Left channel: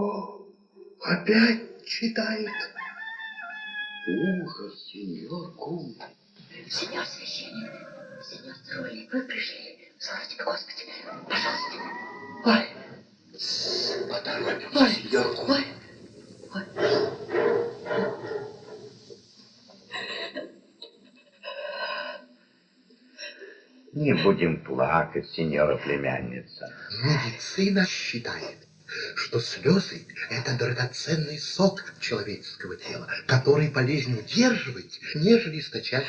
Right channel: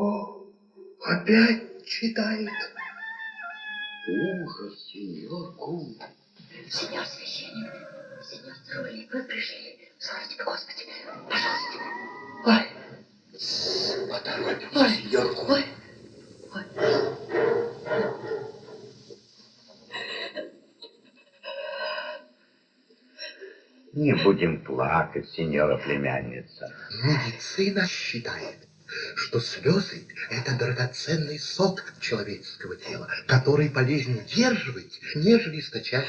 О, опять читает. Ужас, сеньор Кум. Сеньор священник, сеньор Трулли, вы пришли. Славьте Господи, пожалуйста. Ой, поторопимся, сеньор Кум. Ой. Не будем плакать, сеньора племянница. Медицина считает, что слезы – это драгоценный сок человеческого тела, который полезнее удерживать, нежели источать.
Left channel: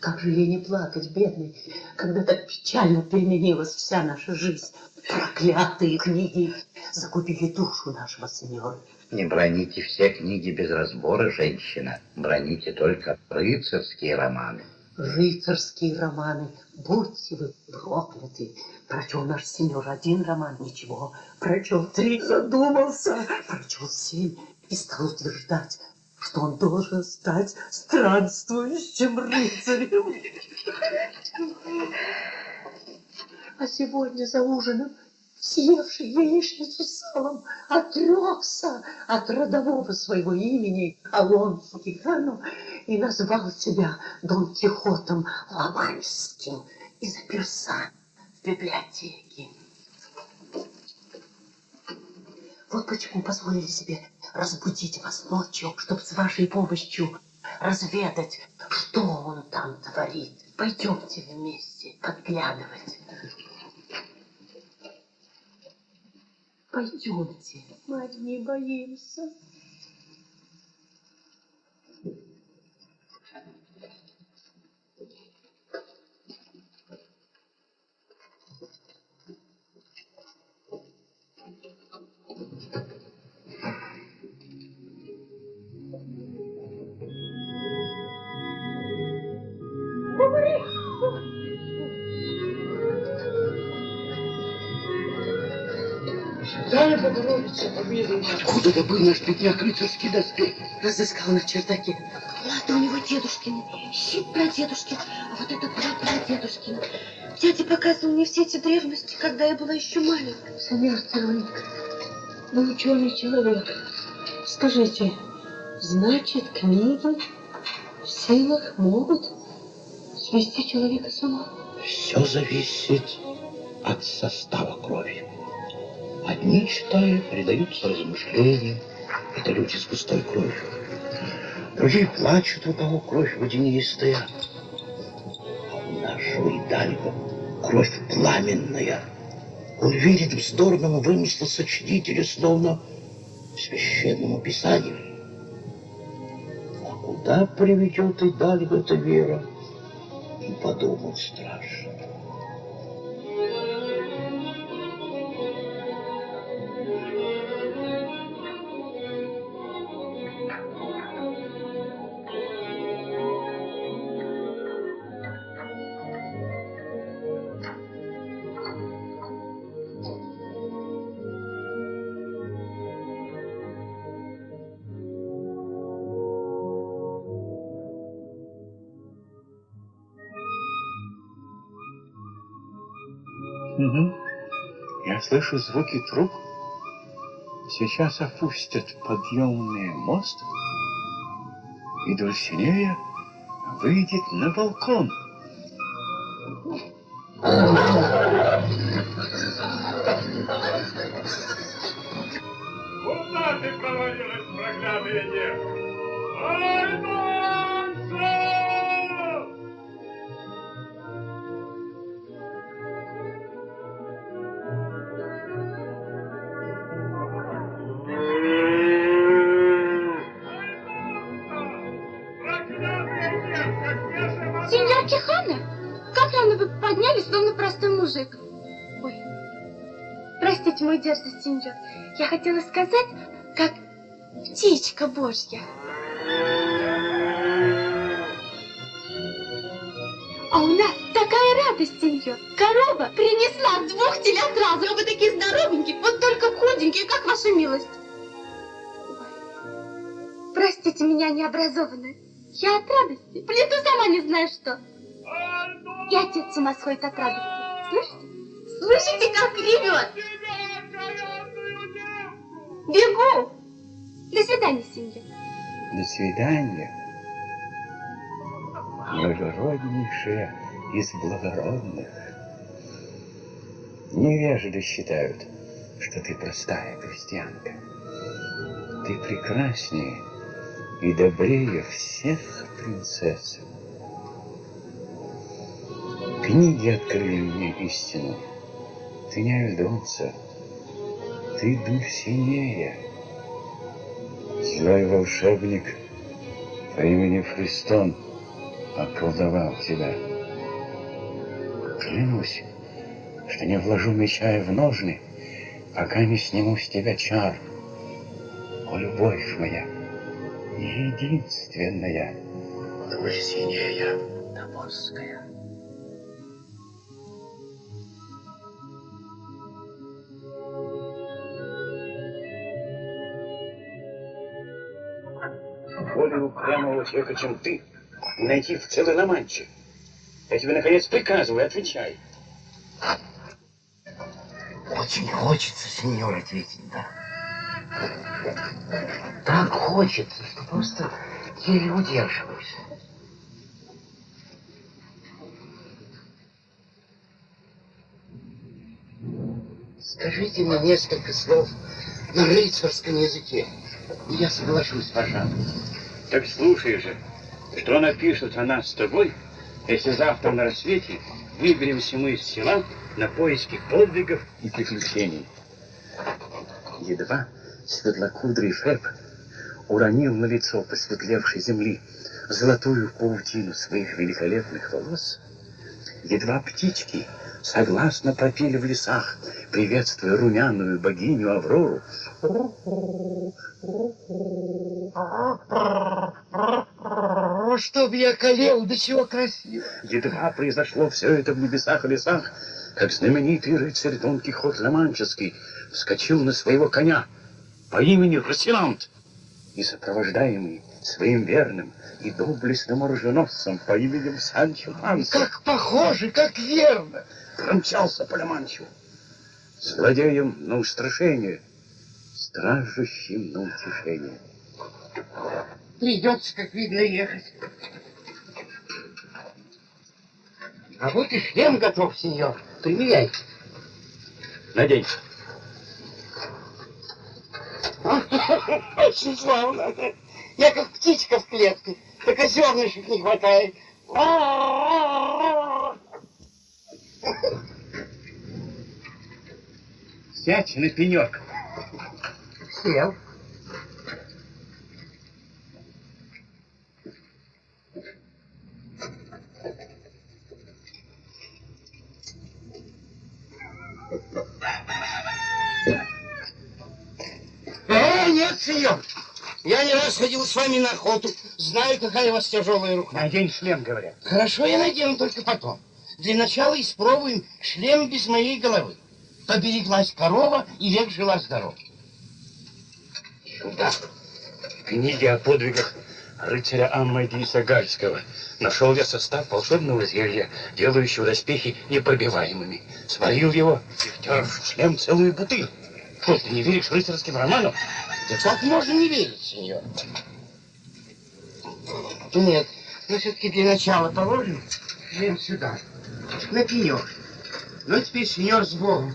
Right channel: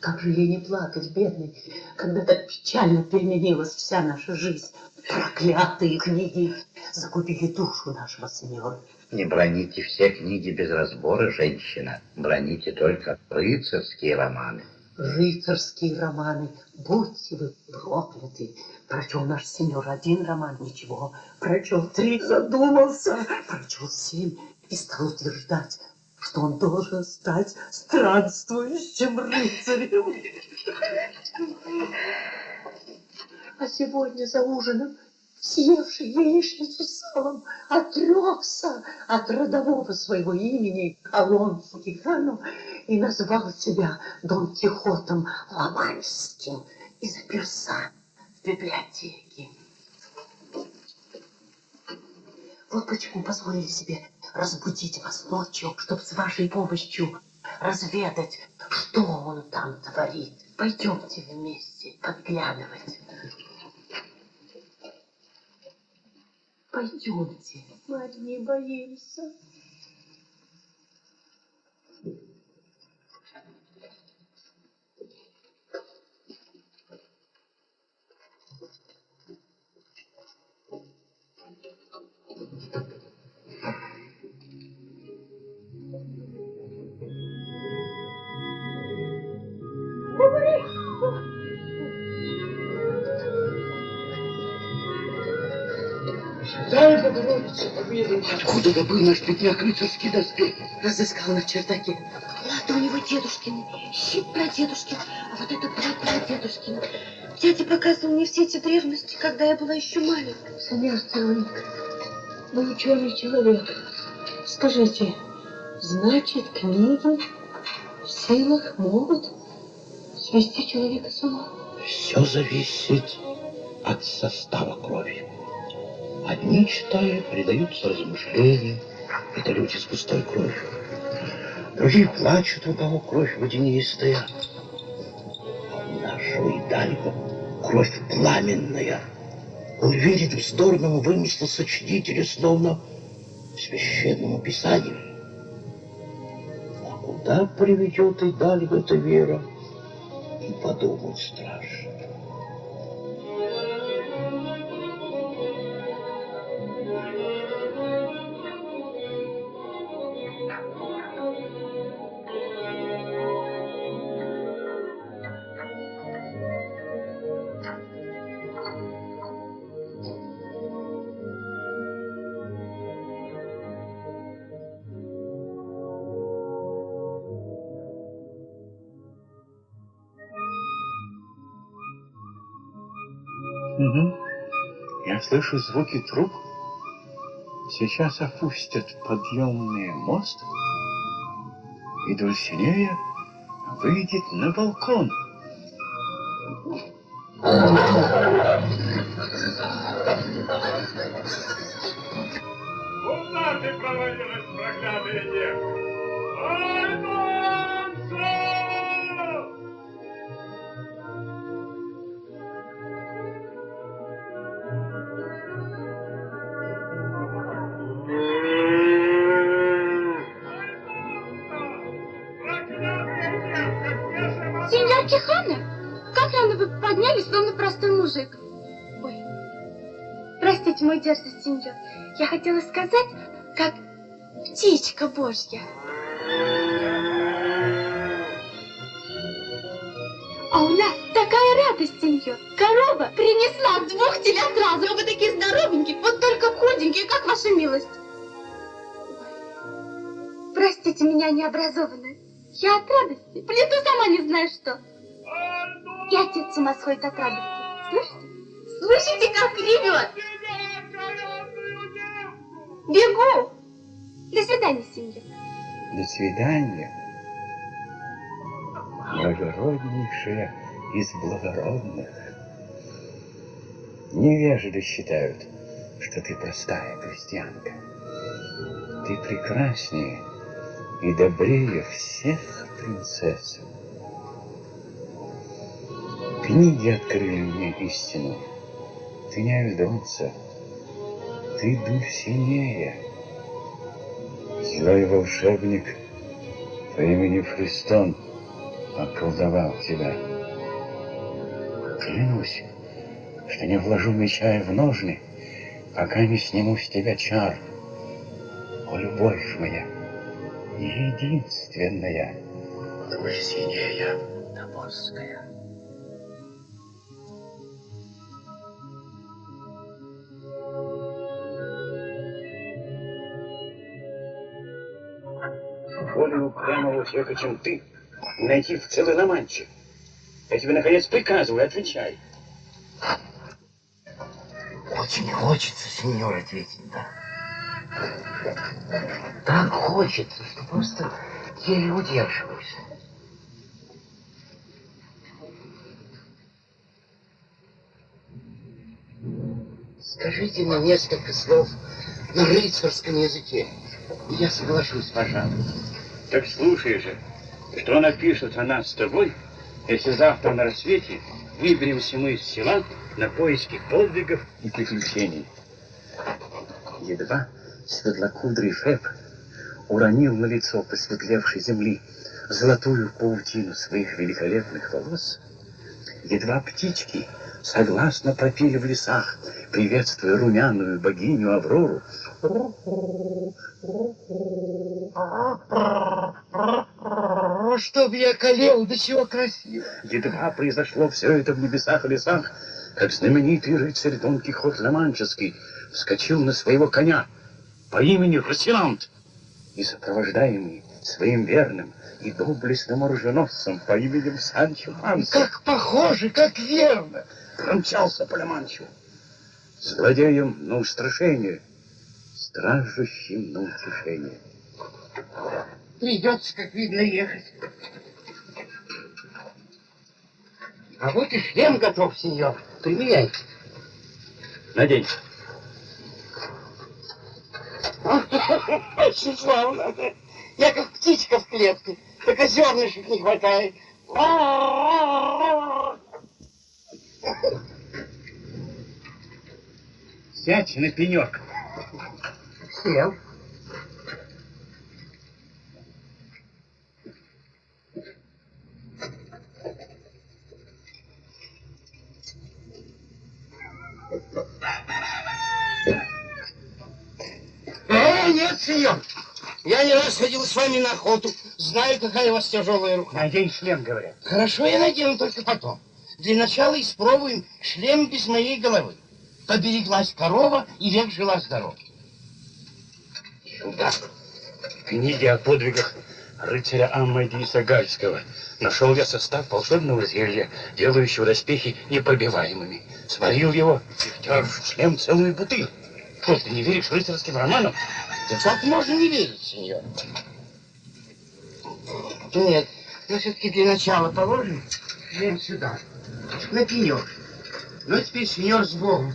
Как же ей не плакать, бедный, когда так печально переменилась вся наша жизнь. Проклятые книги загубили душу нашего сеньора. Не броните все книги без разбора, женщина. Броните только рыцарские романы. Рыцарские романы, будьте вы прокляты. Прочел наш сеньор один роман, ничего. Прочел 3, задумался. Прочел 7 и стал утверждать, что он должен стать странствующим рыцарем. А сегодня за ужином, съевший яичницу с салом, отрекся от родового своего имени Алонсо Кихано и назвал себя Дон Кихотом Ла-Манческим и заперся в библиотеке. Вот почему позволили себе разбудить вас ночью, чтобы с вашей помощью разведать, что он там творит. Пойдемте вместе подглядывать. Пойдемте, мы одни боимся. Откуда добыл наш бедняк рыцарский доспех? Разыскал на чердаке. Это у него дедушкин, щит прадедушкин, а вот это прадедушкин. Дядя показывал мне все эти древности, когда я была еще маленькая. Сеньор Трулик, вы ученый человек. Скажите, значит, книги в силах могут свести человека с ума? Все зависит от состава крови. Одни читают, предаются размышлениям. Это люди с густой кровью. Другие плачут, у кого кровь водянистая. А у нашего Идальго кровь пламенная. Он верит вздорному вымыслу сочинителя, словно священному писанию. А куда приведет Идальго эта вера? И подумать страшно. Угу. Я слышу звуки труб. Сейчас опустят подъемный мост, и Дульсинея выйдет на балкон. Куда ты провалилась, проклятая дева? Альфонсо! Сеньор Кихано, как рано вы поднялись, словно простой мужик. Ой, простите, мой дерзость, сеньор. Я хотела сказать, как птичка божья. А у нас такая радость, сеньор. Корова принесла 2 телят сразу, а вы такие здоровенькие, вот только худенькие, как ваша милость. Ой. Простите меня, необразованную. Я от радости. Плету сама не знаю что. И отец с ума сходит от радости. Слышите? Слышите, как ревет? Бегу! До свидания, сеньор. До свидания, благороднейшая из благородных. Невежды считают, что ты простая крестьянка. Ты прекраснее и добрее всех принцесс. Книги открыли мне истину. Ты не Альдонса, ты Дульсинея. Злой волшебник по имени Фристон околдовал тебя. Клянусь, что не вложу меча в ножны, пока не сниму с тебя чар. О, любовь моя, единственная, Дульсинея Таморская. Более упрямого человека, чем ты, найти в целой Ла-Манче. Я тебе, наконец, приказываю, отвечай. Очень хочется, сеньор, ответить «да». Так хочется, что просто еле удерживаюсь. Скажите мне несколько слов на рыцарском языке, и я соглашусь, пожалуй. Так слушай же, что напишут о нас с тобой, если завтра на рассвете выберемся мы из села на поиски подвигов и приключений. Едва светлокудрый Феб уронил на лицо посветлевшей земли золотую паутину своих великолепных волос, едва птички согласно пропели в лесах, приветствуя румяную богиню Аврору, Чтоб я колел, до чего красиво. едва произошло все это в небесах и лесах, как знаменитый рыцарь Дон Кихот Ла-Манческий вскочил на своего коня по имени Росинант и, сопровождаемый своим верным и доблестным оруженосцем по имени Санчо Панса, Как похоже, как верно. промчался по Ла-Манчу, злодеем на устрашение, стражущим на утешение. Придется, как видно, ехать. А вот и шлем готов, сеньор. Примеряйте. Надень. Очень славно. Я как птичка в клетке, только зернышек не хватает. Сядь на пенек. Сел. Нет, сеньор. Я не раз ходил с вами на охоту. Знаю, какая у вас тяжелая рука. Надень шлем, говорят. Хорошо, я надену только потом. Для начала испробуем шлем без моей головы. Побереглась корова, и век жила здорова. Сюда. В книге о подвигах рыцаря Амадиса Гальского нашел я состав волшебного зелья, делающего доспехи непробиваемыми. Сварил его и втер в шлем целую бутыль. Что, ты не веришь рыцарским романам? Как можно не верить, сеньор? Нет, но все-таки для начала положим шлем сюда. На пенек. Ну, теперь, сеньор, с Богом.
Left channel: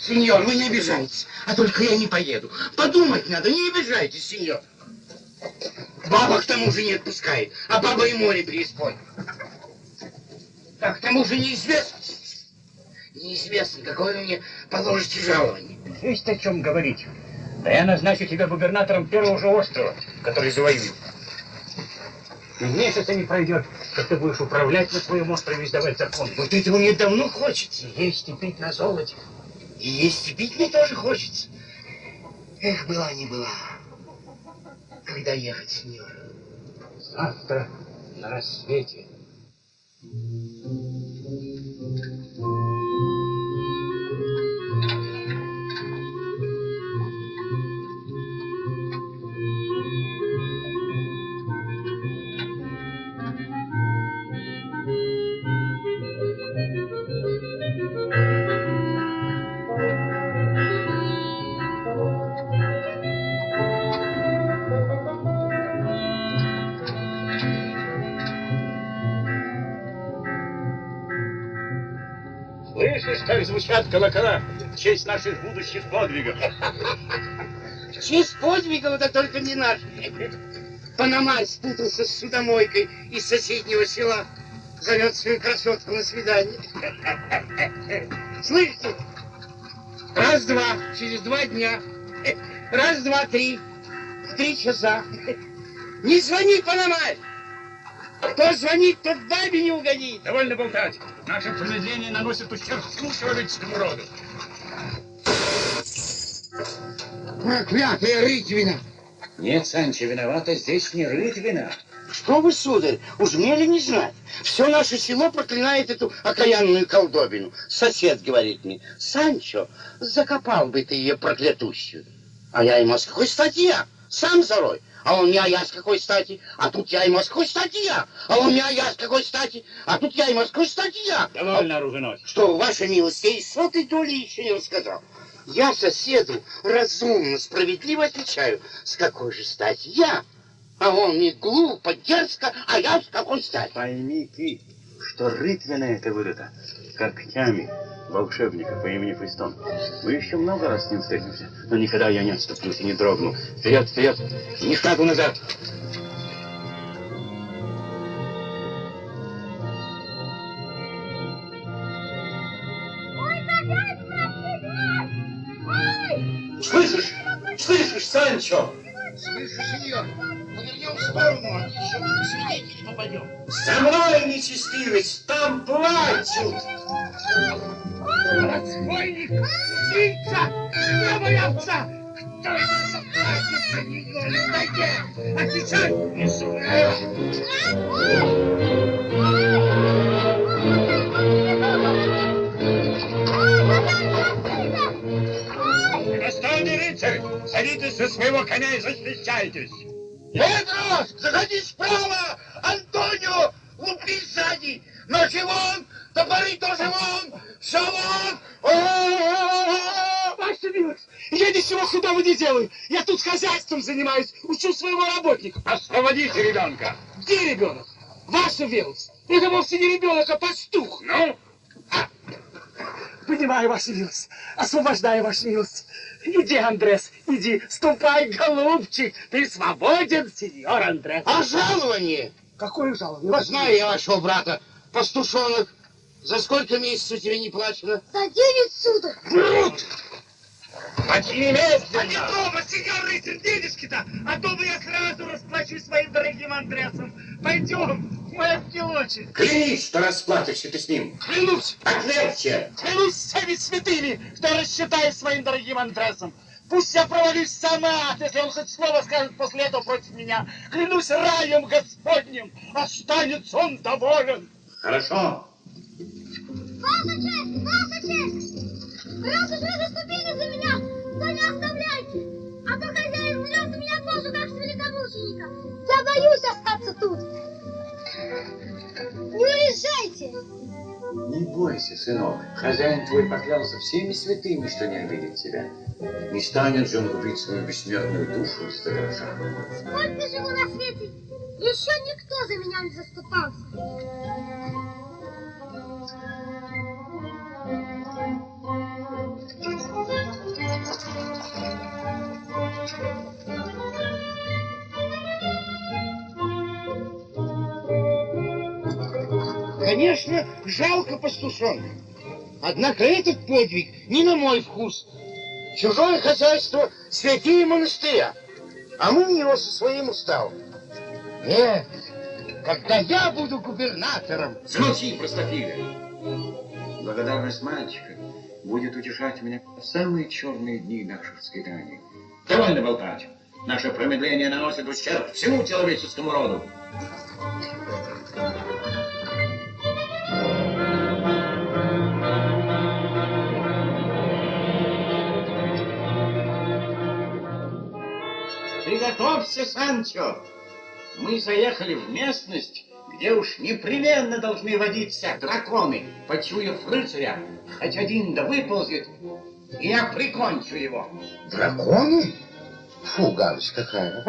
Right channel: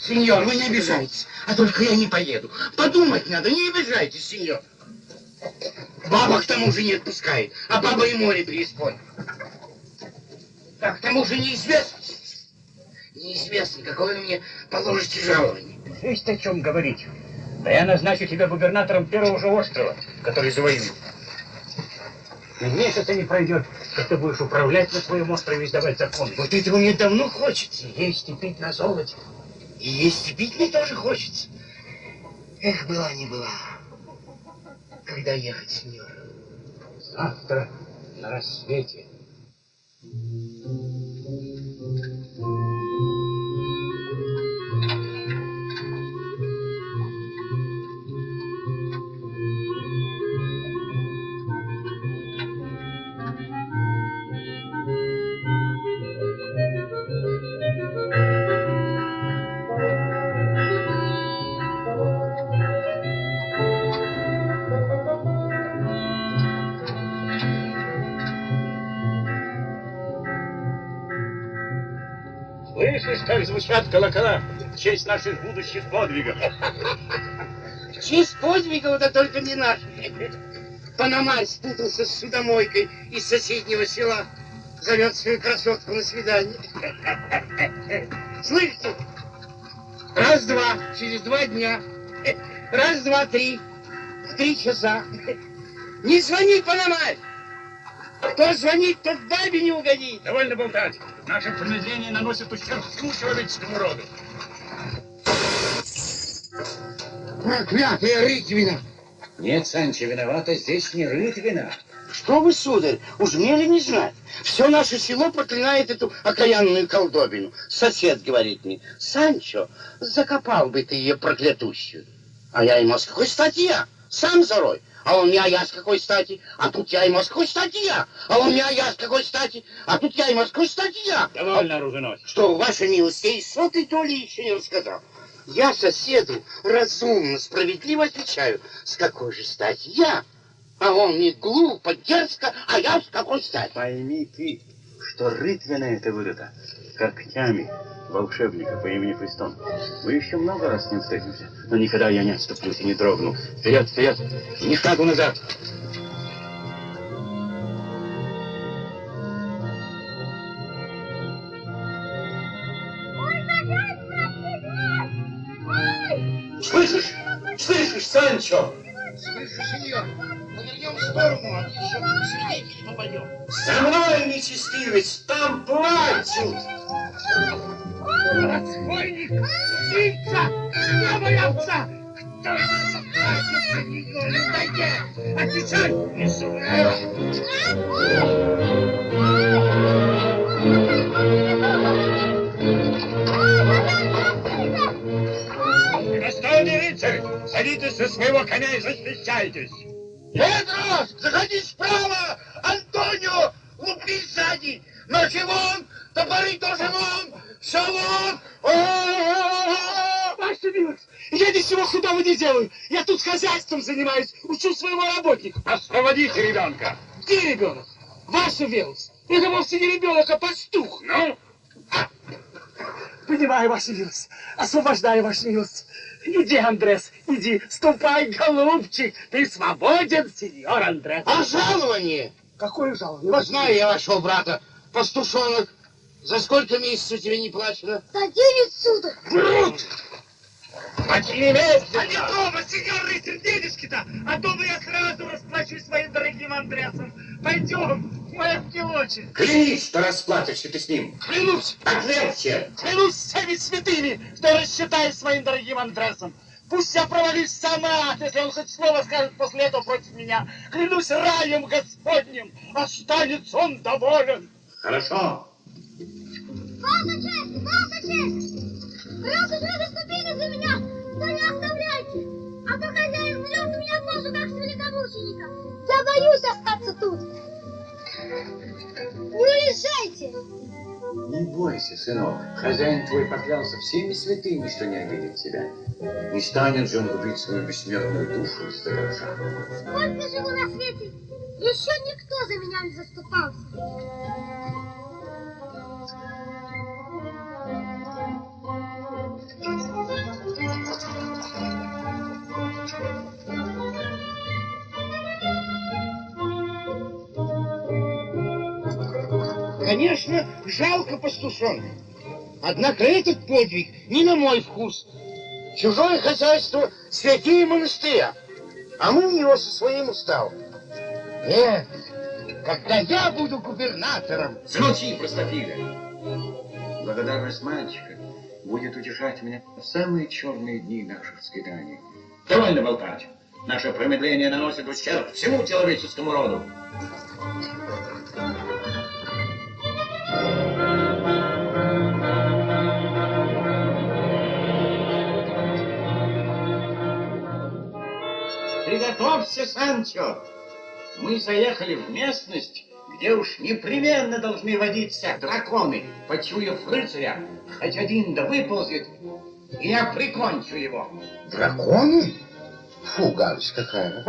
Сеньор, вы не обижайтесь, а только я не поеду. Подумать надо, не обижайтесь, сеньор. Баба к тому же не отпускает, а баба и море преисподнее. А к тому же неизвестно. Неизвестно, какое вы мне положите жалование. Есть о чем говорить. Да я назначу тебя губернатором первого же острова, который завоюю. И месяца не пройдет, как ты будешь управлять на своем острове и издавать законы. Вот этого мне давно хочется. Есть и пить на золоте. И есть и пить мне тоже хочется. Эх, была не была. Когда ехать, сеньор? Завтра на рассвете. Слышишь, как звучат колокола в честь наших будущих подвигов? В честь подвигов, да только не наших. Пономарь спутался с судомойкой из соседнего села. Зовет свою красотку на свидание. Слышите? Раз-два, через 2 дня. Раз, два, три. В 3 часа. Не звони, Пономарь! Кто звонит, тот бабе не угодит. Довольно болтать. Наше промедление наносит ущерб всему человеческому роду. Проклятая рытвина! Нет, Санчо, виновата здесь не рытвина. Что вы, сударь, уж мне ли не знать? Все наше село проклинает эту окаянную колдобину. Сосед говорит мне: Санчо, закопал бы ты ее проклятущую. А я ему: с какой стати я? Сам зарой. А он мне: а я с какой стати? А тут я ему: с какой стати я? А он мне: а я с какой стати? А тут я ему: с какой стати я? Довольно, оруженосец. Что, ваша милость, я и сотой доли еще не рассказал. Я соседу разумно, справедливо отвечаю: с какой же стати я? А он мне: глупо, дерзко, а я с какой стати? Пойми ты, что рытвина это вырыта когтями волшебника по имени Христом. Мы еще много раз с ним встретимся, но никогда я не отступлюсь и не дрогну. Вперед, вперед, и ни шагу назад. Слышишь? Слышишь, Санчо? Слышу, сеньор, подойдем в сторону, а еще в свидетель попадем. За мной, нечестивец, там плачут. Разбойник! Убийца! Новая овца! Кто это? Не отвечай! Не Достойный рыцарь, садитесь со своего коня и защищайтесь. Педро, заходи справа! Антонио, лупи сзади! Ножи вон! Топоры тоже вон! Все вон! Ваша милость, я ничего худого не делаю. Я тут хозяйством занимаюсь, учу своего работника. Освободите ребенка. Где ребенок? Ваша милость, это вовсе не ребенок, а пастух. Ну? Понимаю, ваша милость. Освобождаю, ваша милость. Иди, Андрес, иди, ступай, голубчик. Ты свободен, сеньор Андрес. А жалование? Какое жалование? Знаю я вашего брата, пастушонок. За сколько месяцев тебе не плачено? За 9 суток. Брут! Почти немедленно. А не дома, сеньор рыцарь, денежки-то, а то бы я сразу расплачусь своим дорогим Андресом. Пойдем, мой ангелочек. Клянись, что расплатишься ты с ним. Клянусь, Поклялся. клянусь всеми святыми, что рассчитаюсь своим дорогим Андресом. Пусть я провалюсь сама, если он хоть снова скажет после этого против меня. Клянусь раем Господним, останется он доволен. Хорошо. Ваша честь! Просто же заступили за меня, но не оставляйте! А то хозяин влез у меня в как великомученика. Я боюсь остаться тут. Не уезжайте! Не бойся, сынок. Хозяин твой поклялся всеми святыми, что не обидит тебя. Не станет же он губить свою бессмертную душу из твоего шага. Сколько живу на свете, еще никто за меня не заступался. Конечно, жалко пастушонка. Однако этот подвиг не на мой вкус. Чужое хозяйство святее монастыря, а мы у него со своим уставом. Нет, когда я буду губернатором... Замолчи, простофиля. Благодарность мальчика будет утешать меня в самые черные дни наших скитаний. Довольно болтать. Наше промедление наносит ущерб всему человеческому роду. Приготовься, Санчо. Мы заехали в местность, где уж непременно должны водиться драконы. Почуяв рыцаря, хоть один да выползет, и я прикончу его. Драконы? Фу, гадость какая.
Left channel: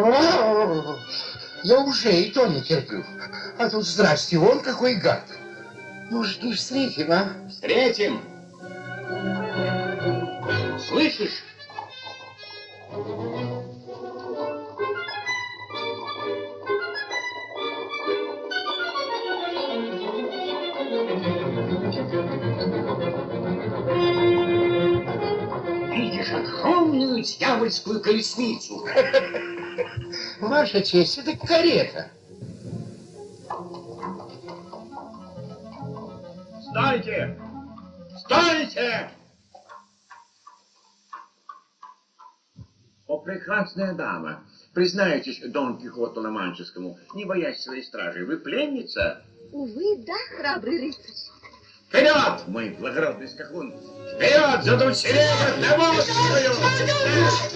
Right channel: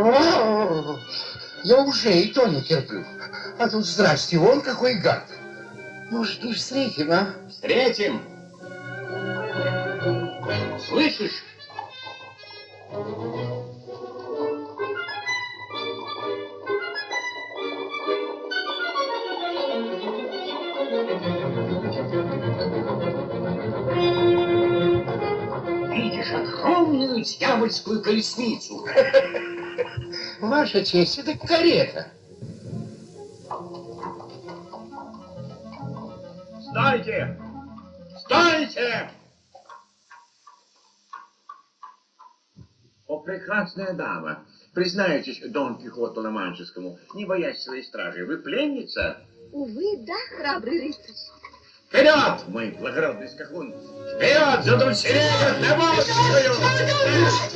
Я уже и то не терплю. А тут, здрасте, вон какой гад. Может, не встретим, а? Встретим, Слышишь? Видишь огромную дьявольскую колесницу? Ваша честь, это карета. Стойте! Стойте! О, прекрасная дама, признайтесь Дон Кихоту Ла-Манческому, не боясь своей стражи, вы пленница? Увы, да, храбрый рыцарь. Вперед, мой благородный скакун! Вперед, за Дульсинею Тавольскую!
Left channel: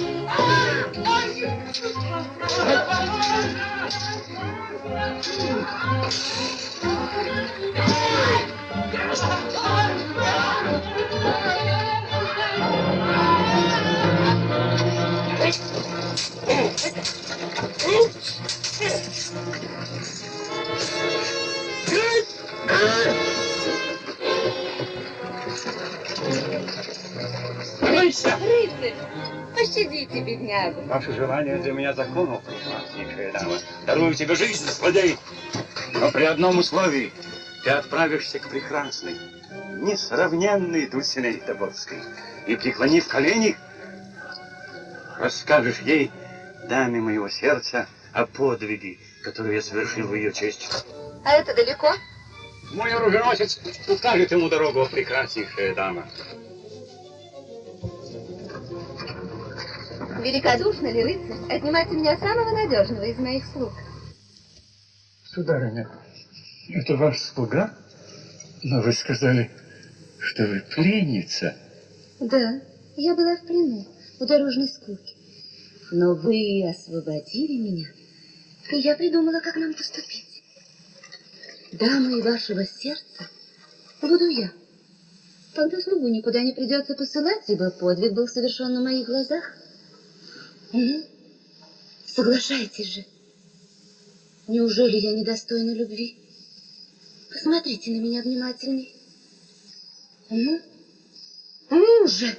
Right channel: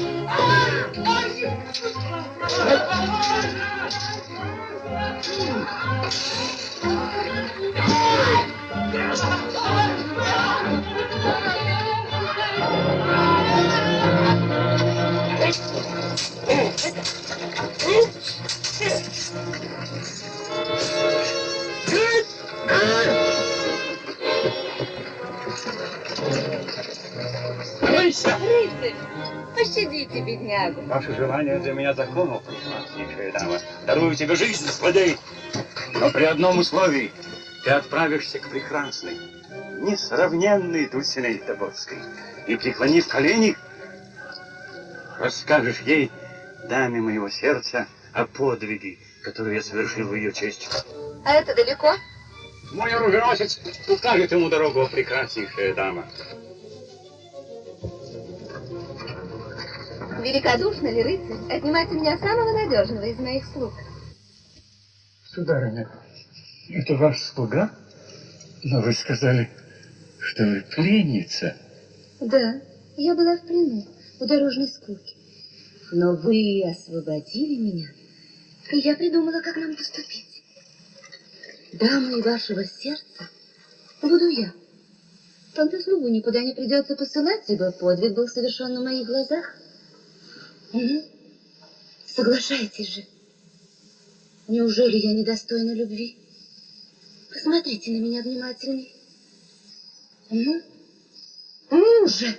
Рыцарь, пощадите, беднягу. Ваше желание для меня закону, прекраснейшая дама. Дарую тебе жизнь, злодей. Но при одном условии ты отправишься к прекрасной, несравненной Дульсинее Тобольской. И, преклонив колени, расскажешь ей, даме моего сердца, о подвиге, который я совершил в ее честь. А это далеко? Мой оруженосец укажет ему дорогу, прекраснейшая дама. Великодушный ли рыцарь отнимает у меня самого надежного из моих слуг? Сударыня, это ваш слуга? Но вы сказали, что вы пленница. Да, я была в плену, в дорожной скуке. Но вы освободили меня, и я придумала, как нам поступить. Дамой вашего сердца буду я. Тогда слугу никуда не придется посылать, ибо подвиг был совершен на моих глазах. Угу. Соглашайтесь же. Неужели я недостойна любви? Посмотрите на меня внимательней. Ну? Ну же!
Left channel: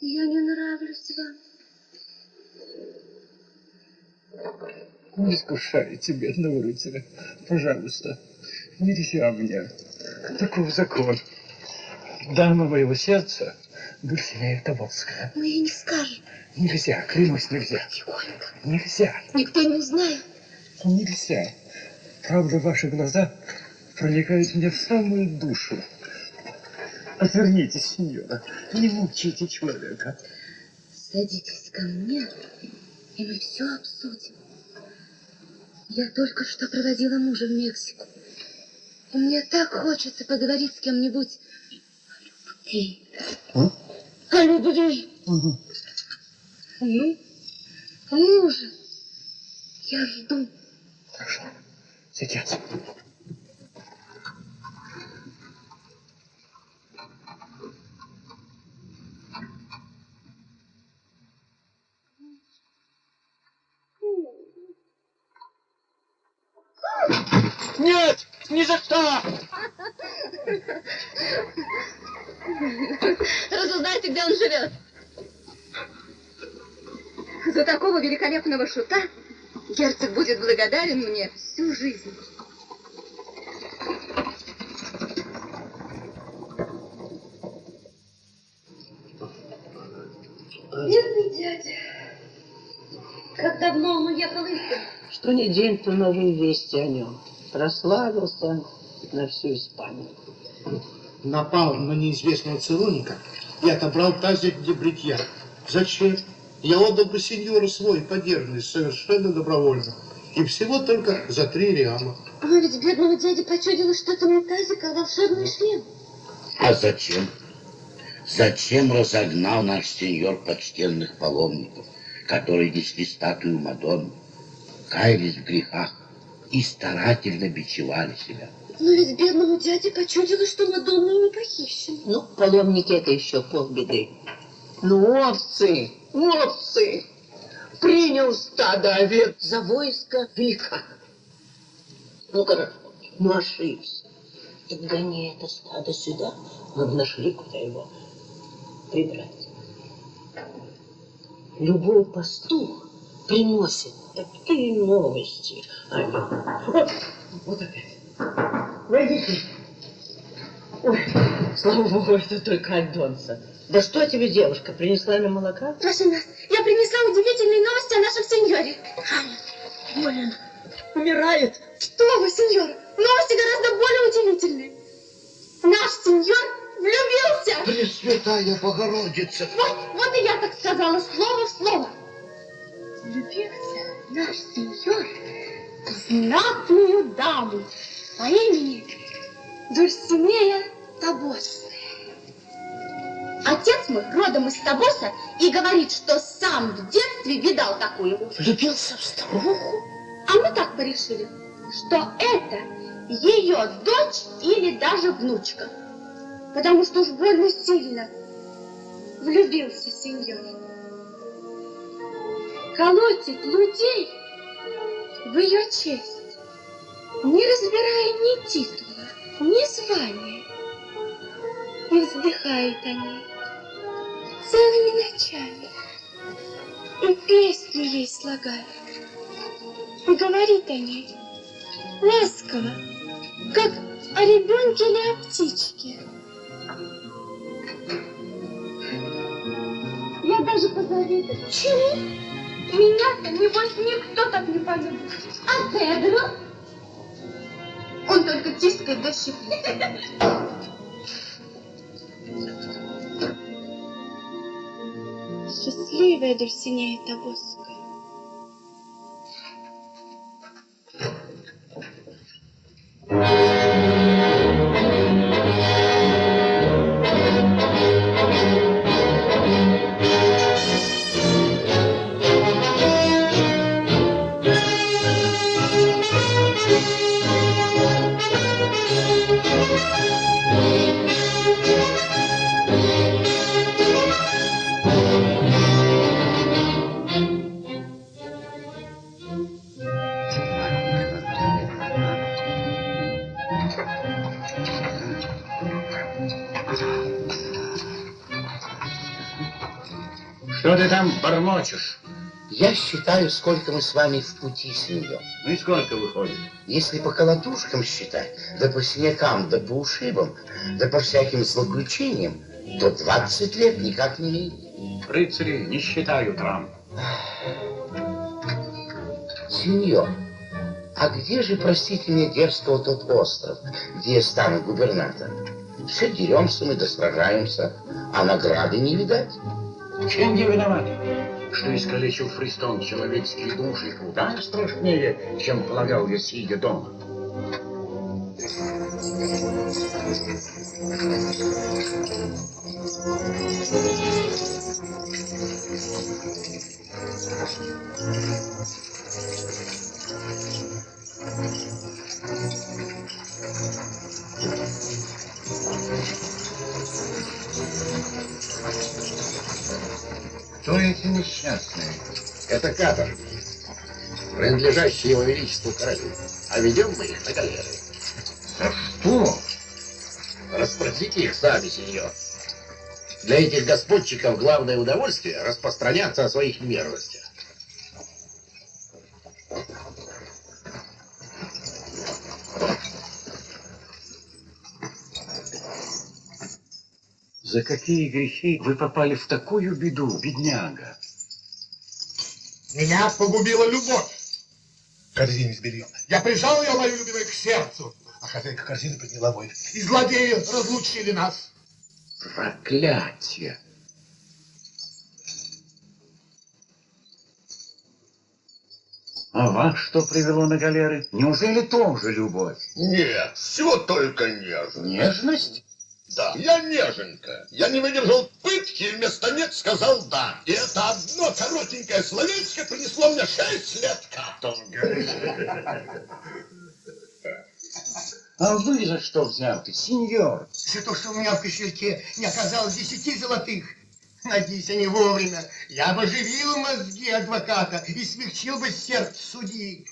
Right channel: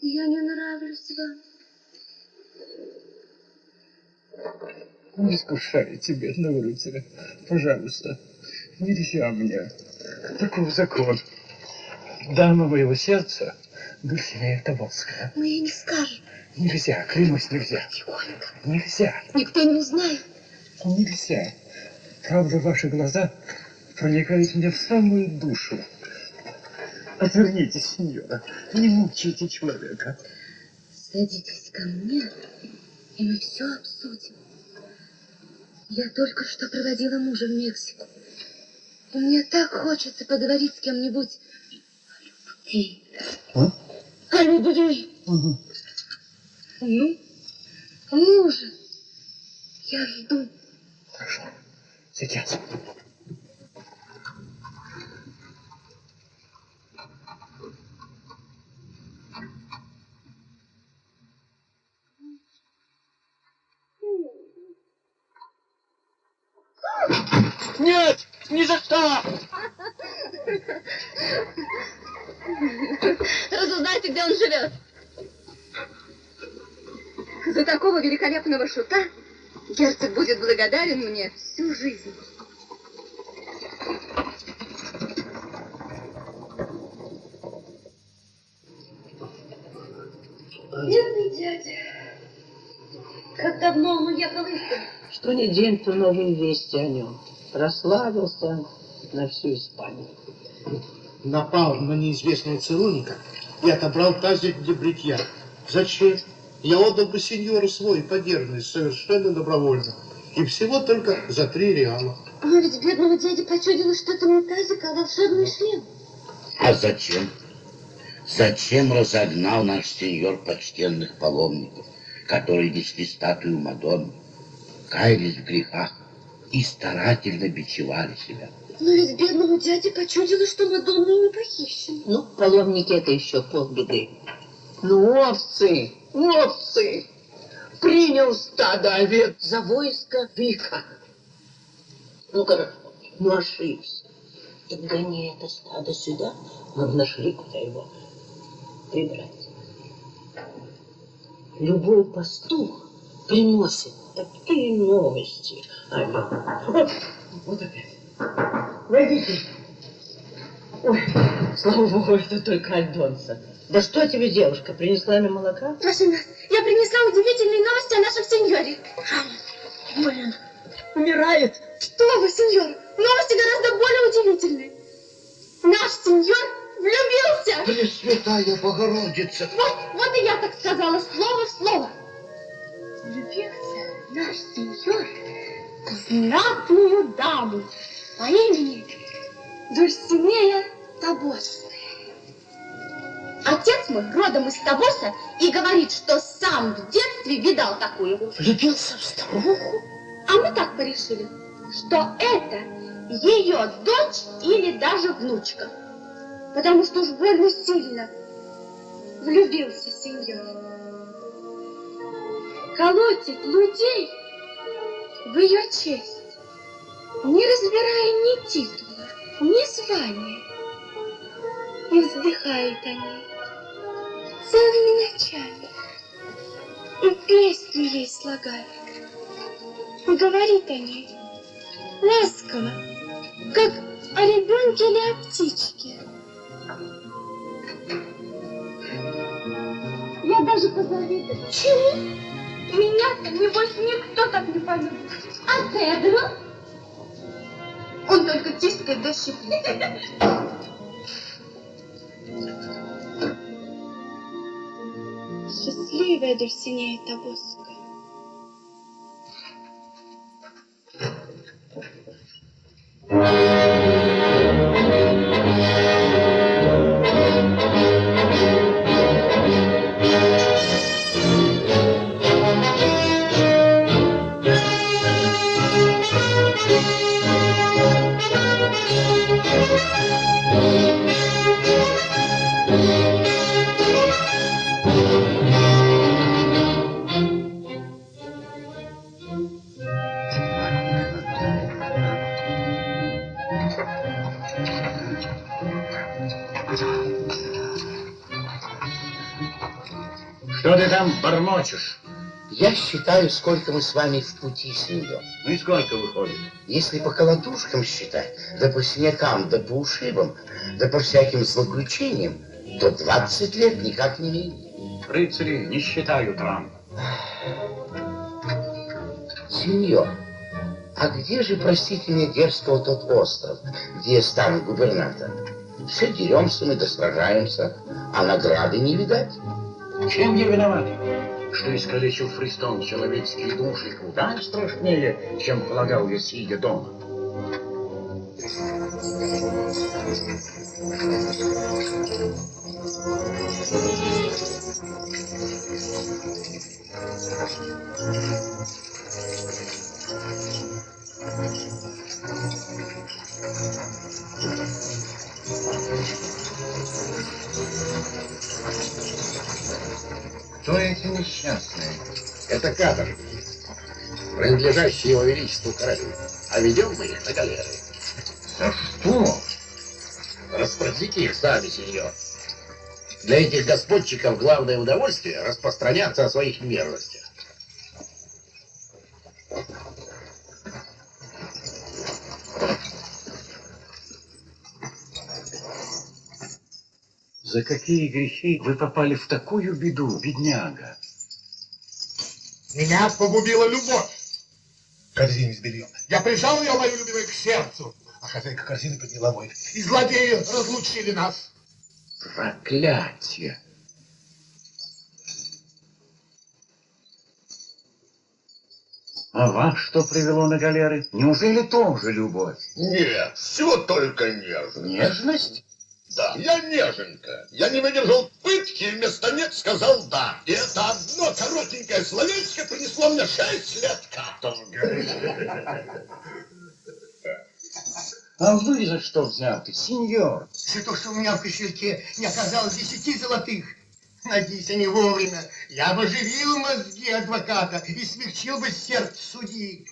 Я не нравлюсь вам. Не искушайте бедного рыцаря. Пожалуйста, нельзя мне. Таков закон. Дама моего сердца, Дульсинея Тобольская. Мы ей не скажем. Нельзя, клянусь, нельзя. Тихонько. Нельзя, Никто не узнает. нельзя. Правда, ваши глаза проникают мне в самую душу. Отвернитесь, сеньора, не мучайте человека. Садитесь ко мне, и мы все обсудим. Я только что проводила мужа в Мексику. Мне так хочется поговорить с кем-нибудь о любви. А? О любви. Угу. Ну же, я жду. Хорошо, сейчас. Нет, ни за что! Разузнайте, где он живет. За такого великолепного шута герцог будет благодарен мне всю жизнь. Бедный дядя. Как давно он уехал из дому? Что ни день, то новые вести о нем. Прославился на всю Испанию. Напал на неизвестного целунника и отобрал тазик для бритья. Зачем? Я отдал бы сеньору свой подержанный совершенно добровольно. И всего только за 3 реала. Но ведь бедному дяде почудилось что-то не тазик, а волшебный шлем. А зачем? Зачем разогнал наш сеньор почтенных паломников, которые несли статую Мадонны, каялись в грехах и старательно бичевали себя? Но ведь бедному дяде почудилось, что Мадонна не похищена. Ну, паломники — это еще полбеды. Ну, овцы! Принял стадо овец за войско быка. Ну хорошо, ну ошибся. Так гони это стадо сюда, мы бы нашли, куда его прибрать. Любой пастух приносит такие новости. Вот опять. Войдите. Ой, слава богу, это только Альдонса. Да что тебе, девушка, принесла мне молока? Прошу нас, я принесла удивительные новости о нашем сеньоре. Блин, умирает. Что вы, сеньор? Новости гораздо более удивительные. Наш сеньор влюбился. Пресвятая Богородица! Вот и я так сказала, слово в слово. Влюбился наш сеньор в знатную даму по имени Дульсинея Табосская. Отец мой родом из Табоса и говорит, что сам в детстве видал такую. Влюбился в старуху? А мы так порешили, что это ее дочь или даже внучка. Потому что уж больно сильно влюбился сеньор. Колотит людей в ее честь, не разбирая ни титула, ни звания. И вздыхает о ней целыми ночами. И песни ей слагает. И говорит о ней ласково, как о ребенке или о птичке. Я даже позавидую. Чему? Меня-то, небось, никто так не полюбит. А Педро? Он только тискает да щиплет. Счастливая Дульсинея Табосская. Что ты там бормочешь? Я считаю, сколько мы с вами в пути, сеньор. Ну и сколько выходит? Если по колотушкам считать, да по синякам, да по ушибам, да по всяким злоключениям, то 20 лет никак не минет. Рыцари не считают рам. Сеньор, а где же, простите меня, дерзкого тот остров, где стан губернатора? Все деремся мы да сражаемся, а награды не видать. Чем я виноват? Что искалечил Христом человеческие души куда страшнее, чем полагал я, сидя дома. Кто эти несчастные? Это каторжники, принадлежащие его величеству королю. А ведем мы их на галеры. За что? Распорядите их сами, сеньор. Для этих господчиков главное удовольствие распространяться о своих мерзостях. За какие грехи вы попали в такую беду, бедняга? Меня погубила любовь. Корзину сбили. Я прижал ее, мою любимую, к сердцу, а хозяйка корзины подняла мой. И злодеи разлучили нас. Проклятие! А вас что привело на галеры? Неужели тоже любовь? Нет, все только нежность. Нежность? Да. Я неженка. Я не выдержал пытки и вместо нет сказал да. И это одно коротенькое словечко принесло мне 6 лет каторги. А вы за что взяты, сеньор? За то, что у меня в кошельке не оказалось 10 золотых. Надеюсь, они вовремя. Я бы оживил мозги адвоката и смягчил бы сердце судьи.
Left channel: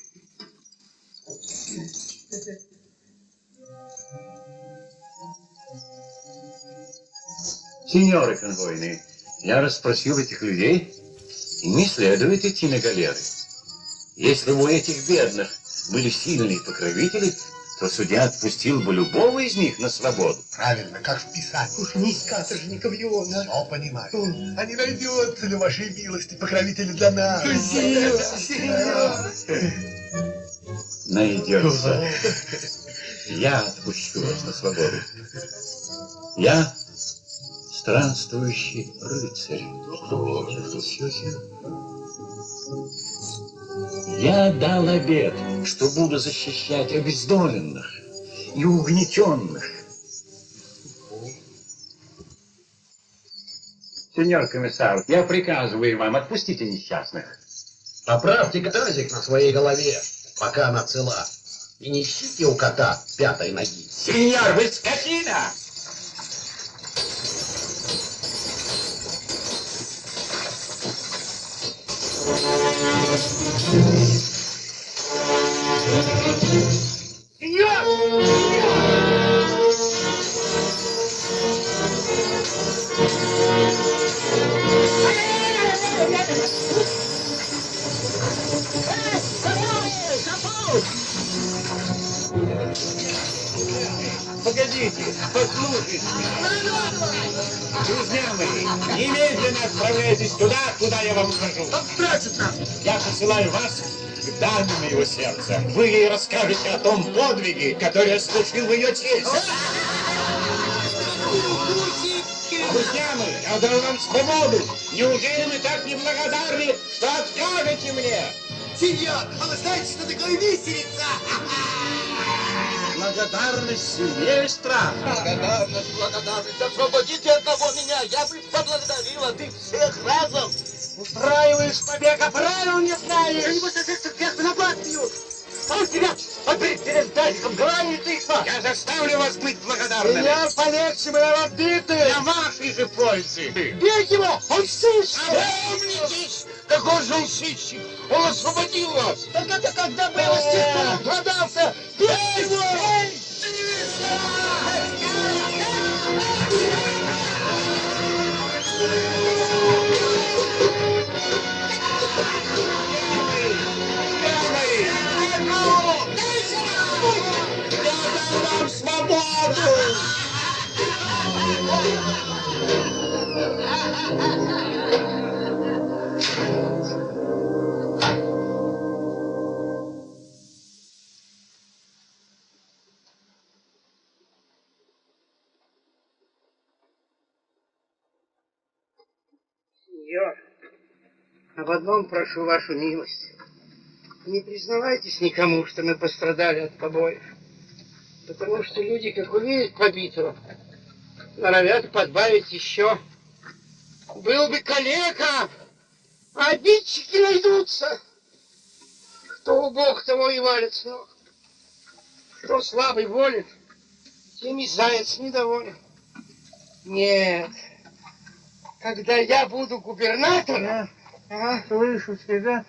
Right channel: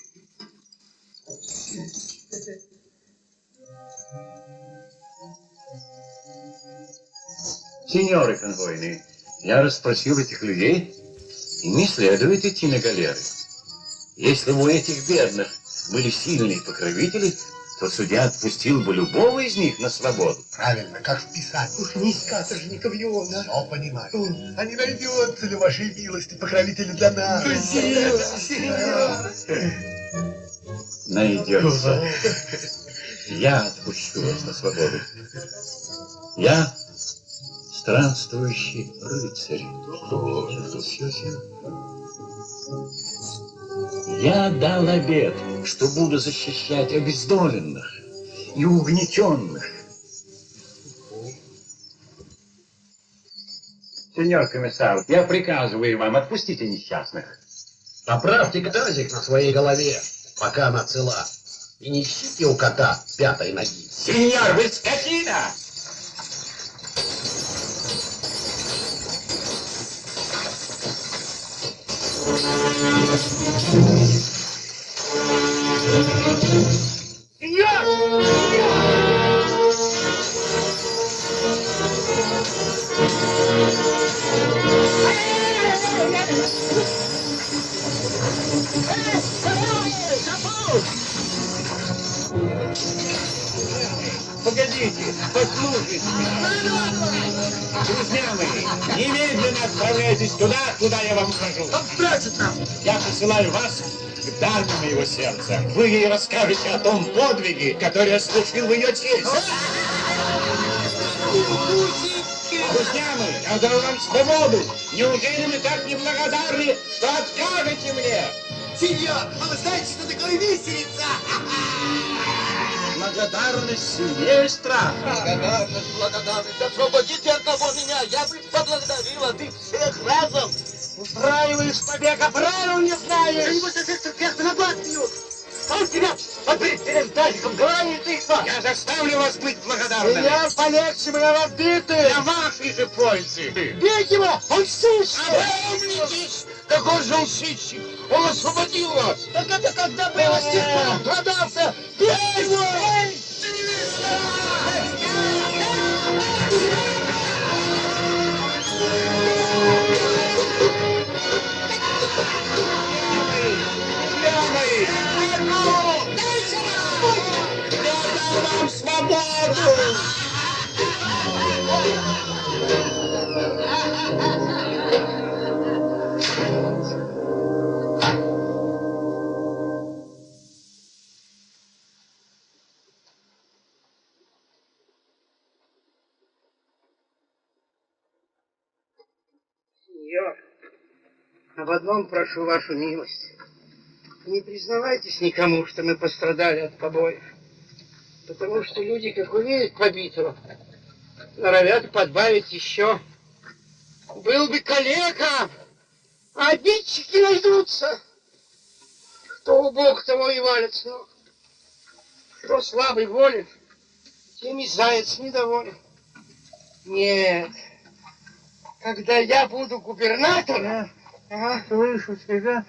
Сеньоры конвойные, я расспросил этих людей, и не следует идти на галеры. Если бы у этих бедных были сильные покровители, то судья отпустил бы любого из них на свободу. Правильно, как в Писании. Уж не из каторжников его, да? Все понимаю. А не найдется ли вашей милости покровители для нас? Найдется. Я отпущу вас на свободу. Я странствующий рыцарь. Я дал обет, что буду защищать обездоленных и угнетенных. Сеньор комиссар, я приказываю вам, отпустите несчастных. Поправьте тазик на своей голове, пока она цела. И не ищите у кота пятой ноги. Сеньор, вы скотина! Погодите, послушайте. Друзья мои, немедленно отправляйтесь туда, куда я вам укажу. Я посылаю вас к данным его сердца. Вы ей расскажете о том подвиге, который я совершил в ее честь. Друзья мои, я дам вам свободу. Неужели вы так неблагодарны, что откажете мне? Сеньор, вы знаете, что такое виселица? Благодарность сильнее страха. Благодарность. Освободите одного меня, я бы поблагодарил, а ты всех разом. Устраиваешь побег, а правил не знаешь. Ты не будешь всех на глаз бьют. Он тебя обрезанным тазиком гранит и что? Я заставлю вас быть благодарными. Я полегче, мы разбиты. Для вашей же пользы. Бей его, он сыщик. Опомнитесь! Какой же он сыщик? Он освободил вас! Так это когда было с тех пор он продался. Бей его! Свободу! Сеньор, об одном прошу вашу милость. Не признавайтесь никому, что мы пострадали от побоев. Потому что люди, как увидят побитого, норовят подбавить еще. Был бы калека, а обидчики найдутся. Кто убог, того и валит с ног. Кто слабый волен, тем и заяц недоволен. Нет, когда я буду губернатором... Слышу тебя,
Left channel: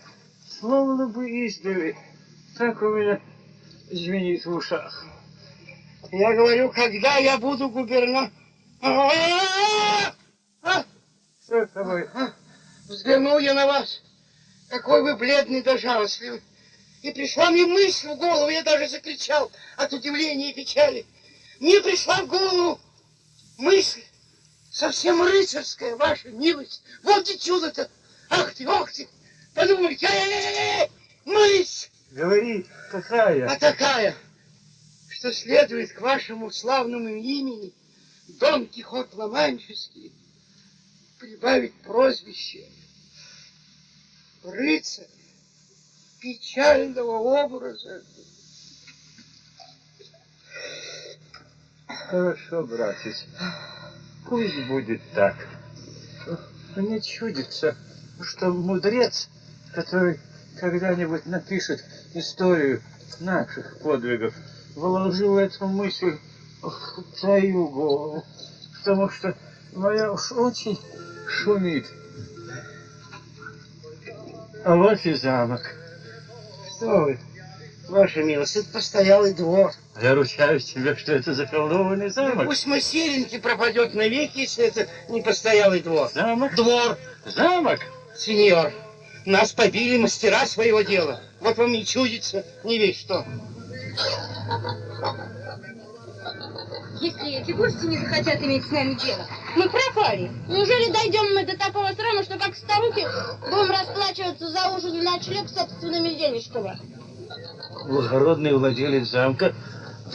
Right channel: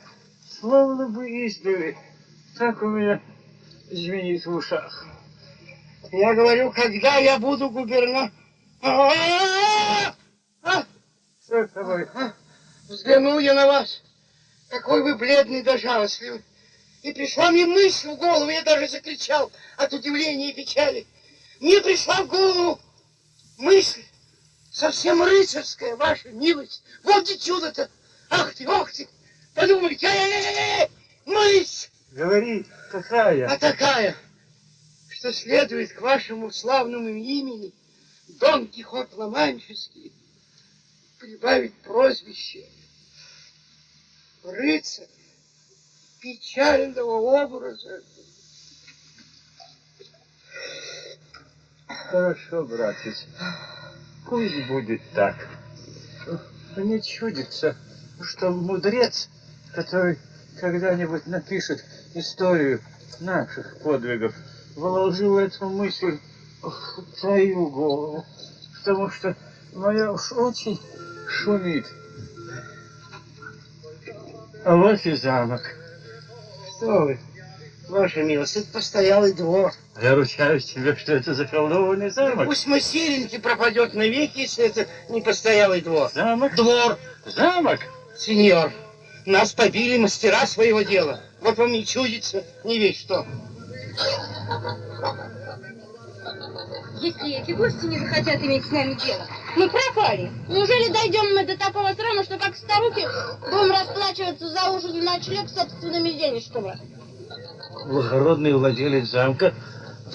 словно бы издали. Так у меня звенит в ушах. Я говорю, когда я буду губернатором... Что с тобой? Взглянул я на вас. Какой вы бледный да жалостливый. И пришла мне мысль в голову, я даже закричал от удивления и печали. Мне пришла в голову мысль, совсем рыцарская, ваша милость. Вот где чудо-то. Ах ты, подумайте, мысль. Говори, какая? А такая, что следует к вашему славному имени Дон Кихот Ла-Манческий прибавить прозвище рыцарь печального образа. Хорошо, братец. Пусть будет так. Мне чудится, что мудрец, который когда-нибудь напишет историю наших подвигов, вложил эту мысль в твою голову, потому что моя уж очень шумит. А вот и замок. Что вы, Ваша милость, это постоялый двор. Я ручаюсь тебе, что это заколдованный замок. Пусть мой серенький пропадет навеки, если это не постоялый двор. Замок? Двор. Замок? Сеньор, нас побили мастера своего дела. Вот вам не чудится, не весь что. Если эти гости не захотят иметь с нами дело, мы пропали. Неужели дойдем мы до такого срама, что как старухи будем расплачиваться за ужин и ночлег собственными денежками? Благородный владелец замка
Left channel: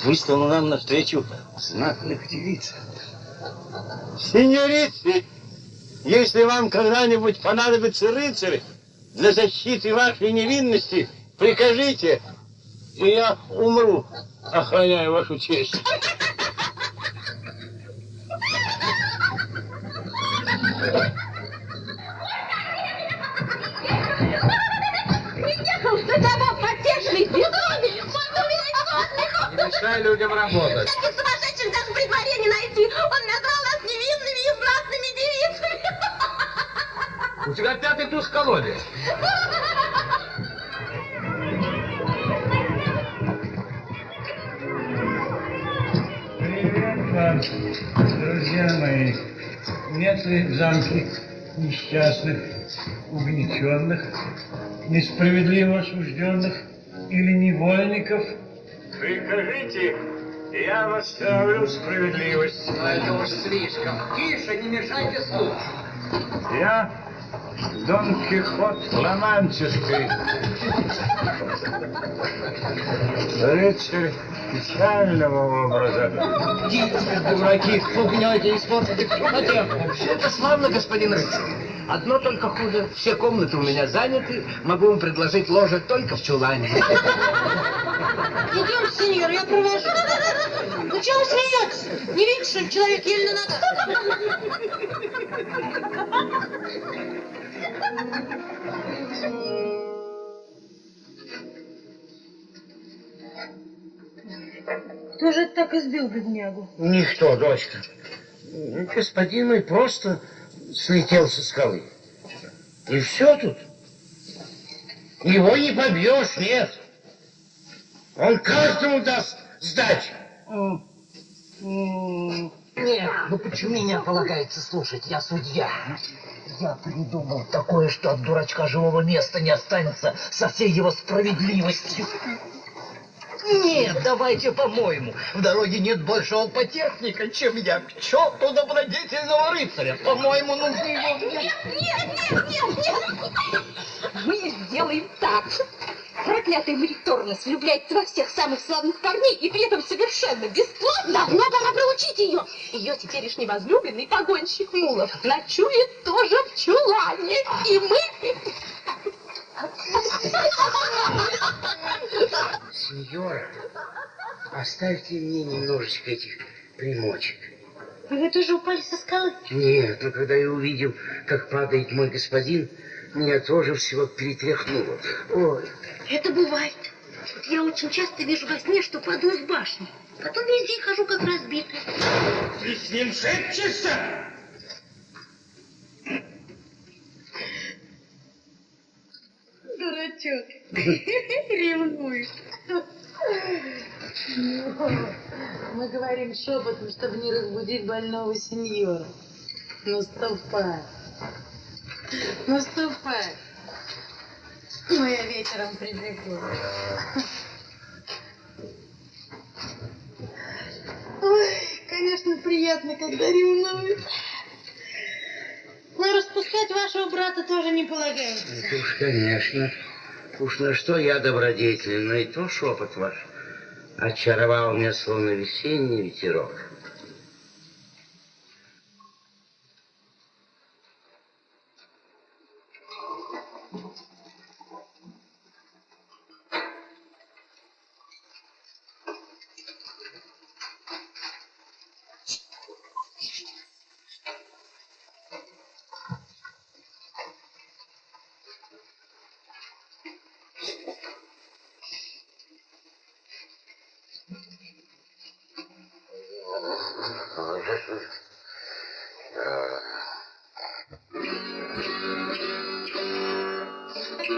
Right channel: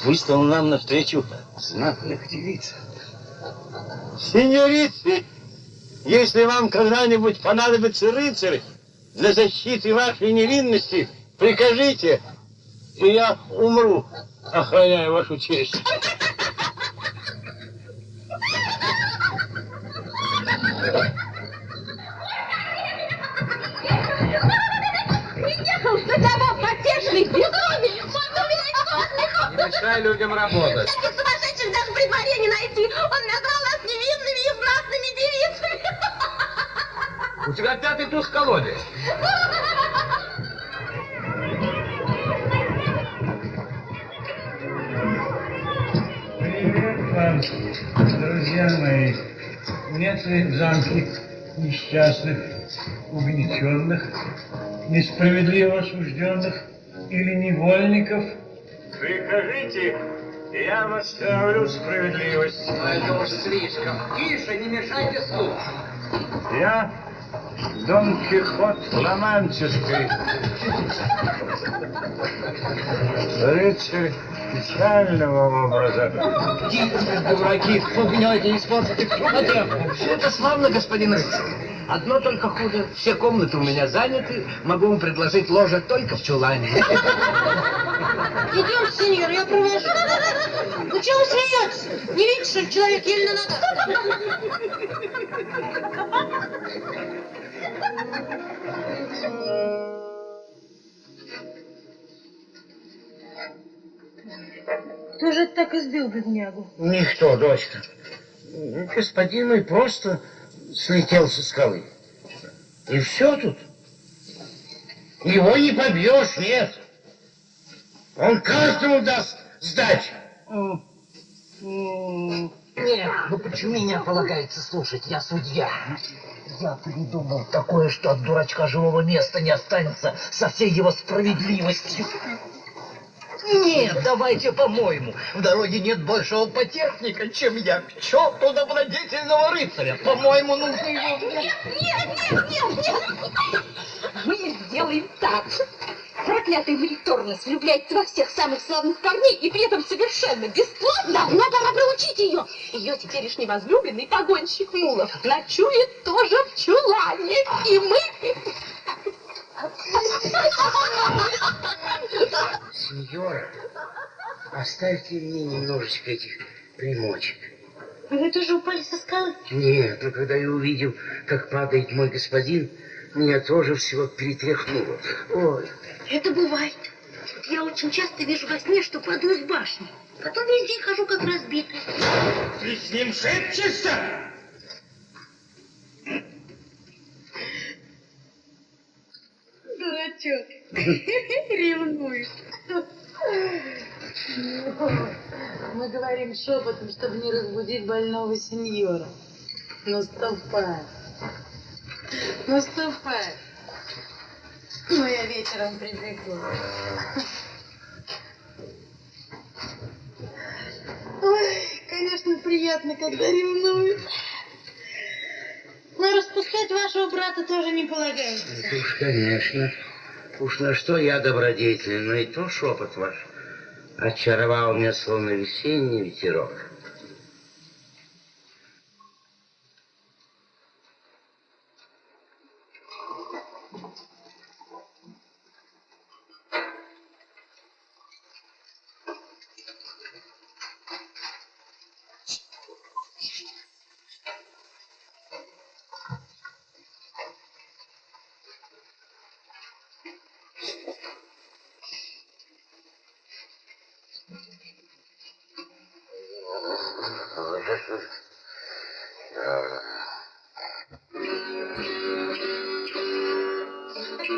выставил нам навстречу знатных девиц. Сеньорицы, если вам когда-нибудь понадобится рыцарь для защиты вашей невинности, прикажите, и я умру, охраняя вашу честь. Приехал за тобой потешный безумец! Не мешай людям работать. Таких сумасшедших даже при дворе не найти! Он назвал нас невинными и знатными девицами! У тебя пятый туз в колоде. Привет вам, друзья мои. Нет ли в замке несчастных, угнетенных, несправедливо осужденных или невольников? Прикажите, я восстановлю справедливость. Это уж слишком. Тише, не мешайте слух. Я Дон Кихот Романческий, рыцарь печального образа. Идите, дураки, клубнете, не смотрите в смотря. Все это славно, господин рыцарь. Одно только хуже. Все комнаты у меня заняты. Могу вам предложить ложек только в чулане. Идем, сеньор, я провожу. Ну чего вы смеетесь? Не видите, что человек еле на ногах? Кто же это так избил беднягу? Никто, дочка. Господин мой просто слетел со скалы. И все тут. Его не побьешь, нет. Он каждому даст сдачу. Нет, ну почему меня полагается слушать? Я судья. Я придумал такое, что от дурачка живого места не останется со всей его справедливостью. Нет, давайте по-моему. В дороге нет большего потехника, чем я. К черту добродетельного рыцаря. По-моему, нужно его... Нет! Мы сделаем так. Проклятый Мелиторнес влюбляется во всех самых славных парней и при этом совершенно бесплатно. Давно пора приучить ее. Ее теперешний возлюбленный погонщик мулов ночует тоже в чулане. И мы... Сеньора, оставьте мне немножечко этих примочек. Вы тоже упали со скалы? Нет, но когда я увидел, как падает мой господин, меня тоже всего перетряхнуло. Ой. Это бывает. Я очень часто вижу во сне, что падаю с башни. Потом весь день хожу как разбитый. Ты с ним шепчешься? Дурачок. Ревнуешь. Мы говорим шепотом, чтобы не разбудить больного сеньора. Наступай. Наступай. Но я вечером прибегу. Ой, конечно, приятно, когда ревнуют. Но распускать вашего брата тоже не полагается. Уж, конечно. Уж на что я добродетельный, но и то шепот ваш очаровал меня, словно весенний ветерок. Он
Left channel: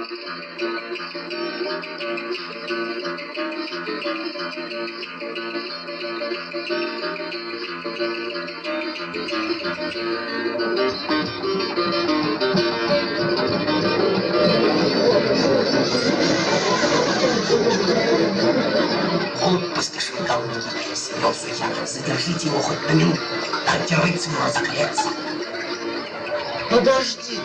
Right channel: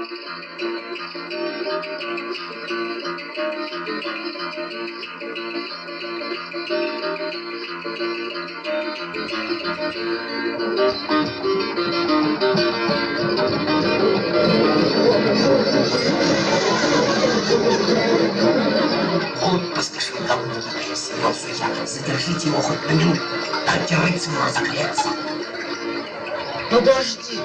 поспешил ко мне, снялся я. Задержите его хоть на минуту, дайте рыцарю разогреться. Подожди,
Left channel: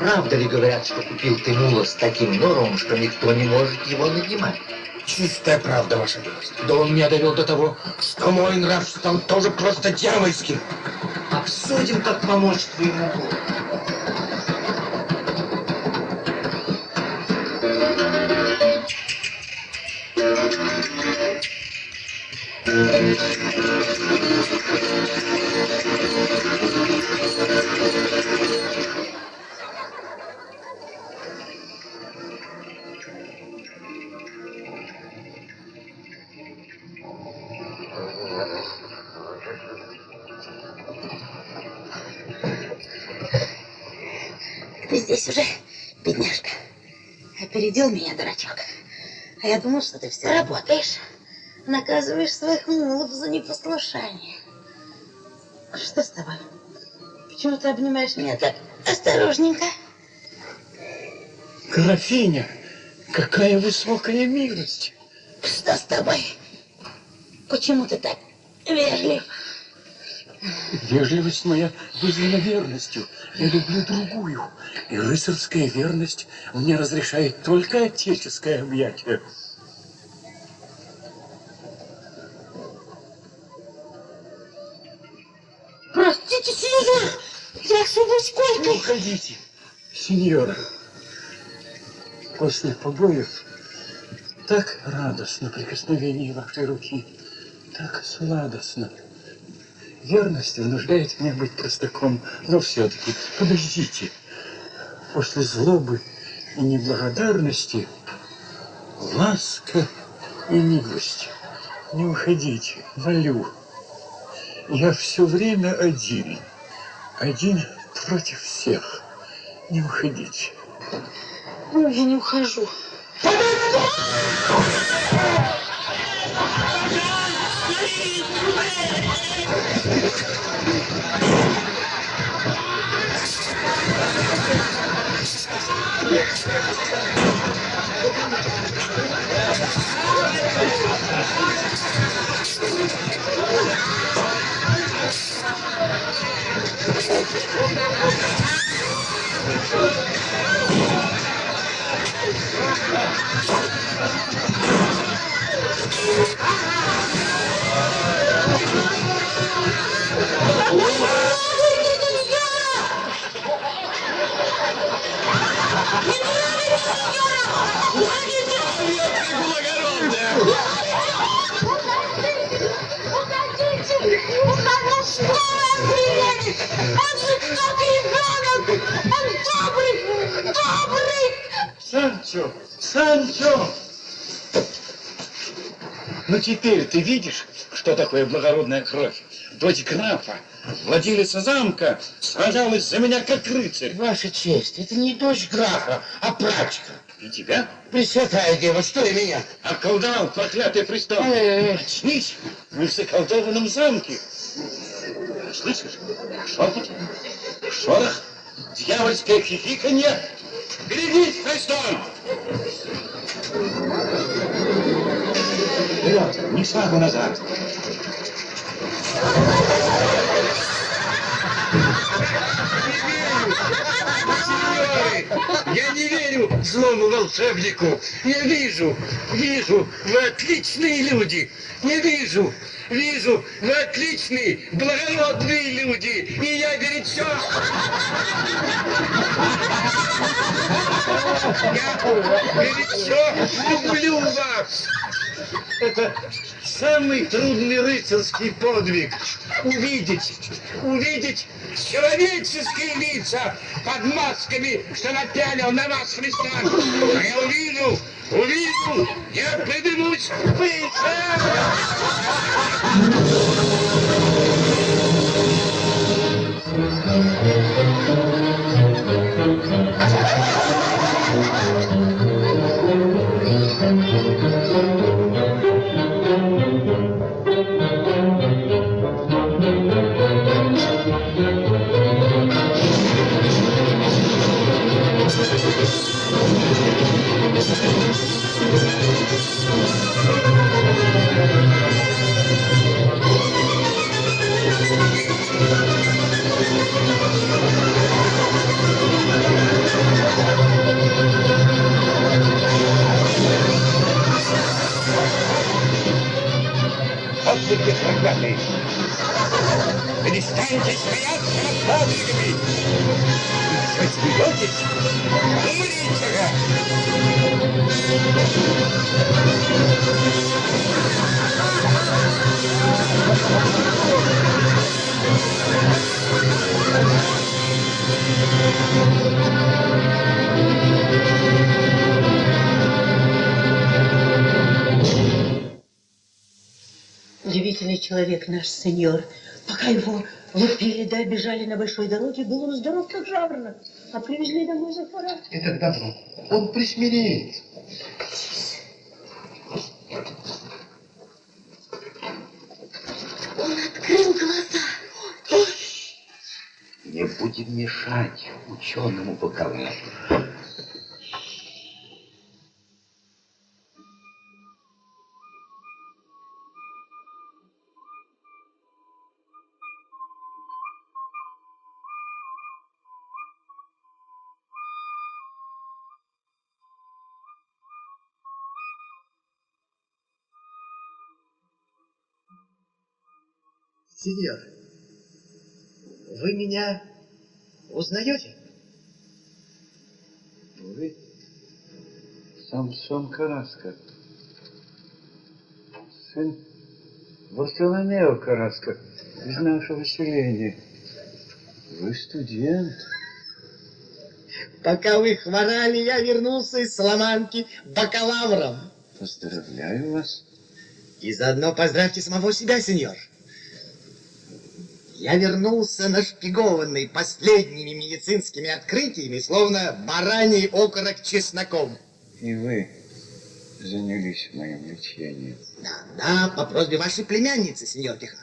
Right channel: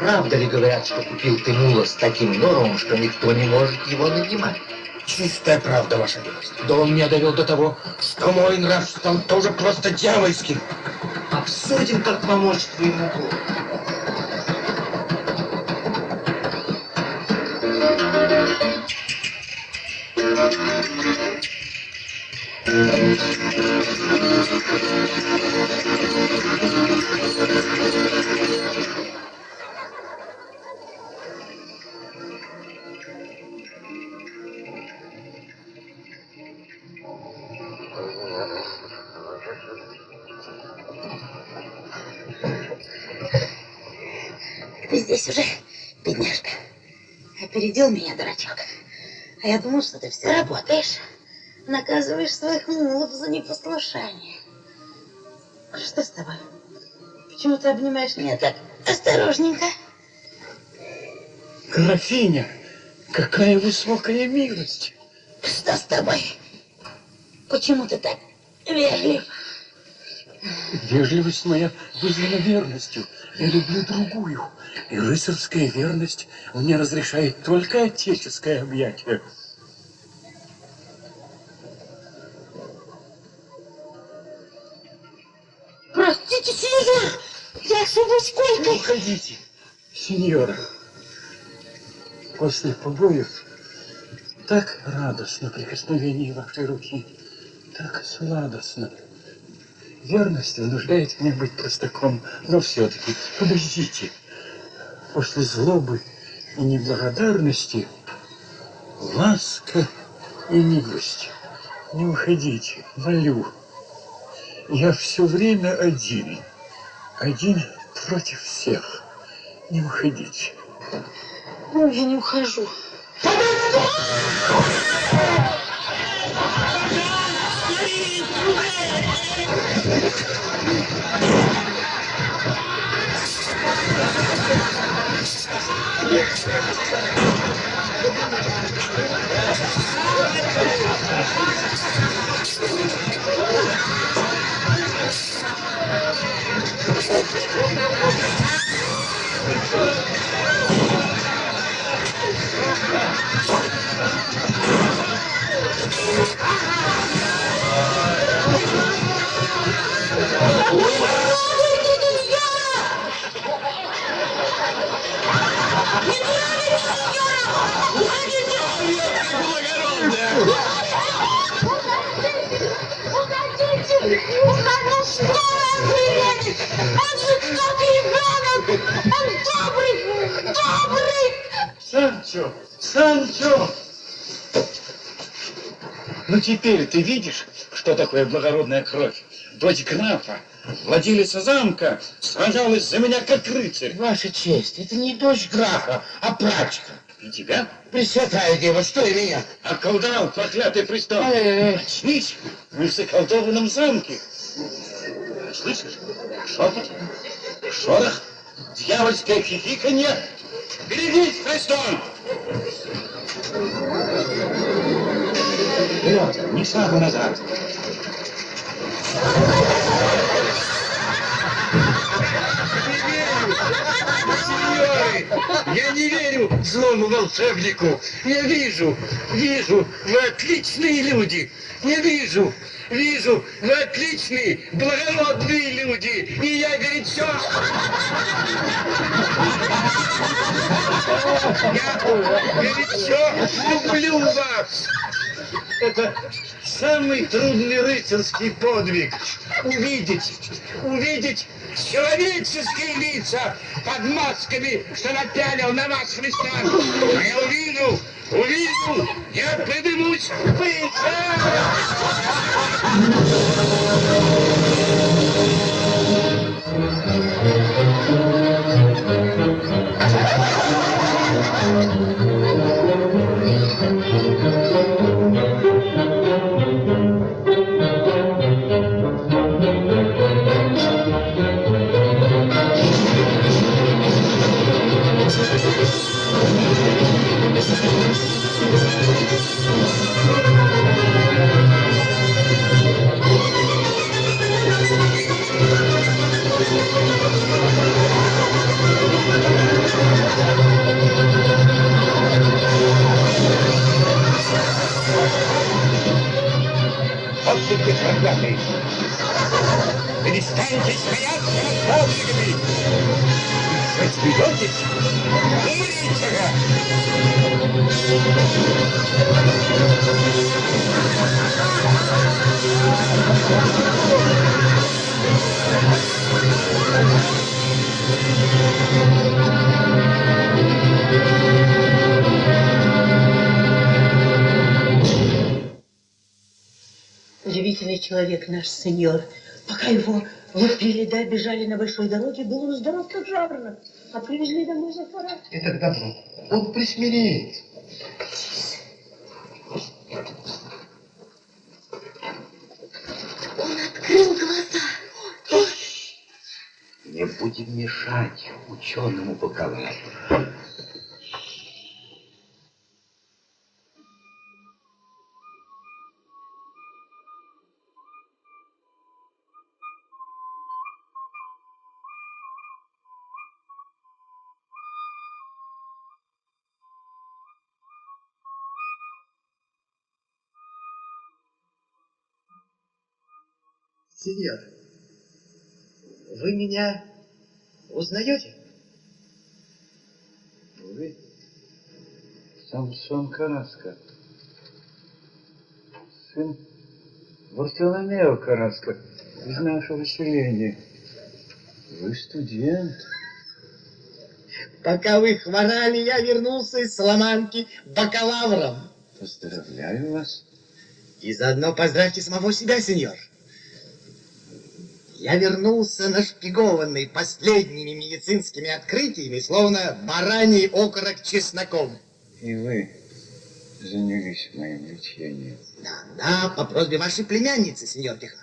правда ли говорят, что купил ты мула с таким норовом, что никто не может его нанимать? Чистая правда, ваша милость. Да он меня довел до того, что мой нрав стал тоже просто дьявольским. Обсудим, как помочь твоему Богу. Ты здесь уже, бедняжка. Опередил меня, дурачок. А я думал, что ты все работаешь. Наказываешь своих мулов за непослушание. Что с тобой? Почему ты обнимаешь меня так осторожненько? Графиня, какая высокая милость. Что с тобой? Почему ты так вежлив? Вежливость моя вызвана верностью. Я люблю другую. И рыцарская верность мне разрешает только отеческое объятие. Простите, сеньор, я ошиблась Не койкой. уходите, сеньора. После побоев так радостно прикосновение вашей руки, так сладостно. Верность вынуждает меня быть простаком, но все-таки подождите. После злобы и неблагодарности ласка и милость. Не уходите, молю. Я все время один против всех. Не уходите. Ой, я не ухожу. Санчо! Санчо! Ну теперь ты видишь, что такое благородная кровь? Дочь графа, владелица замка, сражалась за меня как рыцарь. Ваша честь, это не дочь графа, а прачка. И тебя Пресвятая Дева, что и меня? околдовал проклятый престол. Ой-ой-ой. Очнись, мы в заколдованном замке. Слышишь? Шепот, шорох, дьявольское хихиканье. Берегись, престол! Вперед, ни шагу назад. Я не верю злому волшебнику. Я вижу, вы отличные люди. Я вижу, вы отличные, благородные люди. И я горячо... Я горячо люблю вас. Это самый трудный рыцарский подвиг. Увидеть человеческие лица под масками, что напялил на вас христиан. А я увижу, я поднимусь выше. Смеетесь? Умрите! Удивительный человек наш сеньор. Пока его лупили да обижали на большой дороге, был он здоров, как жаворонок. А привезли домой за фара. Это добро. Он присмиреет. Он открыл глаза. Не будем мешать ученому бакалавру. Сеньор, вы меня узнаете? Вы Самсон Караско, сын Варфоломео Караско из нашего селения. Вы студент. Пока вы хворали, я вернулся из Соломанки бакалавром. Поздравляю вас. И заодно поздравьте самого себя, сеньор. Я вернулся нашпигованный последними медицинскими открытиями, словно бараний окорок чесноком. И вы занялись моим лечением. Да, по просьбе вашей племянницы, сеньор Кихано.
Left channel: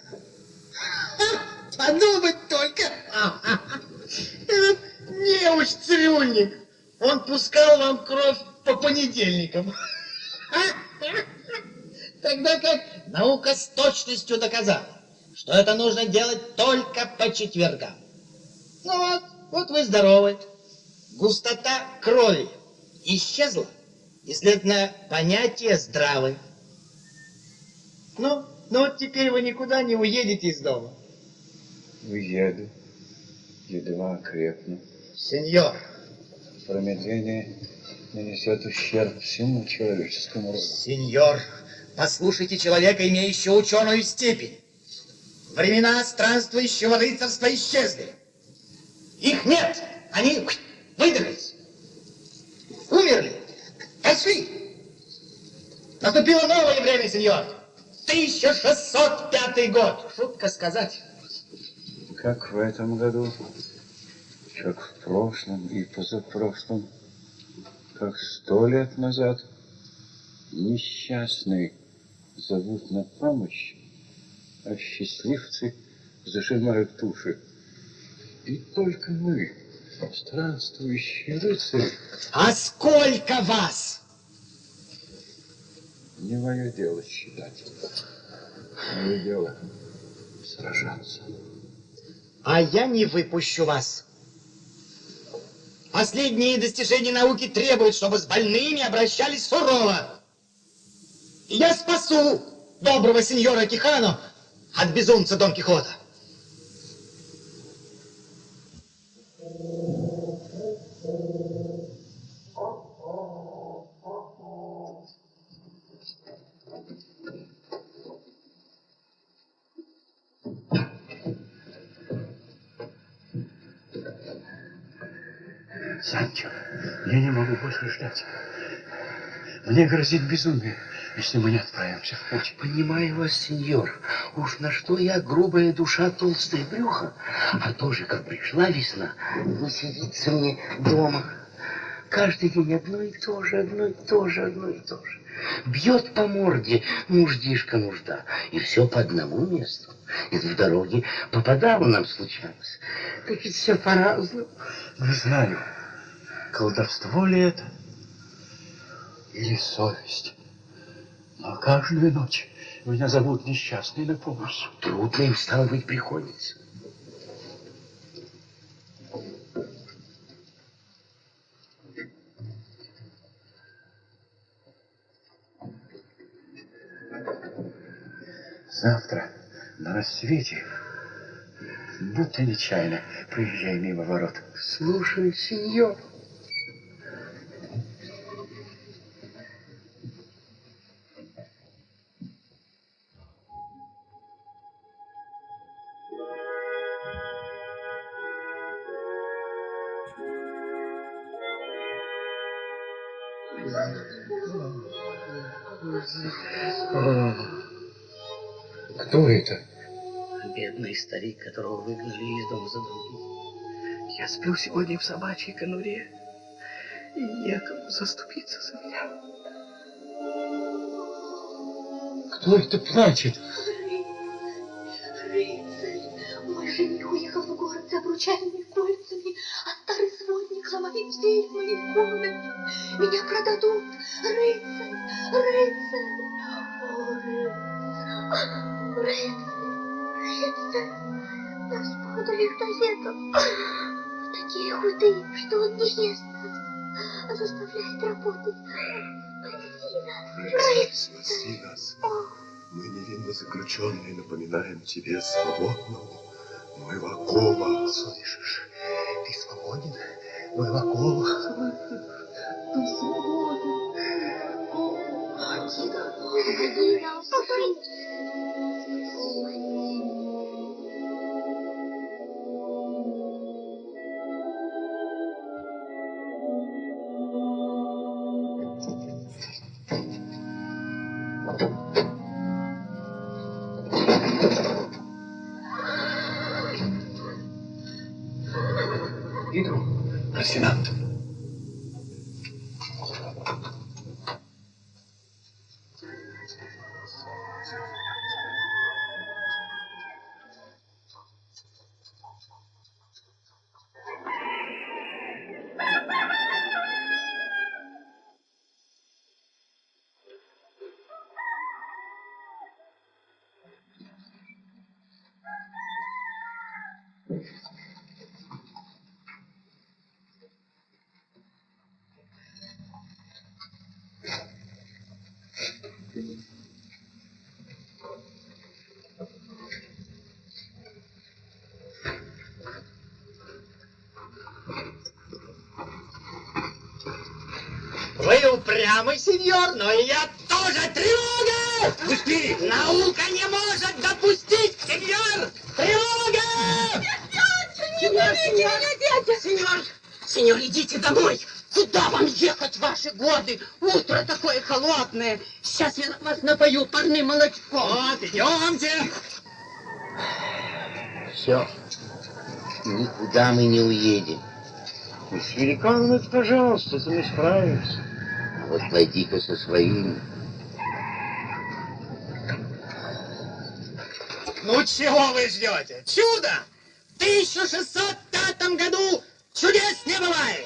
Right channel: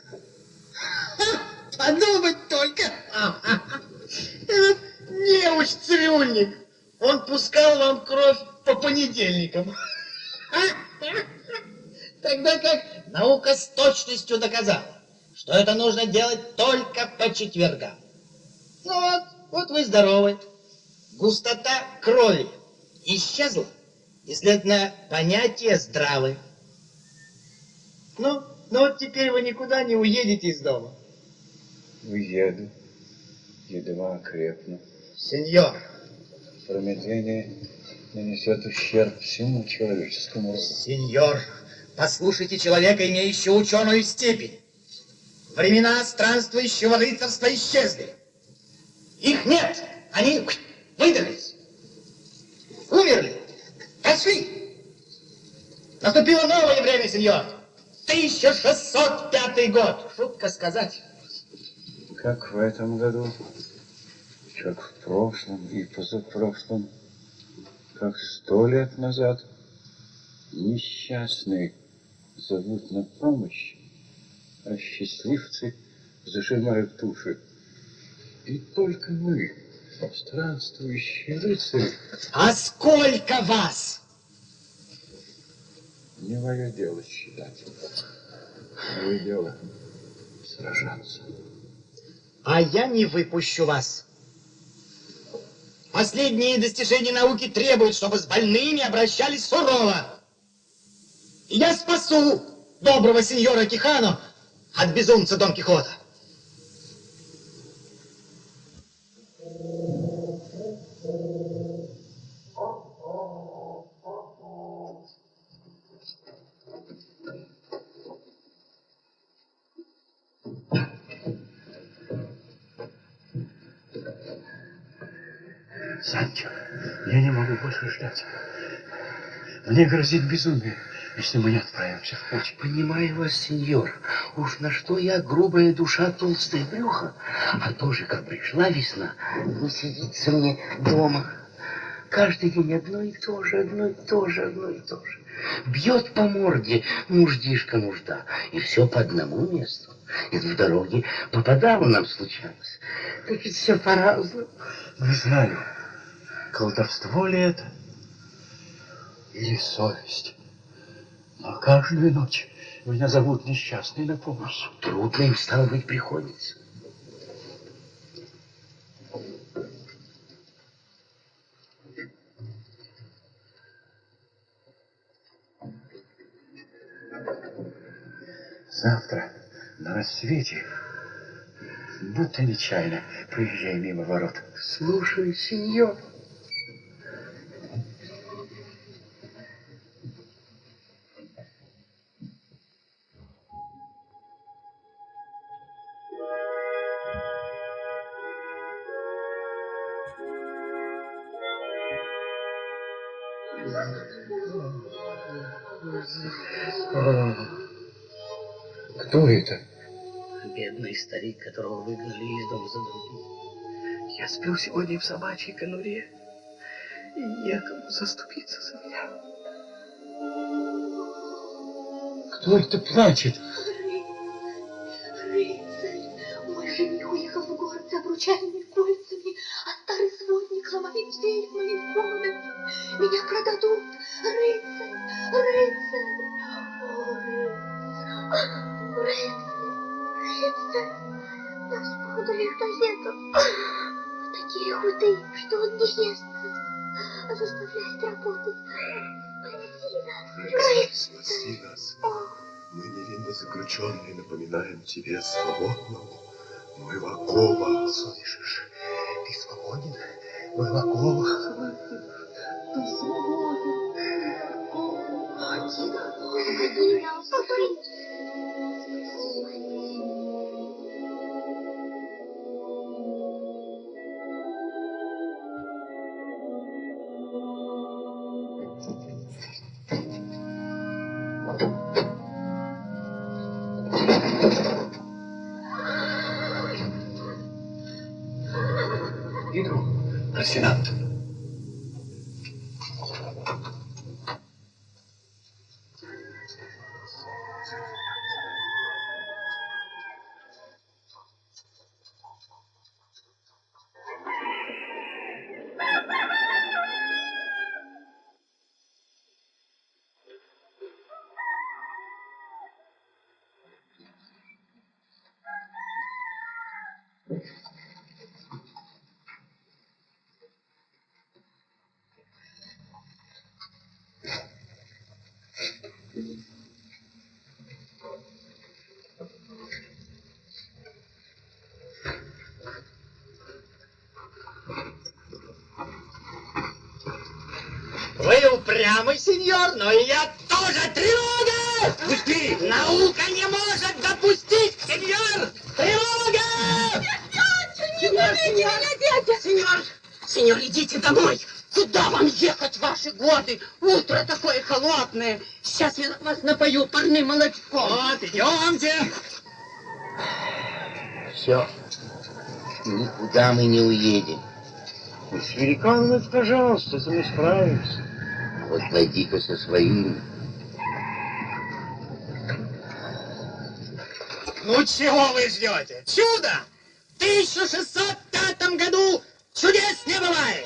Подумать только! Этот неуч-цирюльник, он пускал вам кровь по понедельникам. Тогда как наука с точностью доказала, что это нужно делать только по четвергам. Ну вот вы здоровы. Густота крови исчезла, и, следовательно, понятие здравы. Ну вот теперь вы никуда не уедете из дома. Уеду. Едва окрепну. Сеньор, Промедление нанесет ущерб всему человеческому роду. сеньор, послушайте человека, имеющего ученую степень. Времена странствующего рыцарства исчезли. Их нет, они выдались, умерли, пошли. Наступило новое время, сеньор. 1605 год. Шутка сказать. Как в этом году, как в прошлом и позапрошлом, как 100 лет назад, несчастные зовут на помощь, а счастливцы зажимают души. И только мы, странствующие рыцари, А сколько вас? не мое дело считать. Мое дело сражаться. А я не выпущу вас. Последние достижения науки требуют, чтобы с больными обращались сурово. И я спасу доброго сеньора Кихано от безумца Дон Кихота. Санчо, я не могу больше ждать. Мне грозит безумие, если мы не отправимся в путь. Понимаю вас, сеньор. Уж на что я грубая душа, толстое брюхо. А тоже, как пришла весна, не сидится мне дома. Каждый день одно и то же, одно и то же, одно и то же. Бьет по морде нуждишка нужда. И все по одному месту. И в дороге попадало нам случалось. Так ведь все по-разному. Не знаю, колдовство ли это или совесть. Но каждую ночь меня зовут несчастный на помощь. Трудно им, стало быть, приходится. Завтра на рассвете будто нечаянно, проезжая мимо ворот. Слушай, сеньор. Кто это? Бедный старик, которого выгнали из дома за долги. Я сплю сегодня в собачьей конуре, и некому заступиться за меня. Кто это плачет? Рыцарь, мой жених уехал в город за обручальными кольцами, а старый сводник ломает дверь в моей комнате. Меня продадут. Рыцарь, рыцарь, о, рыцарь, рыцарь, господарь Толедо, такие худые, что он не ест, а заставляет работать. Спаси нас. Мы невинно заключенные напоминаем тебе свободному Мывакова. Слышишь, ты свободен, Мываков. Ты свободен. Иду, Росинант. Вы упрямый, сеньор, но и я тоже. Тревога! Пусти! Наука не может допустить, сеньор! Тревога! Сеньор, идите домой. Куда вам ехать в ваши годы? Утро такое холодное. Сейчас я вас напою парным молочком. Вот, идемте. Все. Никуда мы не уедем. Месье Леконов, пожалуйста, ты не справишься. Вот пойди-ка со своим. Ну чего вы ждете? Чудо! В 1605 году чудес не бывает!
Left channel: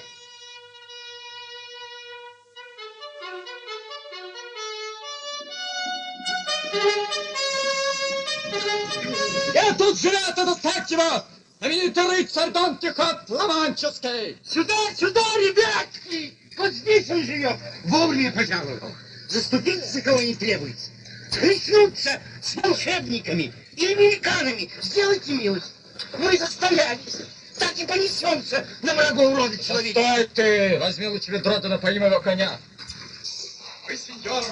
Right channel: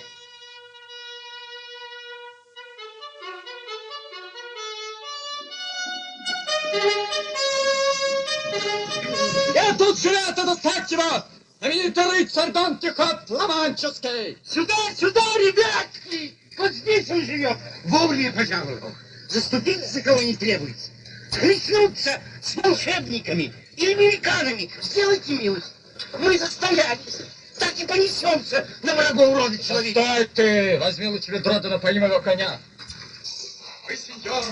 Я тут жилет доставьте его! Знаменитый рыцарь Дон Кихот Ла-Манческий! Сюда, сюда, ребятки! Вот здесь он живет! Вовремя пожаловал! Заступиться за кого не требуется! Схлестнуться с волшебниками и американами! Сделайте милость! Мы застоялись! Так и понесемся на врагов рода человека! Стой ты! Возьми у тебя дрота на моего коня! Вы, сеньор,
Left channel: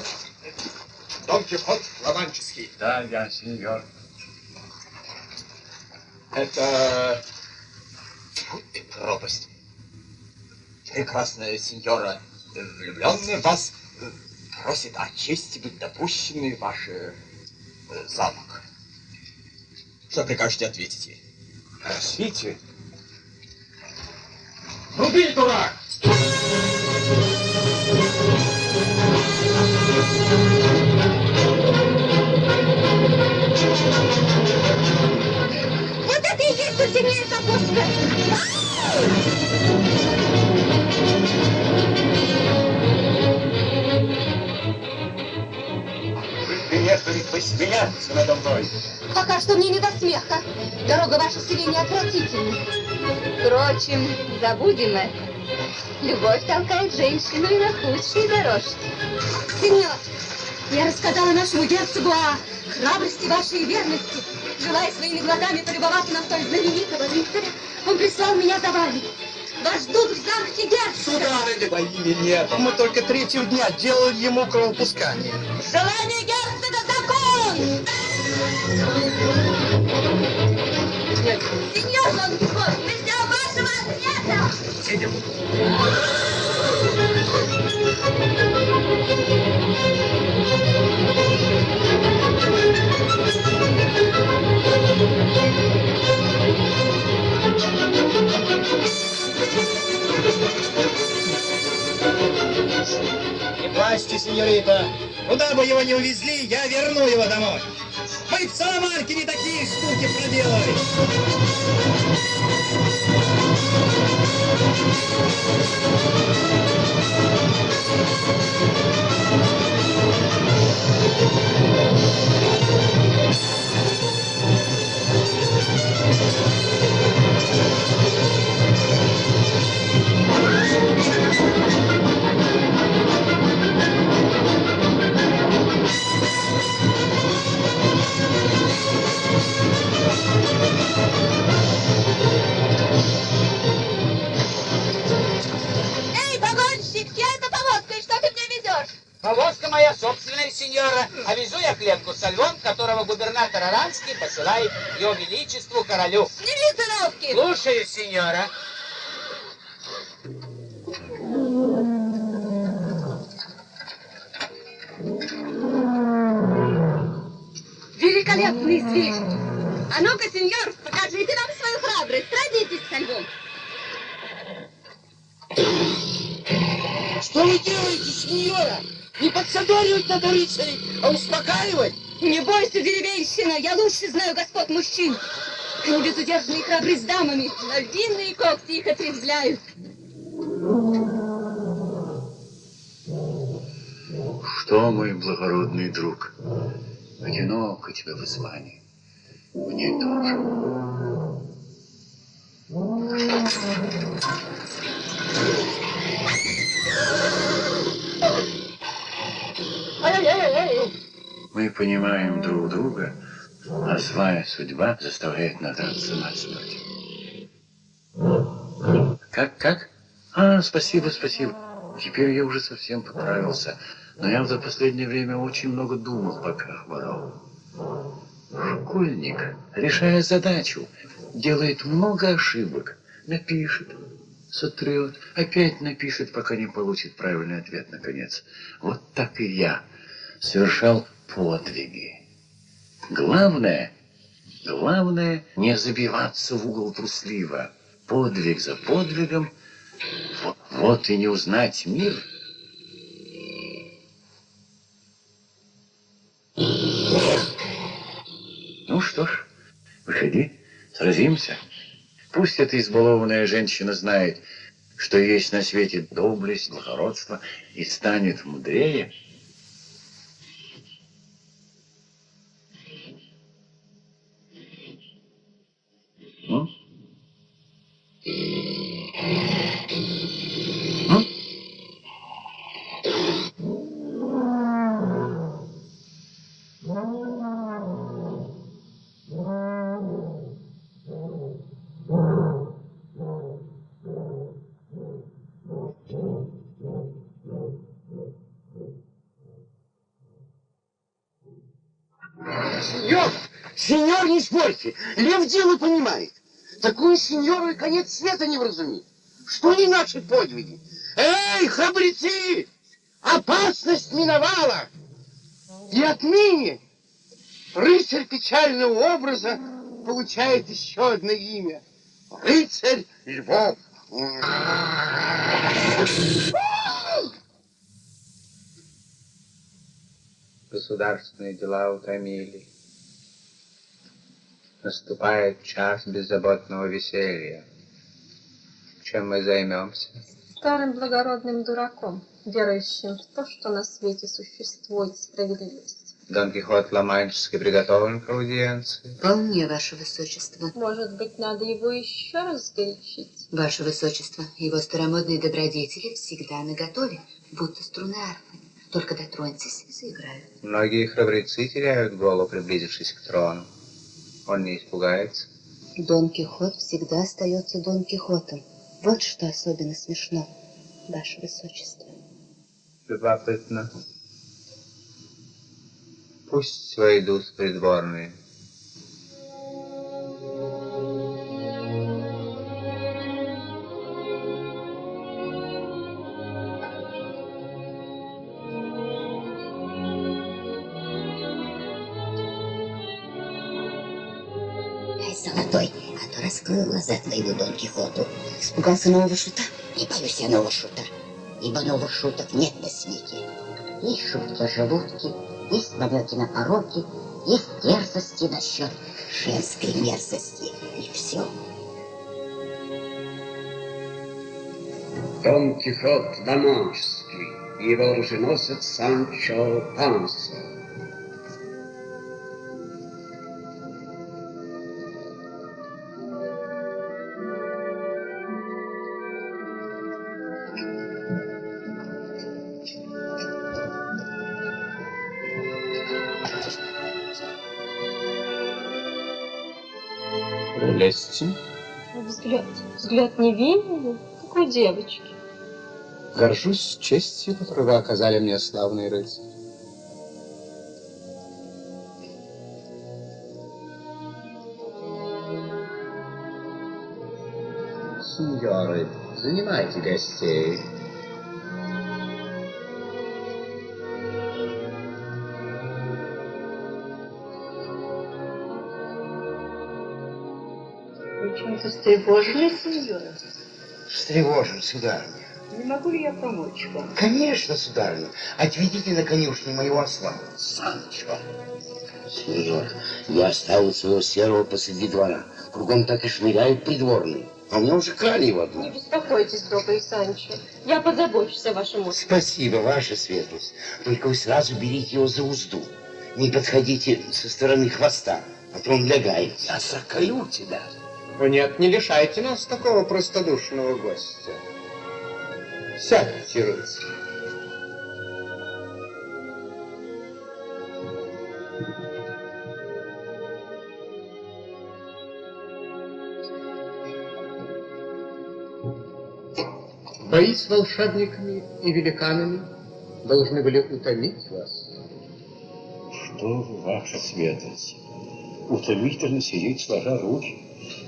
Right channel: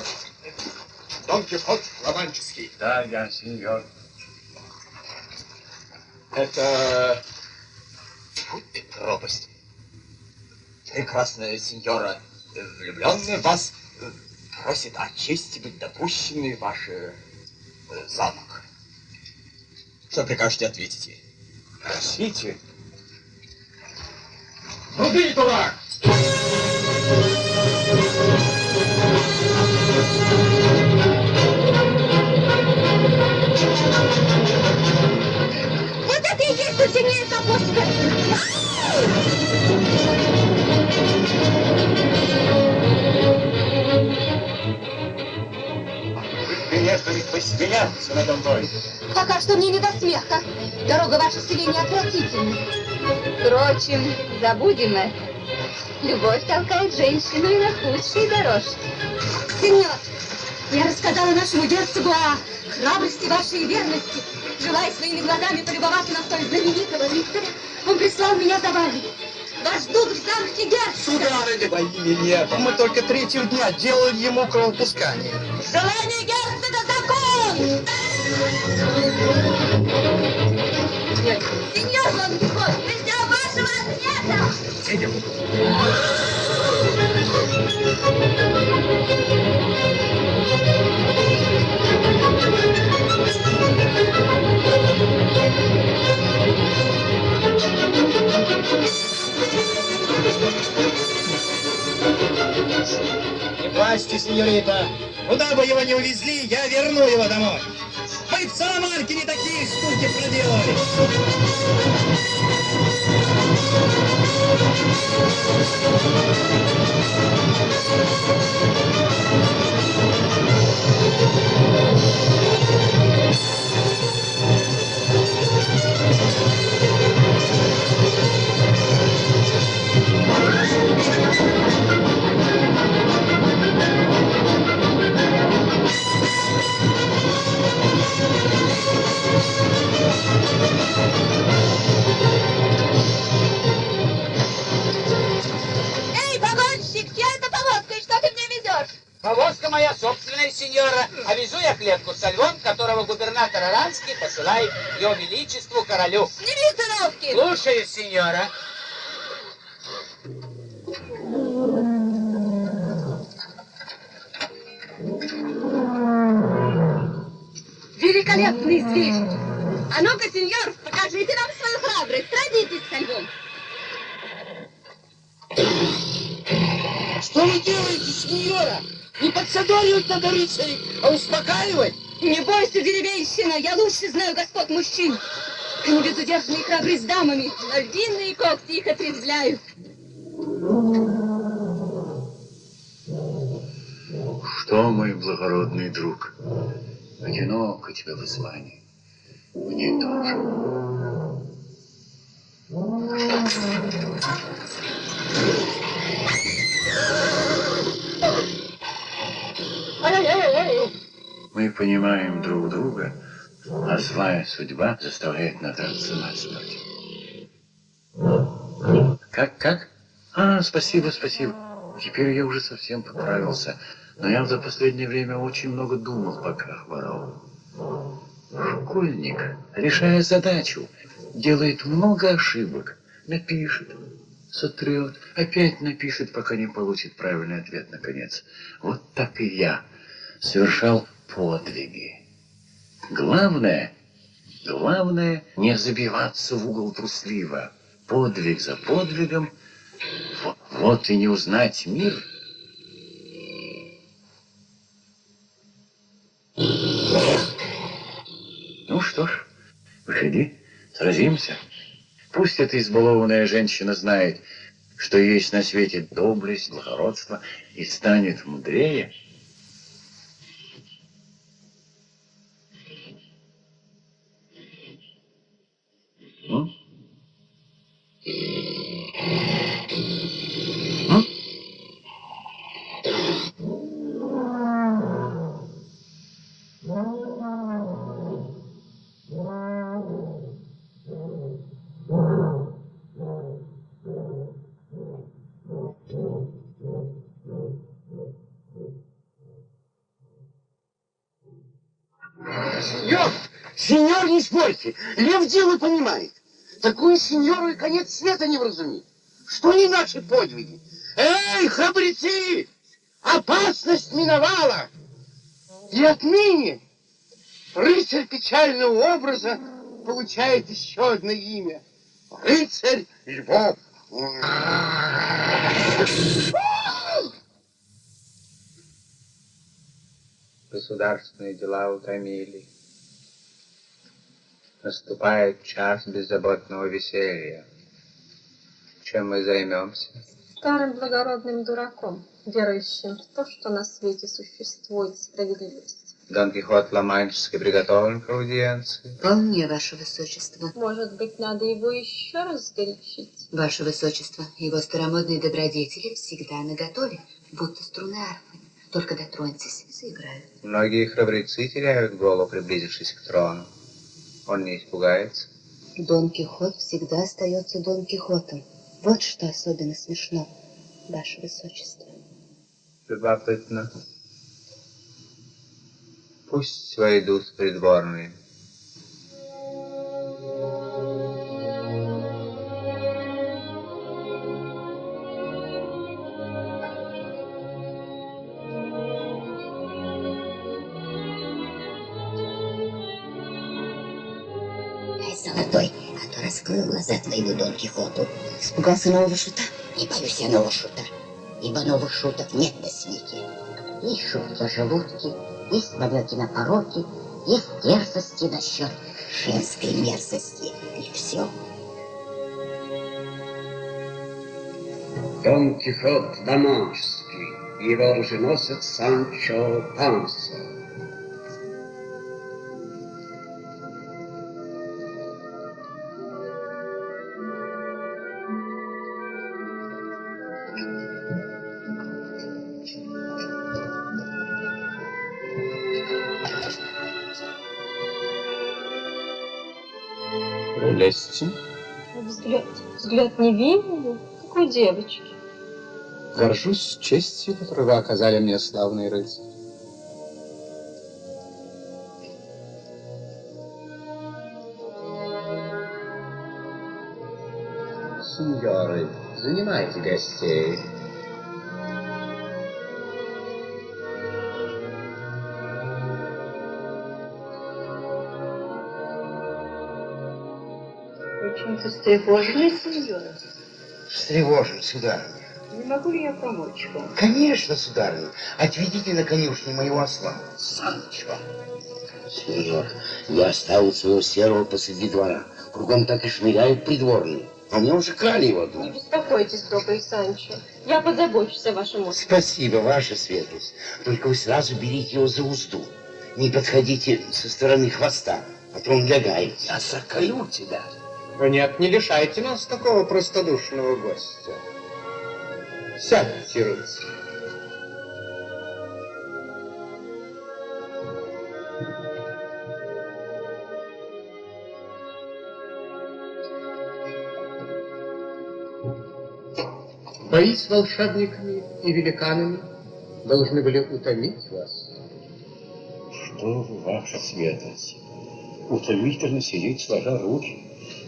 Дон Кихот Ла-Манческий. Да, я сеньор. Это... пропасть. Прекрасная сеньора, влюбленная в вас, просит о чести быть допущенными в ваш замок. Что прикажете ответить ей? Просите. Руби, дурак! Вот это и есть земля Капустина! Вы приехали посмеяться надо мной. Пока что мне не до смеха. Дорога ваша селения отвратительна. Впрочем, забудем это. Любовь толкает женщину и на худшие дорожки. Сеньор, я рассказала нашему герцогу о храбрости вашей верности. Желая своими глазами полюбоваться на столь знаменитого рыцаря, он прислал меня за вами. Вас ждут в замке герцога. Сударыня, во имя небо, мы только третьего дня делаем ему кровопускание. Желание герцога закон! Сеньор Дон Кихот, мы ждем вашего ответа! Сеньор. Власти, сеньорита, куда бы его ни увезли, я верну его домой. Вы в Саламанке не такие штуки проделали. Эй, погонщик, где эта повозка и что ты мне везешь? Повозка моя собственная, сеньора, а везу я клетку со львом, которого губернатор Аранский посылает его величеству королю. Сними циновки! Слушаю, сеньора. Великолепный зверь! А ну-ка, сеньор, покажите нам свою храбрость, сразитесь со львом. Что вы делаете, сеньора? Не подсадоривать надо рыцарей, а успокаивать. Не бойся, деревенщина, я лучше знаю господ мужчин. Они безудержны и храбры с дамами, но длинные когти их отрезвляют. Что, мой благородный друг, одиноко тебе в Исландии. Мне тоже. Мы понимаем друг друга, а злая судьба заставляет надраться насмерть. Как? Спасибо. Теперь я уже совсем поправился. Но я за последнее время очень много думал, пока хворал. Школьник, решая задачу, делает много ошибок. Напишет, сотрет, опять напишет, пока не получит правильный ответ наконец. Вот так и я совершал подвиги. Главное не забиваться в угол трусливо. Подвиг за подвигом, вот и не узнать мир. Ну что ж, выходи, сразимся. Пусть эта избалованная женщина знает, что есть на свете доблесть, благородство, и станет мудрее. Сеньор, не спорьте, лев дело понимает. Такую сеньору и конец света не вразумит. Что не наши подвиги? Эй, храбрецы! Опасность миновала! И отныне рыцарь печального образа получает еще одно имя. Рыцарь Львов. Государственные дела утомили. Наступает час беззаботного веселья. Чем мы займемся? Старым благородным дураком, верующим в то, что на свете существует справедливость. Дон Кихот Ла-Манческий приготовлен к аудиенции? Вполне, Ваше Высочество. Может быть, надо его еще раз горячить? Ваше Высочество, его старомодные добродетели всегда наготове, будто струны арфы. Только дотроньтесь и заиграют. Многие храбрецы теряют голову, приблизившись к трону. Он не испугается. Дон Кихот всегда остается Дон Кихотом. Вот что особенно смешно, Ваше Высочество. Любопытно. Пусть войдут придворные. Золотой, а то раскрыл глаза твоему Дон Кихоту. Испугался нового шута? Не боюсь я нового шута, ибо новых шуток нет на свете. Есть шутки о желудке, есть намеки на пороки, есть дерзости насчет женской мерзости. И все. Дон Кихот Ла-Маншский, его оруженосец Санчо Панса. Прелестен. Взгляд невинный, такой девочки. Горжусь честью, которую вы оказали мне, славный рыцарь. Сеньоры, занимайте гостей. Очень встревожены, сеньора. Встревожен, сударыня. Не могу ли я помочь вам? Конечно, сударыня. Отведите на конюшню моего осла, Санчо. Сеньор, я оставил своего серого посреди двора. Кругом так и шныряют придворные. А мне уже крали его. Не беспокойтесь, добрый Санчо. Я позабочусь о вашем отдыхе. Спасибо, ваша светлость. Только вы сразу берите его за узду. Не подходите со стороны хвоста, а то он лягает. Я заколю тебя. Нет, не лишайте нас такого простодушного гостя. Сядьте, рыцарь. Бои с волшебниками и великанами должны были утомить вас. Что вы, ваша светлость, утомительно сидеть сложа руки,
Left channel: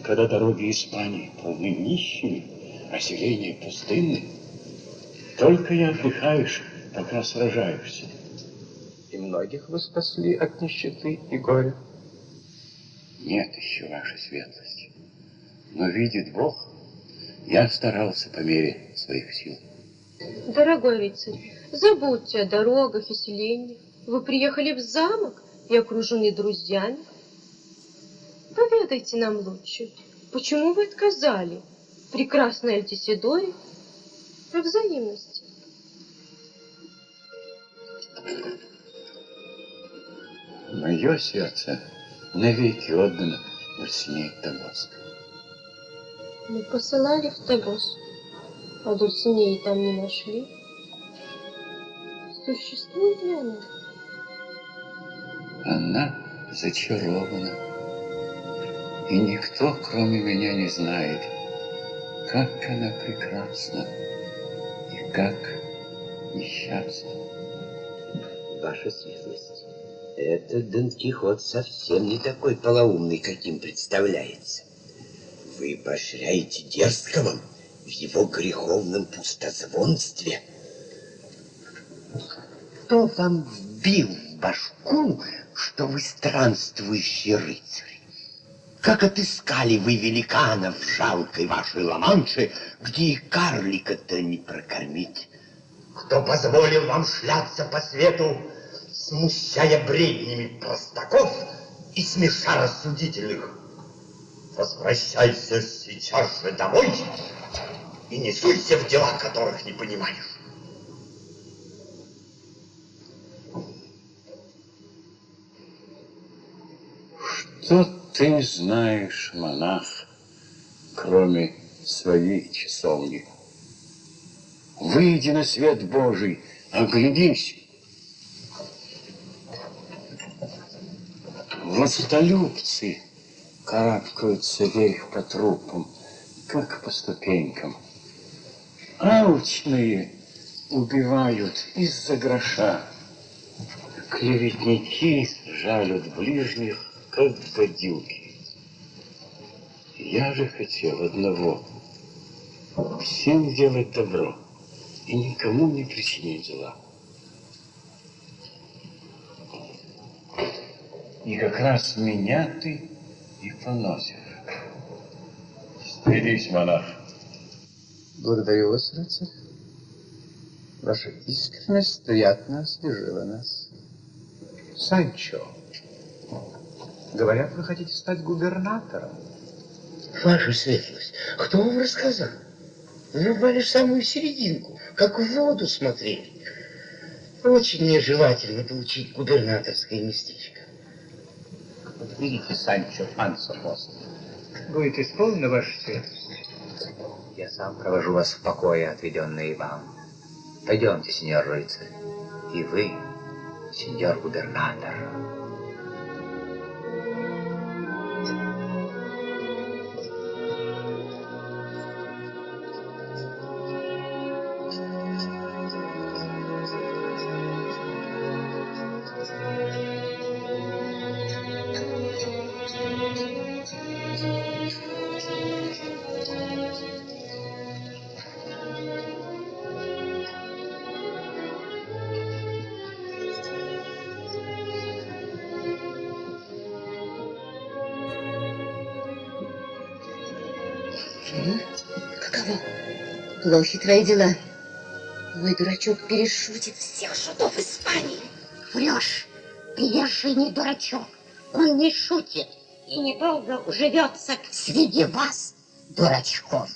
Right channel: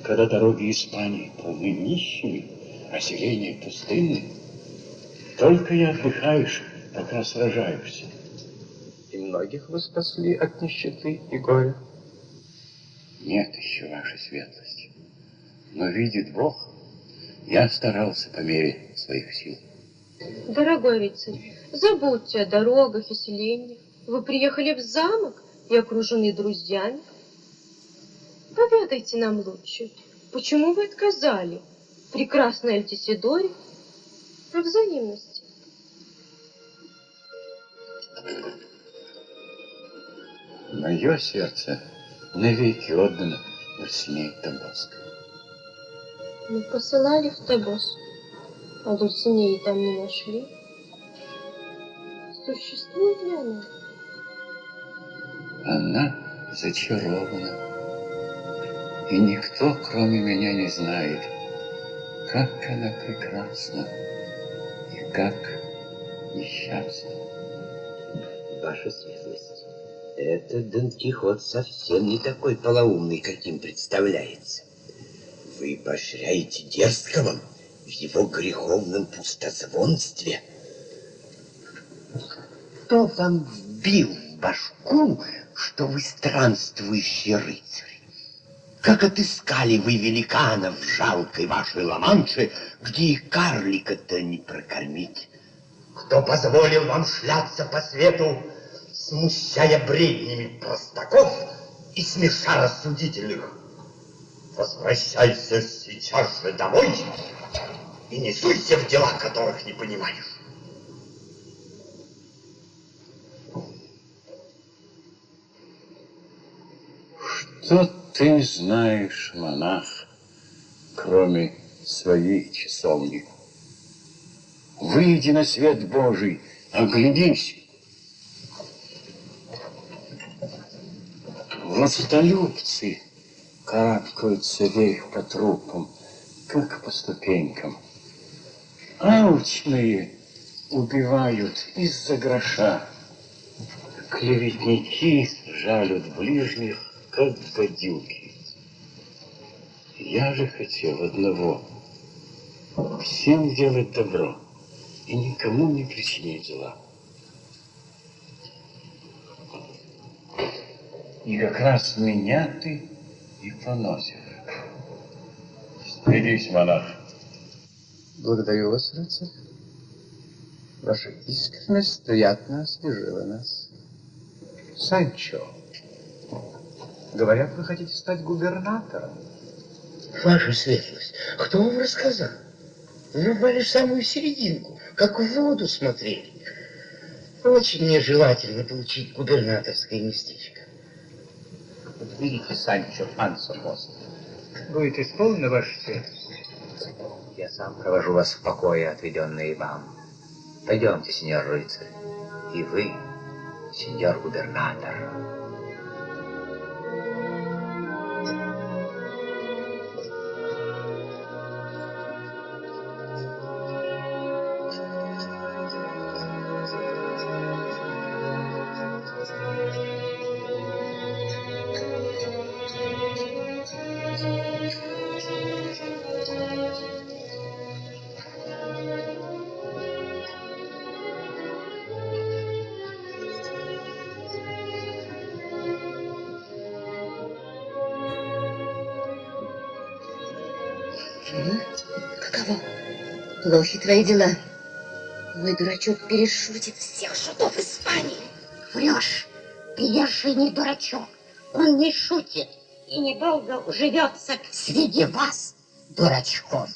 когда дороги Испании полны нищими, а селения пустынны. Только и отдыхаешь, пока сражаешься. И многих вы спасли от нищеты и горя. Нет еще, ваша светлость. Но видит Бог, я старался по мере своих сил. Дорогой рыцарь, забудьте о дорогах и селениях. Вы приехали в замок и окружены друзьями. Поведайте нам лучше, почему вы отказали прекрасной Альтисидоре во взаимности? Мое сердце навеки отдано Дульсинее Табаско. Мы посылали в Табос, а Дульсинеи там не нашли. Существует ли она? Она зачарована. И никто, кроме меня, не знает, как она прекрасна и как несчастна. Ваша светлость, этот Дон Кихот совсем не такой полоумный, каким представляется. Вы поощряете дерзкого в его греховном пустозвонстве. Кто вам вбил в башку, что вы странствующий рыцарь? Как отыскали вы великанов в жалкой вашей Ла-Манше, где и карлика-то не прокормить? Кто позволил вам шляться по свету, смущая бреднями простаков и смеша рассудительных? Возвращайся сейчас же домой и не суйся в дела, которых не понимаешь. Что ты знаешь, монах, кроме своей часовни? Выйди на свет Божий, оглядись. Властолюбцы карабкаются вверх по трупам, как по ступенькам. Алчные убивают из-за гроша. Клеветники жалят ближних, как гадюки. Я же хотел одного — всем делать добро и никому не причинить зла. И как раз меня ты и поносишь. Стрелись, монарх. Благодарю вас, рыцарь. Ваша искренность приятно освежила нас. Санчо, говорят, вы хотите стать губернатором. Ваша светлость, кто вам рассказал? Вы упали в самую серединку, как в воду смотрели. Очень нежелательно получить губернаторское местечко. Видите, Санчо Пансо пост. Будет исполнена ваша светлость. Я сам провожу вас в покое, отведенные вам. Пойдемте, сеньор рыцарь. И вы, сеньор губернатор. Каково? Плохи твои дела. Мой дурачок перешутит всех шутов Испании. Врешь. Приезжий дурачок. Он не шутит и недолго уживется среди вас, дурачков.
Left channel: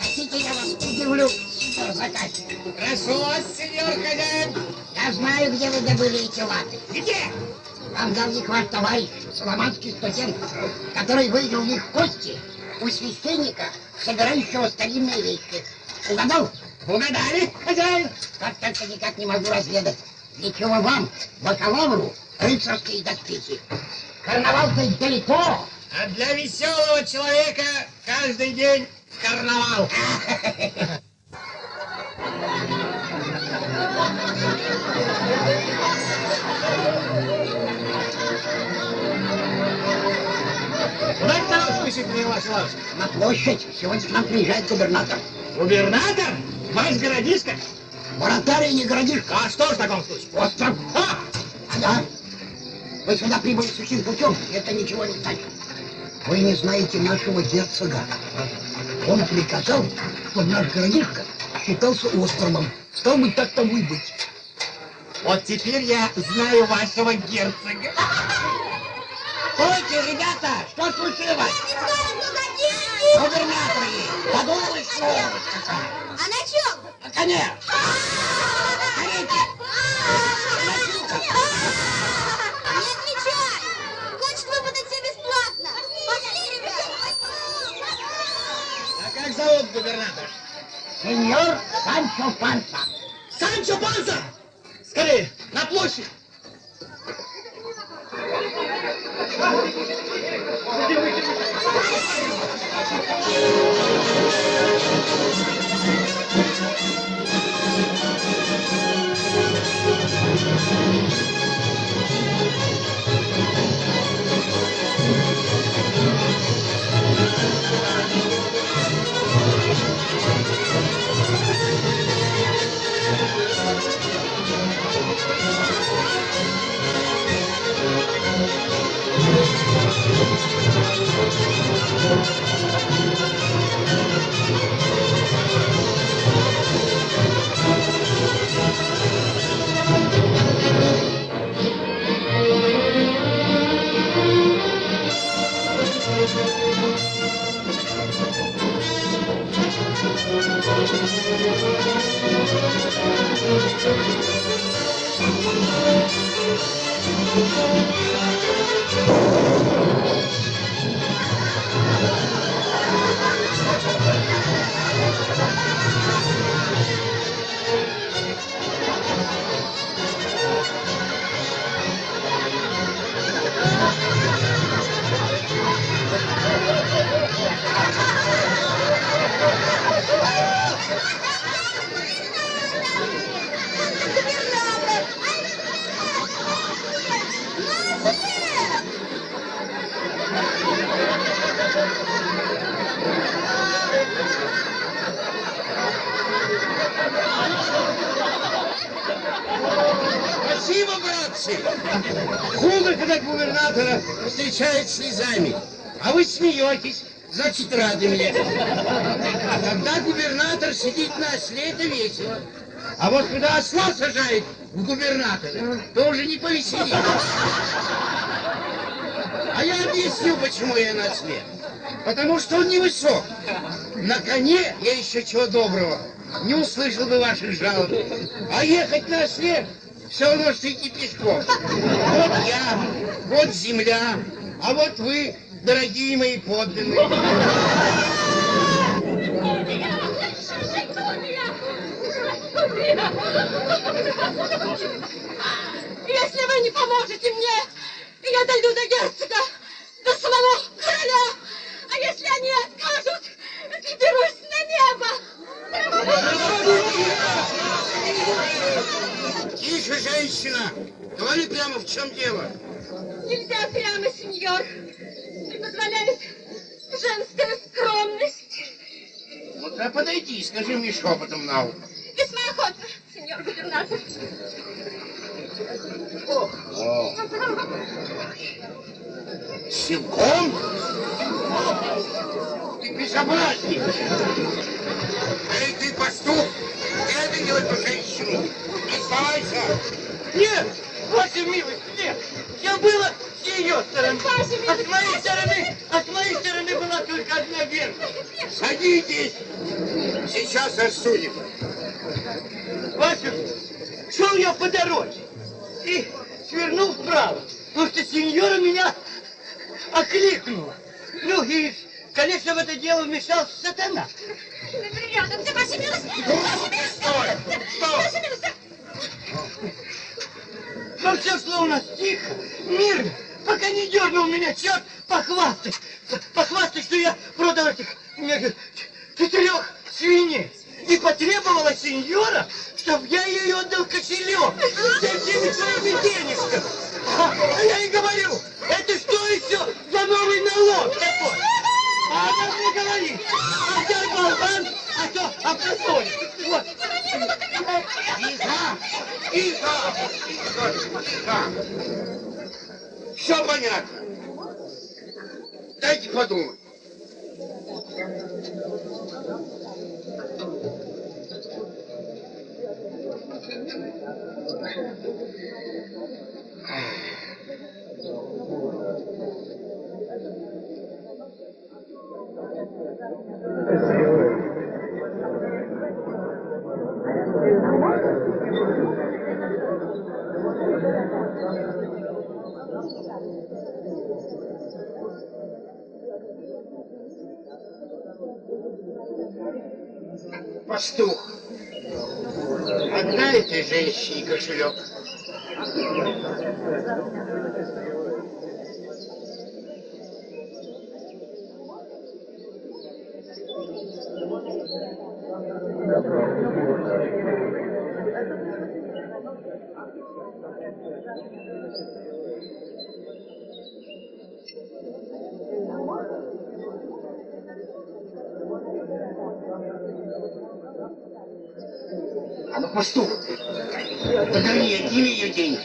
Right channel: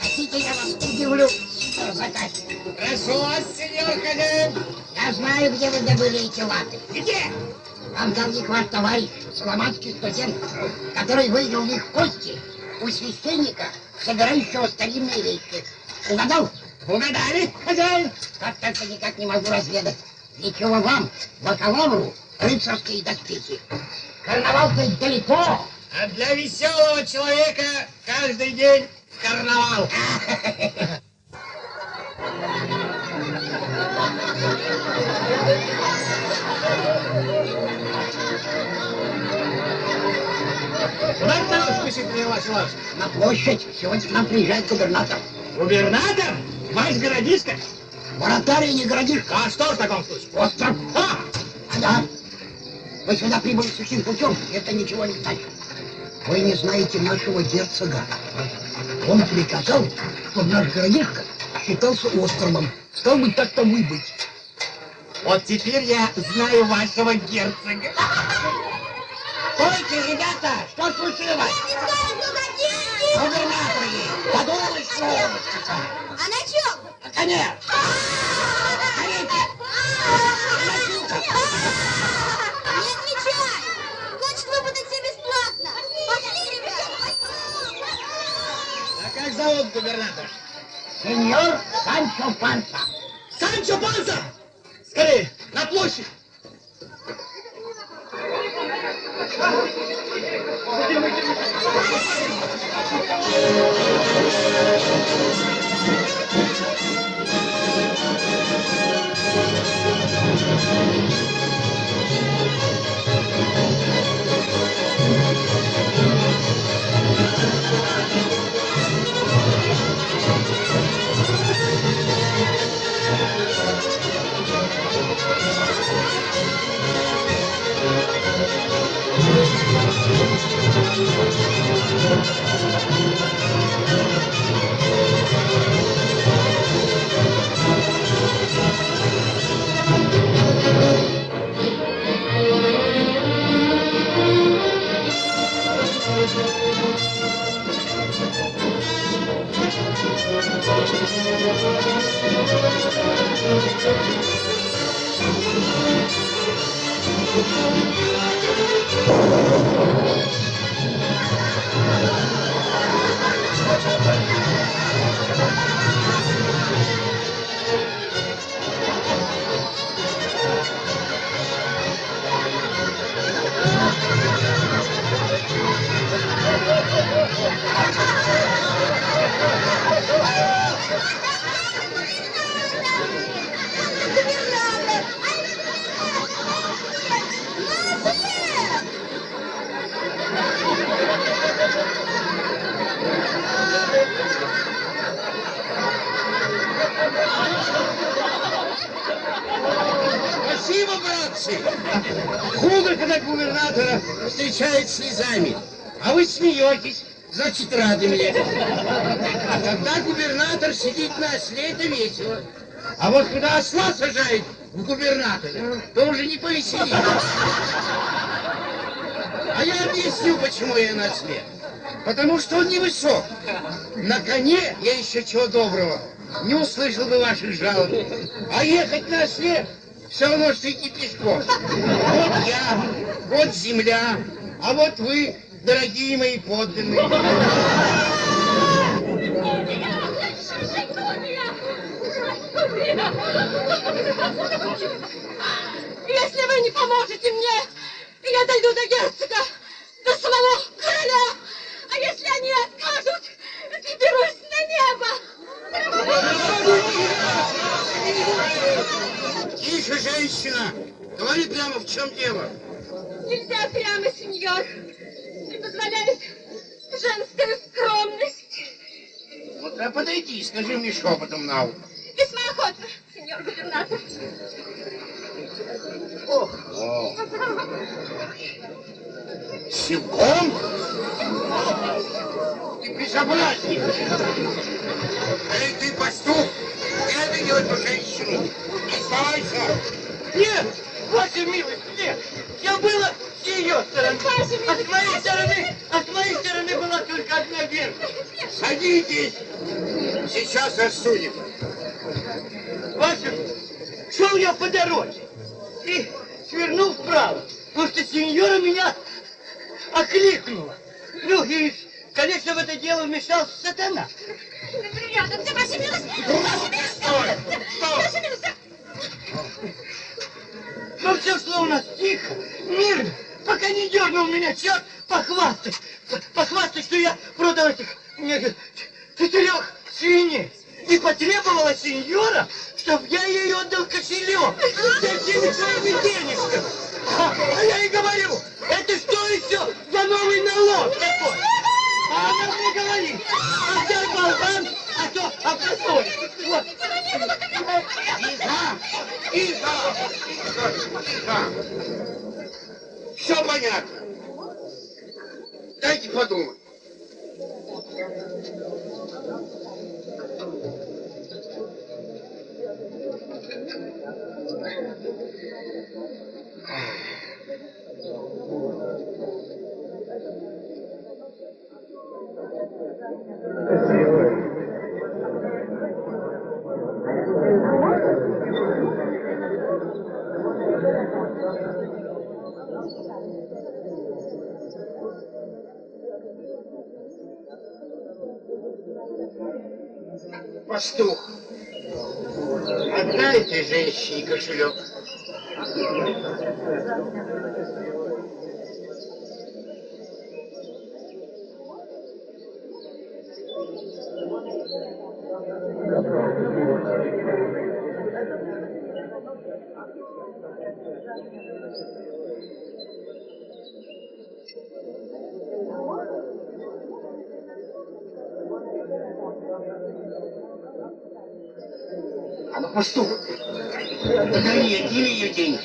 Хотите, я вас удивлю, сеньор заказчик? Прошу вас, сеньор хозяин. Я знаю, где вы добыли эти латы. Где? Вам дал их ваш товарищ, фламандский студент, который выиграл их кости у священника, собирающего старинные вещи. Угадал? Угадали, хозяин? Как только никак не могу разведать. Ничего вам, бакалавру, рыцарские доспехи. Карнавал-то далеко. А для веселого человека каждый день карнавал. На площадь. Сегодня к нам приезжает губернатор. Губернатор? Ваш городишко? Вратарь не городишко. А что в таком случае? Остров. Да. Вы сюда прибыли сухим путем. Это ничего не значит. Вы не знаете нашего герцога. Он приказал, чтобы наш городишко считался островом. Стал быть, так тому и быть. Вот теперь я знаю вашего герцога. Стойте, ребята! Что случилось? Губернатор есть! Подумай, словечко-то! А на чем? На коне! Смотрите! Носилка! Не отвечай! Значит, вы будете бесплатно! Пошли, ребята! А как зовут губернатор? Сеньор Санчо Панса! Санчо Панса! Скорее, на площадь! Спасибо, братцы! Губы, когда губернатора встречают слезами, а вы смеетесь, значит, рады мне. А когда губернатор сидит на осле, это весело. А вот когда осла сажает в губернатора, то уже не повеселит. А я объясню, почему я на осле. Потому что он невысок. На коне я еще чего доброго не услышал бы ваших жалоб. А ехать на осле все равно, что идти пешком. Вот я, вот земля, а вот вы, дорогие мои подданные. Если вы не поможете мне, я дойду до герцога, до самого короля. А если они откажут, то дерусь на небо. Тише, женщина! Говори прямо, в чем дело? Нельзя прямо, сеньор. Не позволяет женская скромность. Вот а подойди, скажи мне шепотом на ухо. Весьма охотно, сеньор губернатор. О. Силком? Ты безобразник! Эй, ты пастух! Не беги эту женщину! Оставайся! Нет, ваша милость, нет. Я была с ее стороны. А с моей стороны была только одна верность. Садитесь! Сейчас рассудим. Ваша, шел я по дороге и свернул вправо, потому что сеньора меня окликнула. Ну и, конечно, в это дело вмешался сатана. Неприятно, ты ваша милость! Стой! Стой! Но все шло у нас тихо, мирно, пока не дернул меня черт похвастать, что я продал этих 4 свиней. И потребовала сеньора, чтобы я ей отдал кошелек с этими своими денежками. А я ей говорю, это что еще за новый налог такой? А она мне говорит, а где болван, а то простой. Вот. Тихо! Тихо! Тихо! Все понятно. Дайте подумать. Пастух, отдай этой женщине кошелек. А ну, пастух, подари, отними ее деньги.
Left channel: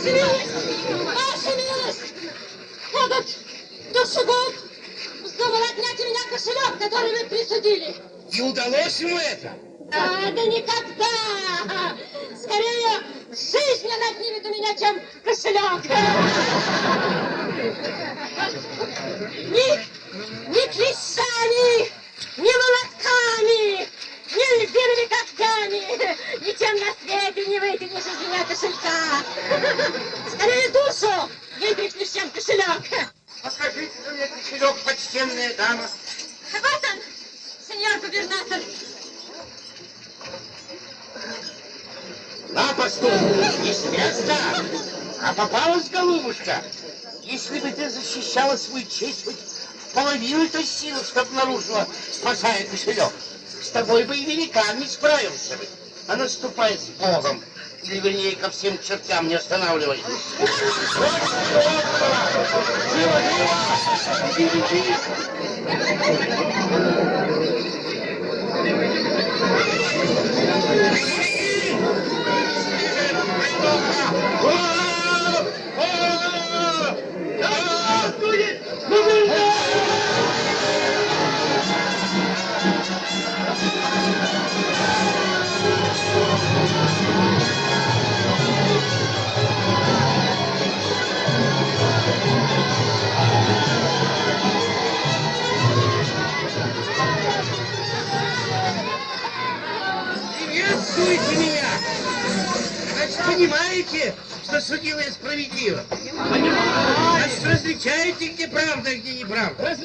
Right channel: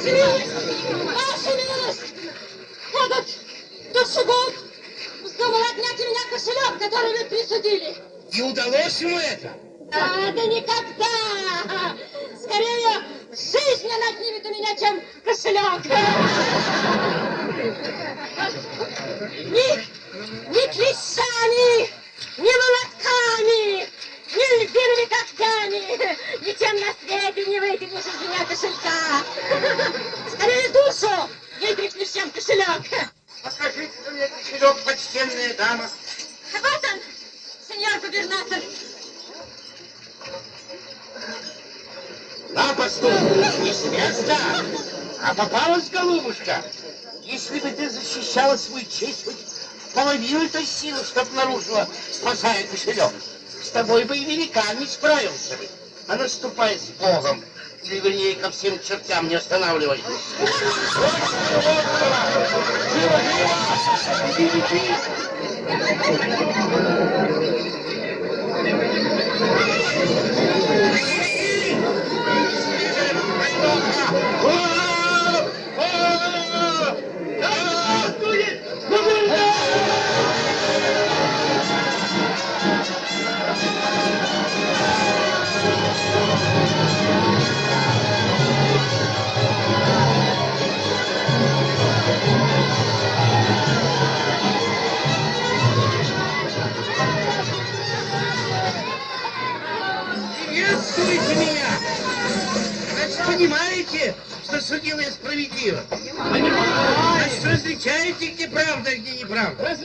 Ваша милость! Будут душегуб вздумал отнять у меня кошелек, который вы присудили. И удалось ему это? Да никогда! Скорее, жизнь она отнимет у меня, чем кошелек. Ни клещами, ни молотками, ни любимыми когтями, ничем на свете не вытянешь из меня кошелька. Скорее душу вытряхнешь, чем кошелек. Покажите мне кошелек, почтенная дама. А вот он, сеньор губернатор. Папа, не с места, а попалась, голубушка. Если бы ты защищала свою честь, хоть половину этой силы, что обнаружила, спасая кошелек, с тобой бы и великан не справился. А наступай с Богом, или вернее ко всем чертям не останавливай. Приветствуйте меня! Значит, понимаете, что судила я справедливо? Значит, различаете, где правда, а где неправда?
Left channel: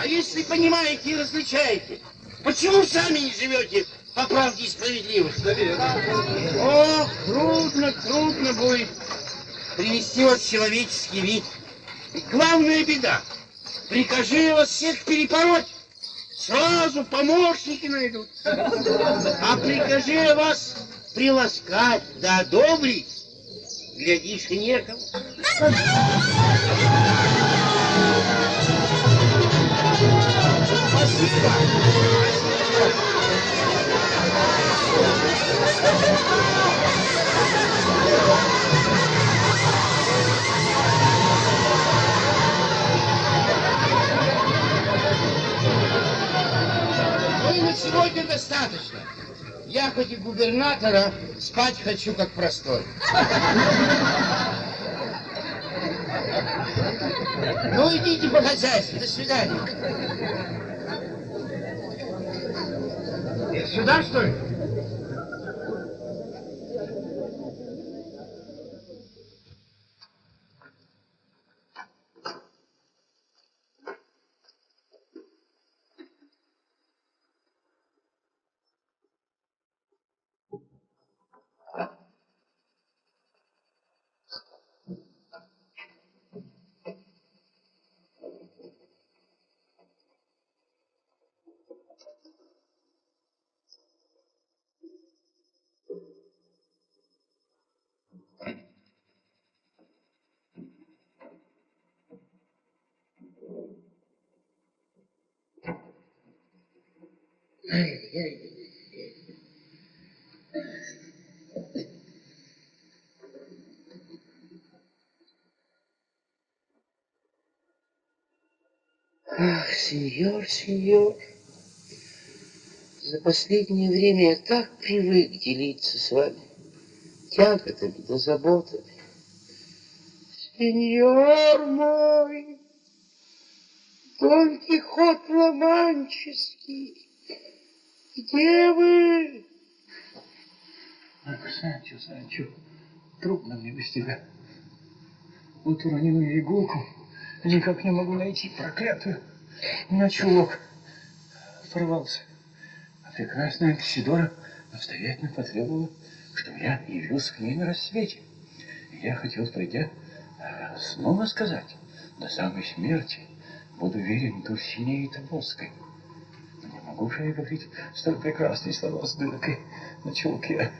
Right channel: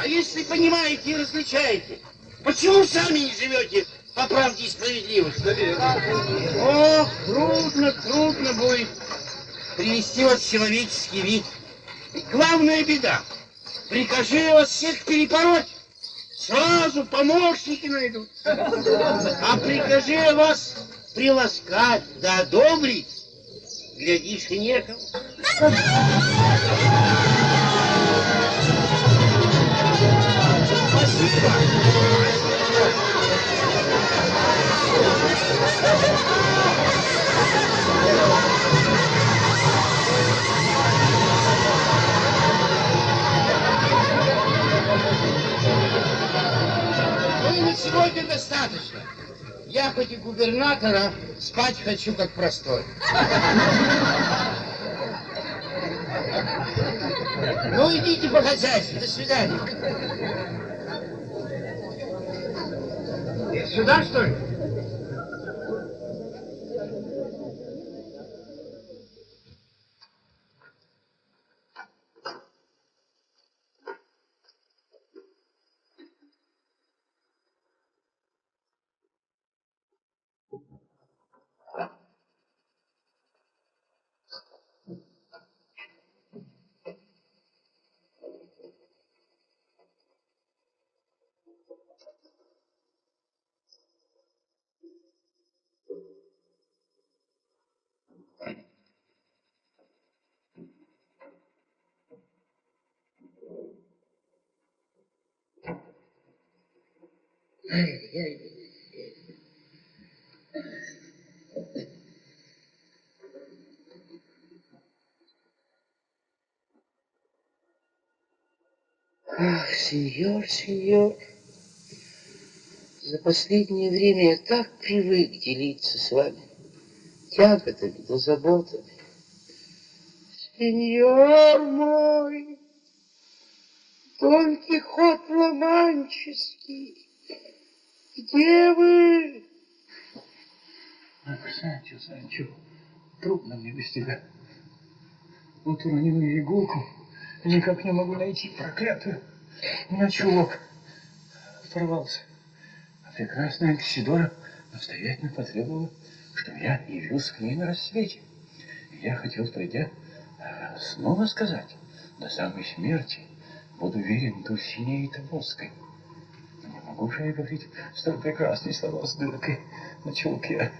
А если понимаете и различаете, почему сами не живете по правде и справедливости? Ох, трудно будет привести вас в человеческий вид. И главная беда, прикажи я вас всех перепороть, сразу помощники найдут. А прикажи я вас приласкать да одобрить, глядишь, и некому. Спасибо. Ну, на сегодня достаточно. Я хоть и губернатора, спать хочу как простой. Ну, идите по-хозяйски. До свидания. Сюда, что ли? Ах, сеньор, за последнее время я так привык делиться с вами тяготами да заботами. Сеньор мой, Дон Кихот Ла-Манческий, где вы? Ах, Санчо, трудно мне без тебя. Вот уронил я иголку, никак не могу найти проклятую. У меня чулок порвался. А прекрасная Альсидора настоятельно потребовала, чтобы я явился к ней на рассвете. И я хотел, придя, снова сказать, до самой смерти буду верен Дульсинее Таборской. Но не могу же я говорить столь прекрасные слова с дыркой на чулке.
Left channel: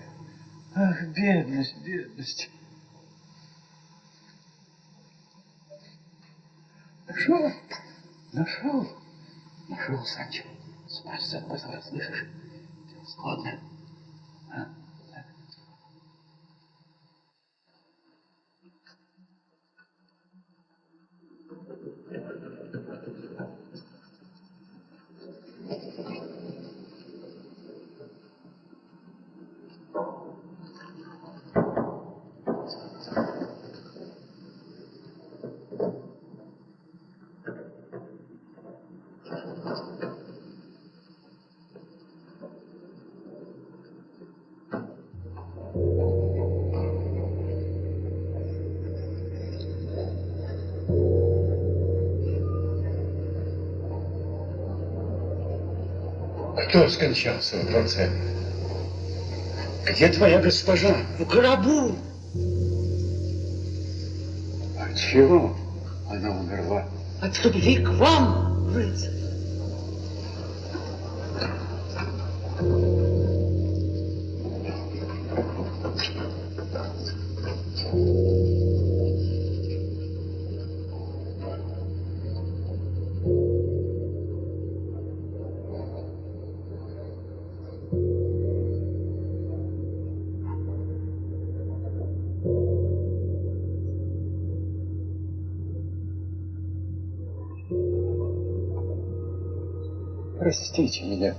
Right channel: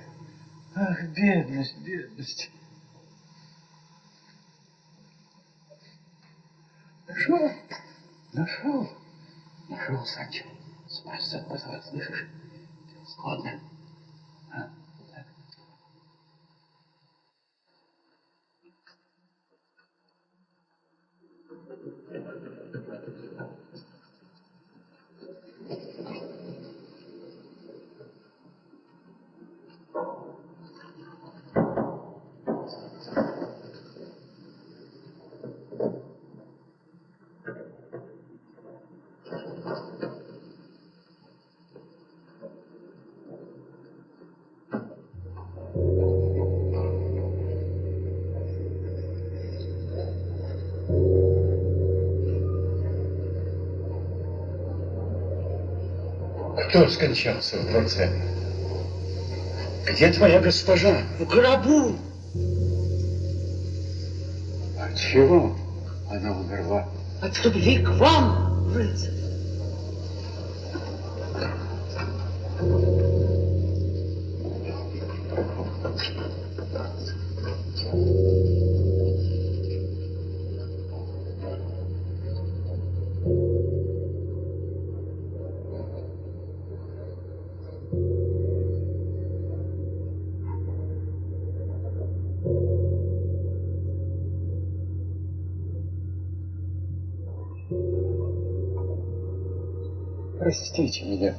Ах, бедность. Нашел, Санчо. Спасся от позора, слышишь? Ладно. Кто скончался в дворце? Где твоя госпожа? В гробу. От чего она умерла? От любви к вам, рыцарь. Простите меня,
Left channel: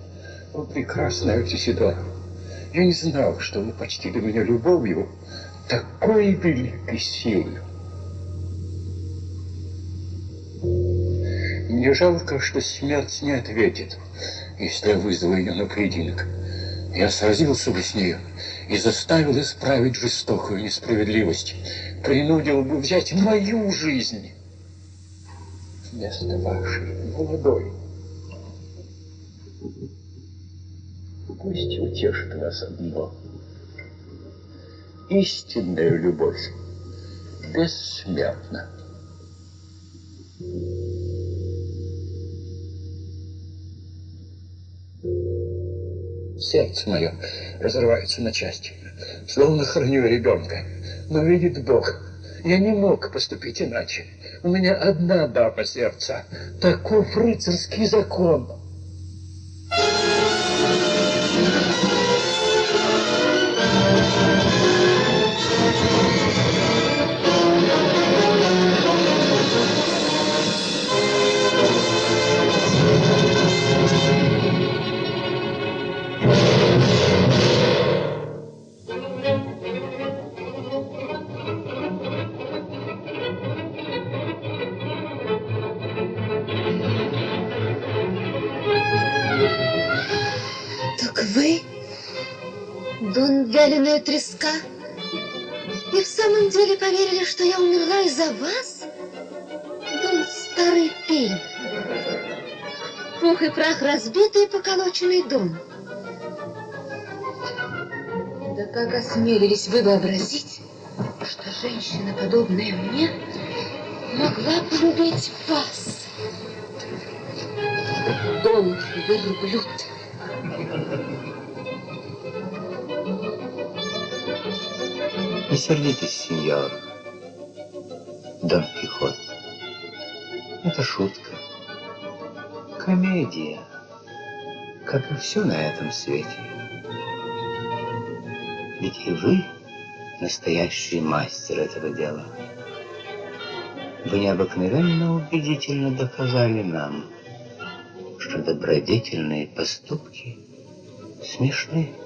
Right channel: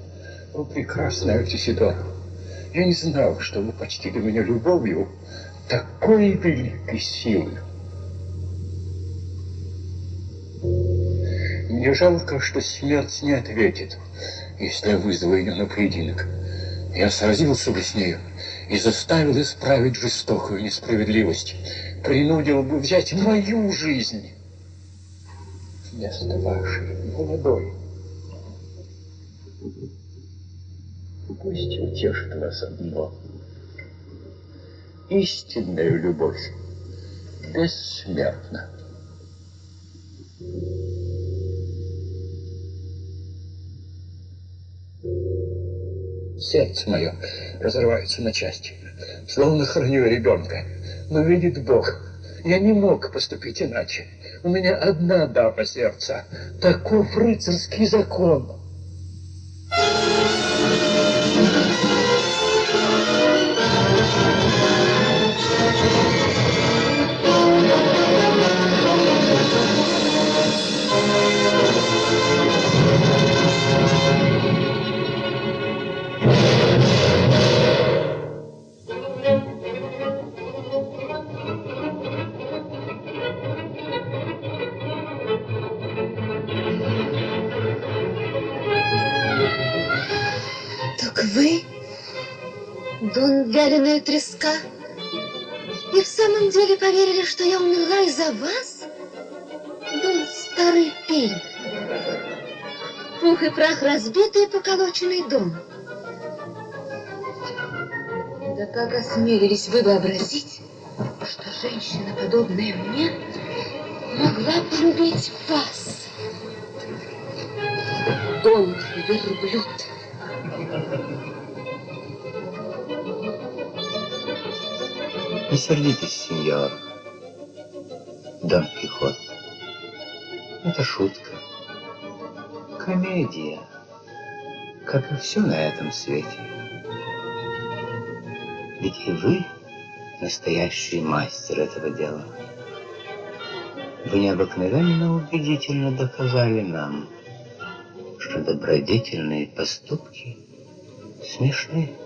о прекрасная Альтисидора. Я не знал, что вы почтили меня любовью такой великой силой. Мне жалко, что смерть не ответит, если я вызову ее на поединок. Я сразился бы с ней и заставил исправить жестокую несправедливость, принудил бы взять мою жизнь вместо вашей молодой. Пусть утешит вас одно. Истинная любовь бессмертна. Сердце мое разрывается на части, словно храню ребенка. Но видит Бог, я не мог поступить иначе. У меня одна дама сердца. Таков рыцарский закон. Так вы, Дон Вяленая Треска, и в самом деле поверили, что я умерла из-за вас? Дон Старый Пень. Пух и прах разбитый и поколоченный дом. Да как осмелились вы вообразить, что женщина, подобная мне, могла полюбить вас? Дон верблюд. Не сердитесь, сеньор Дон Кихот. Это шутка. Комедия, как и все на этом свете. Ведь и вы настоящий мастер этого дела. Вы необыкновенно убедительно доказали нам, что добродетельные поступки смешны.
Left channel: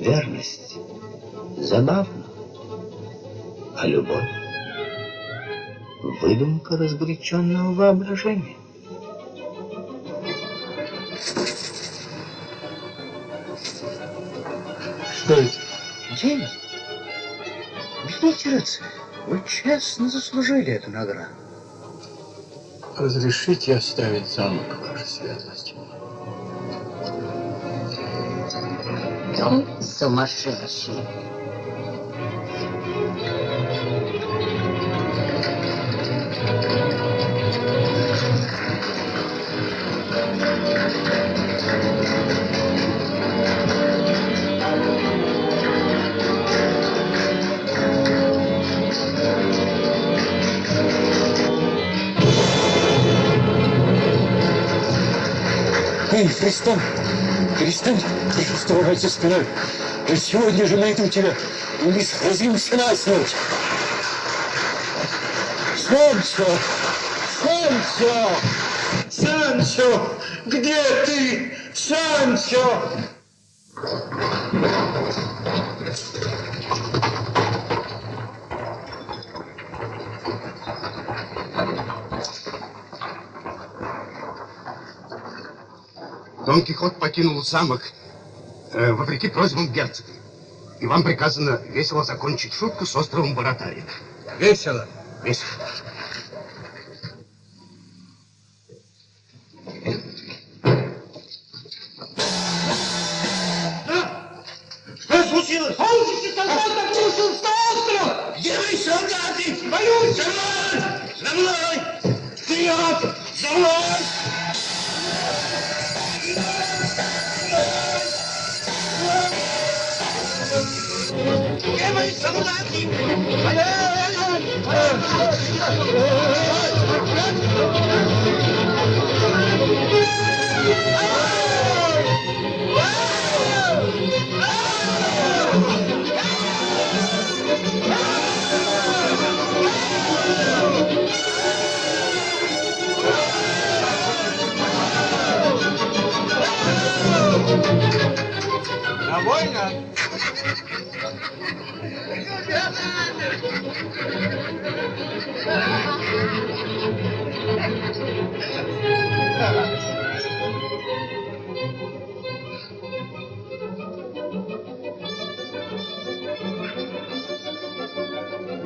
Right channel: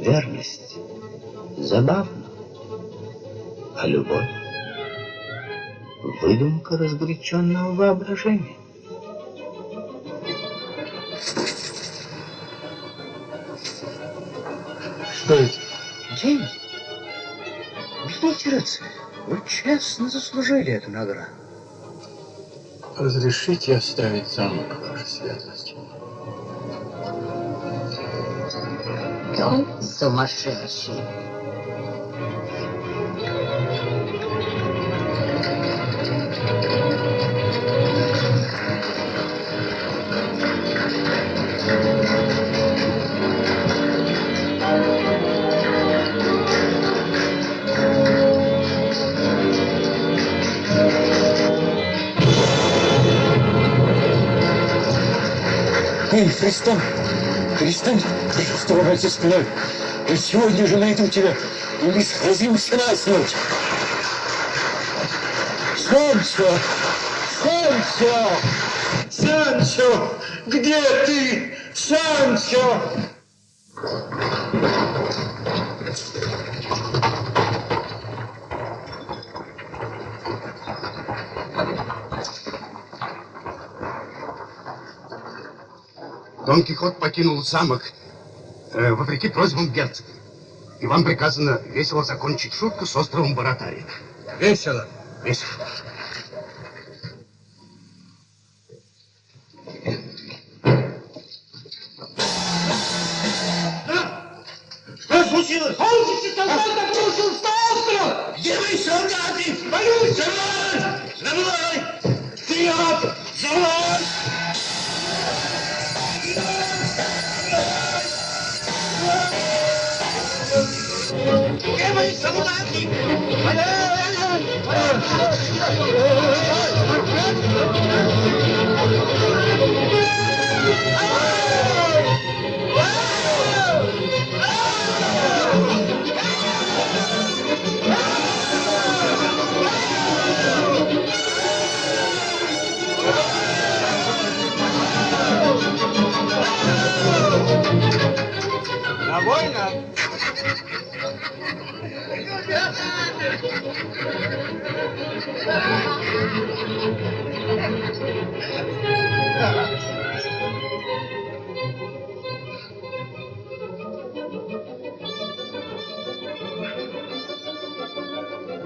Верность забавна, а любовь — выдумка разгоряченного воображения. Что это? Деньги? Видите, рыцарь, вы честно заслужили эту награду. Разрешите оставить замок, ваша светлость? Дом сумасшедший. Эй, Христом! Перестань, пожалуйста, ругаться спиной. Я сегодня же найду тебя, и мы сразимся насмерть. Санчо! Санчо! Санчо! Где ты? Санчо! Дон Кихот покинул замок, вопреки просьбам герцога. И вам приказано весело закончить шутку с островом Баратария. Весело, весело. случилось? Помните, солдат обрушился на остров! Где вы, солдаты? Боюсь! За мной! Вперед! За мной! Где мои солдаты? Довольно?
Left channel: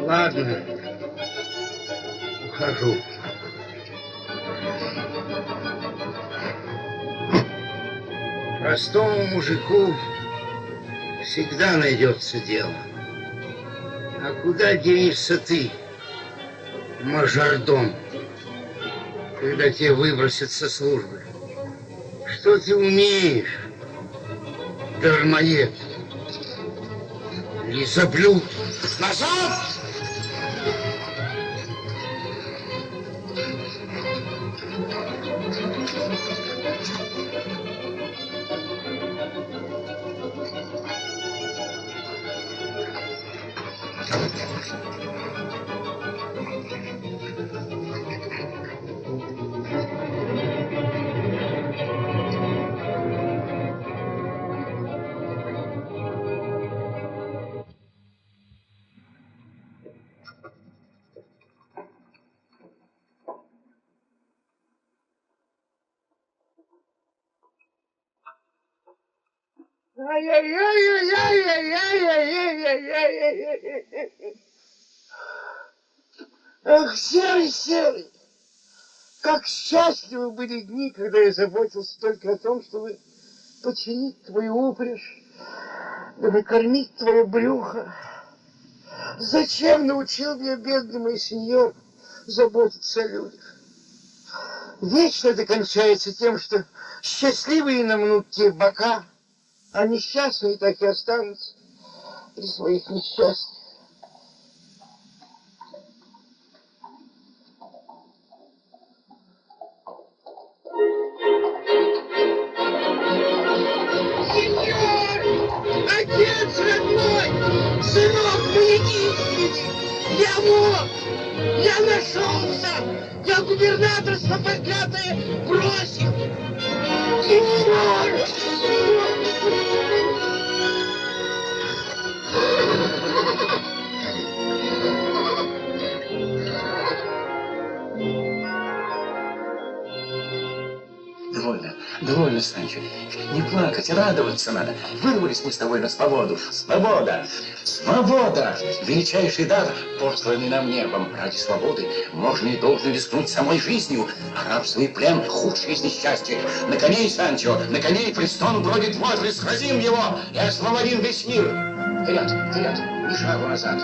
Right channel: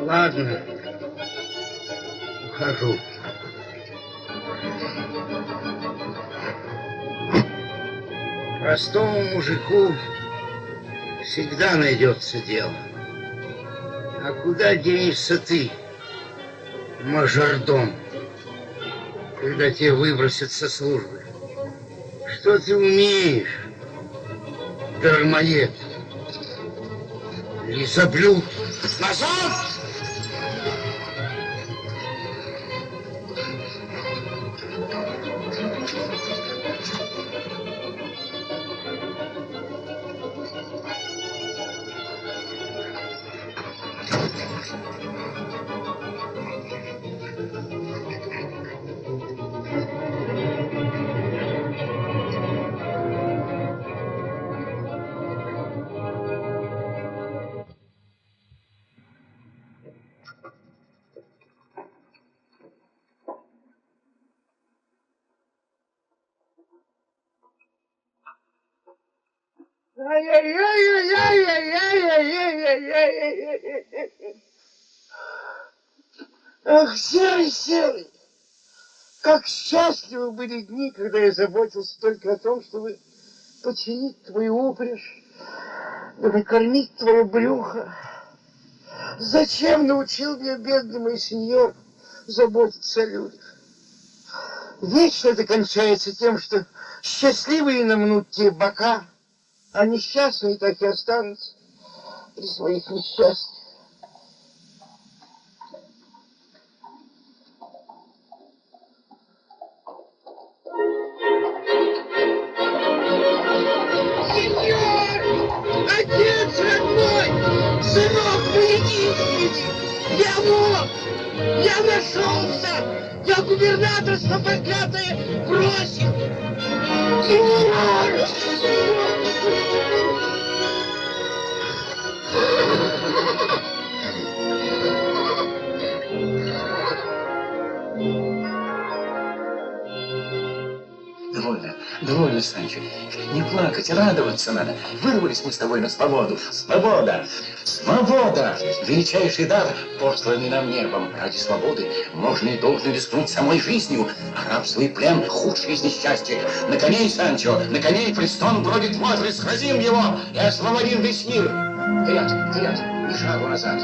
Ладно. Ухожу. Простому мужику всегда найдется дело. А куда денешься ты, мажордом, когда тебя выбросят со службы? Что ты умеешь, дармоед? Лизоблюд! Назад! Ах, серый, серый! Как счастливы были дни, когда я заботился только о том, чтобы починить твою упряжь, да накормить твое брюхо. Зачем научил меня, бедный мой сеньор, заботиться о людях? Вечно это кончается тем, что счастливые намнут те бока, а несчастные так и останутся при своих несчастьях. Сеньор! Отец родной! Сынок, помоги! Я мог! Я нашелся! Я губернаторство проклятое бросил! Сеньор! Довольно, Санчо. Не плакать, радоваться надо. Вырвались мы с тобой на свободу. Свобода! Свобода! Величайший дар, посланный нам небом. Ради свободы можно и должен рискнуть самой жизнью. А рабство и плен — худшее из несчастья. На коней, Санчо, на коней Престон бродит возле. Сразим его и освободим весь мир. Вперед, вперед, ни шагу назад.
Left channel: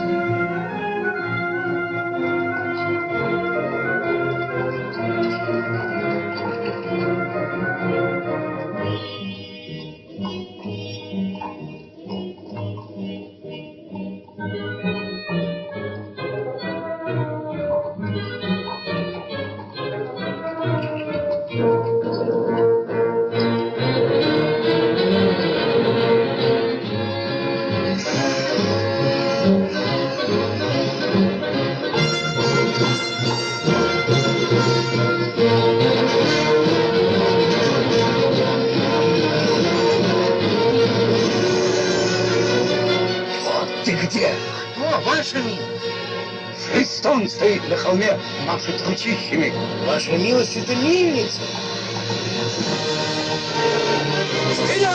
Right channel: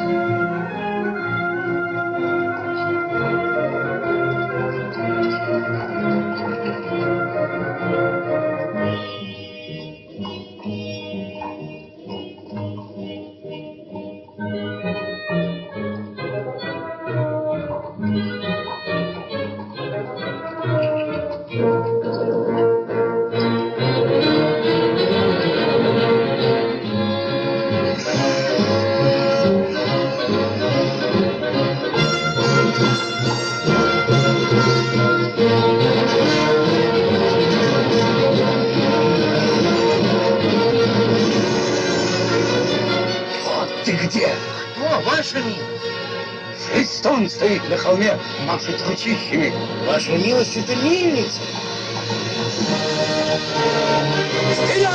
Престон стоит на холме, машет ручищами. Ваша милость, это мельница. Вперед!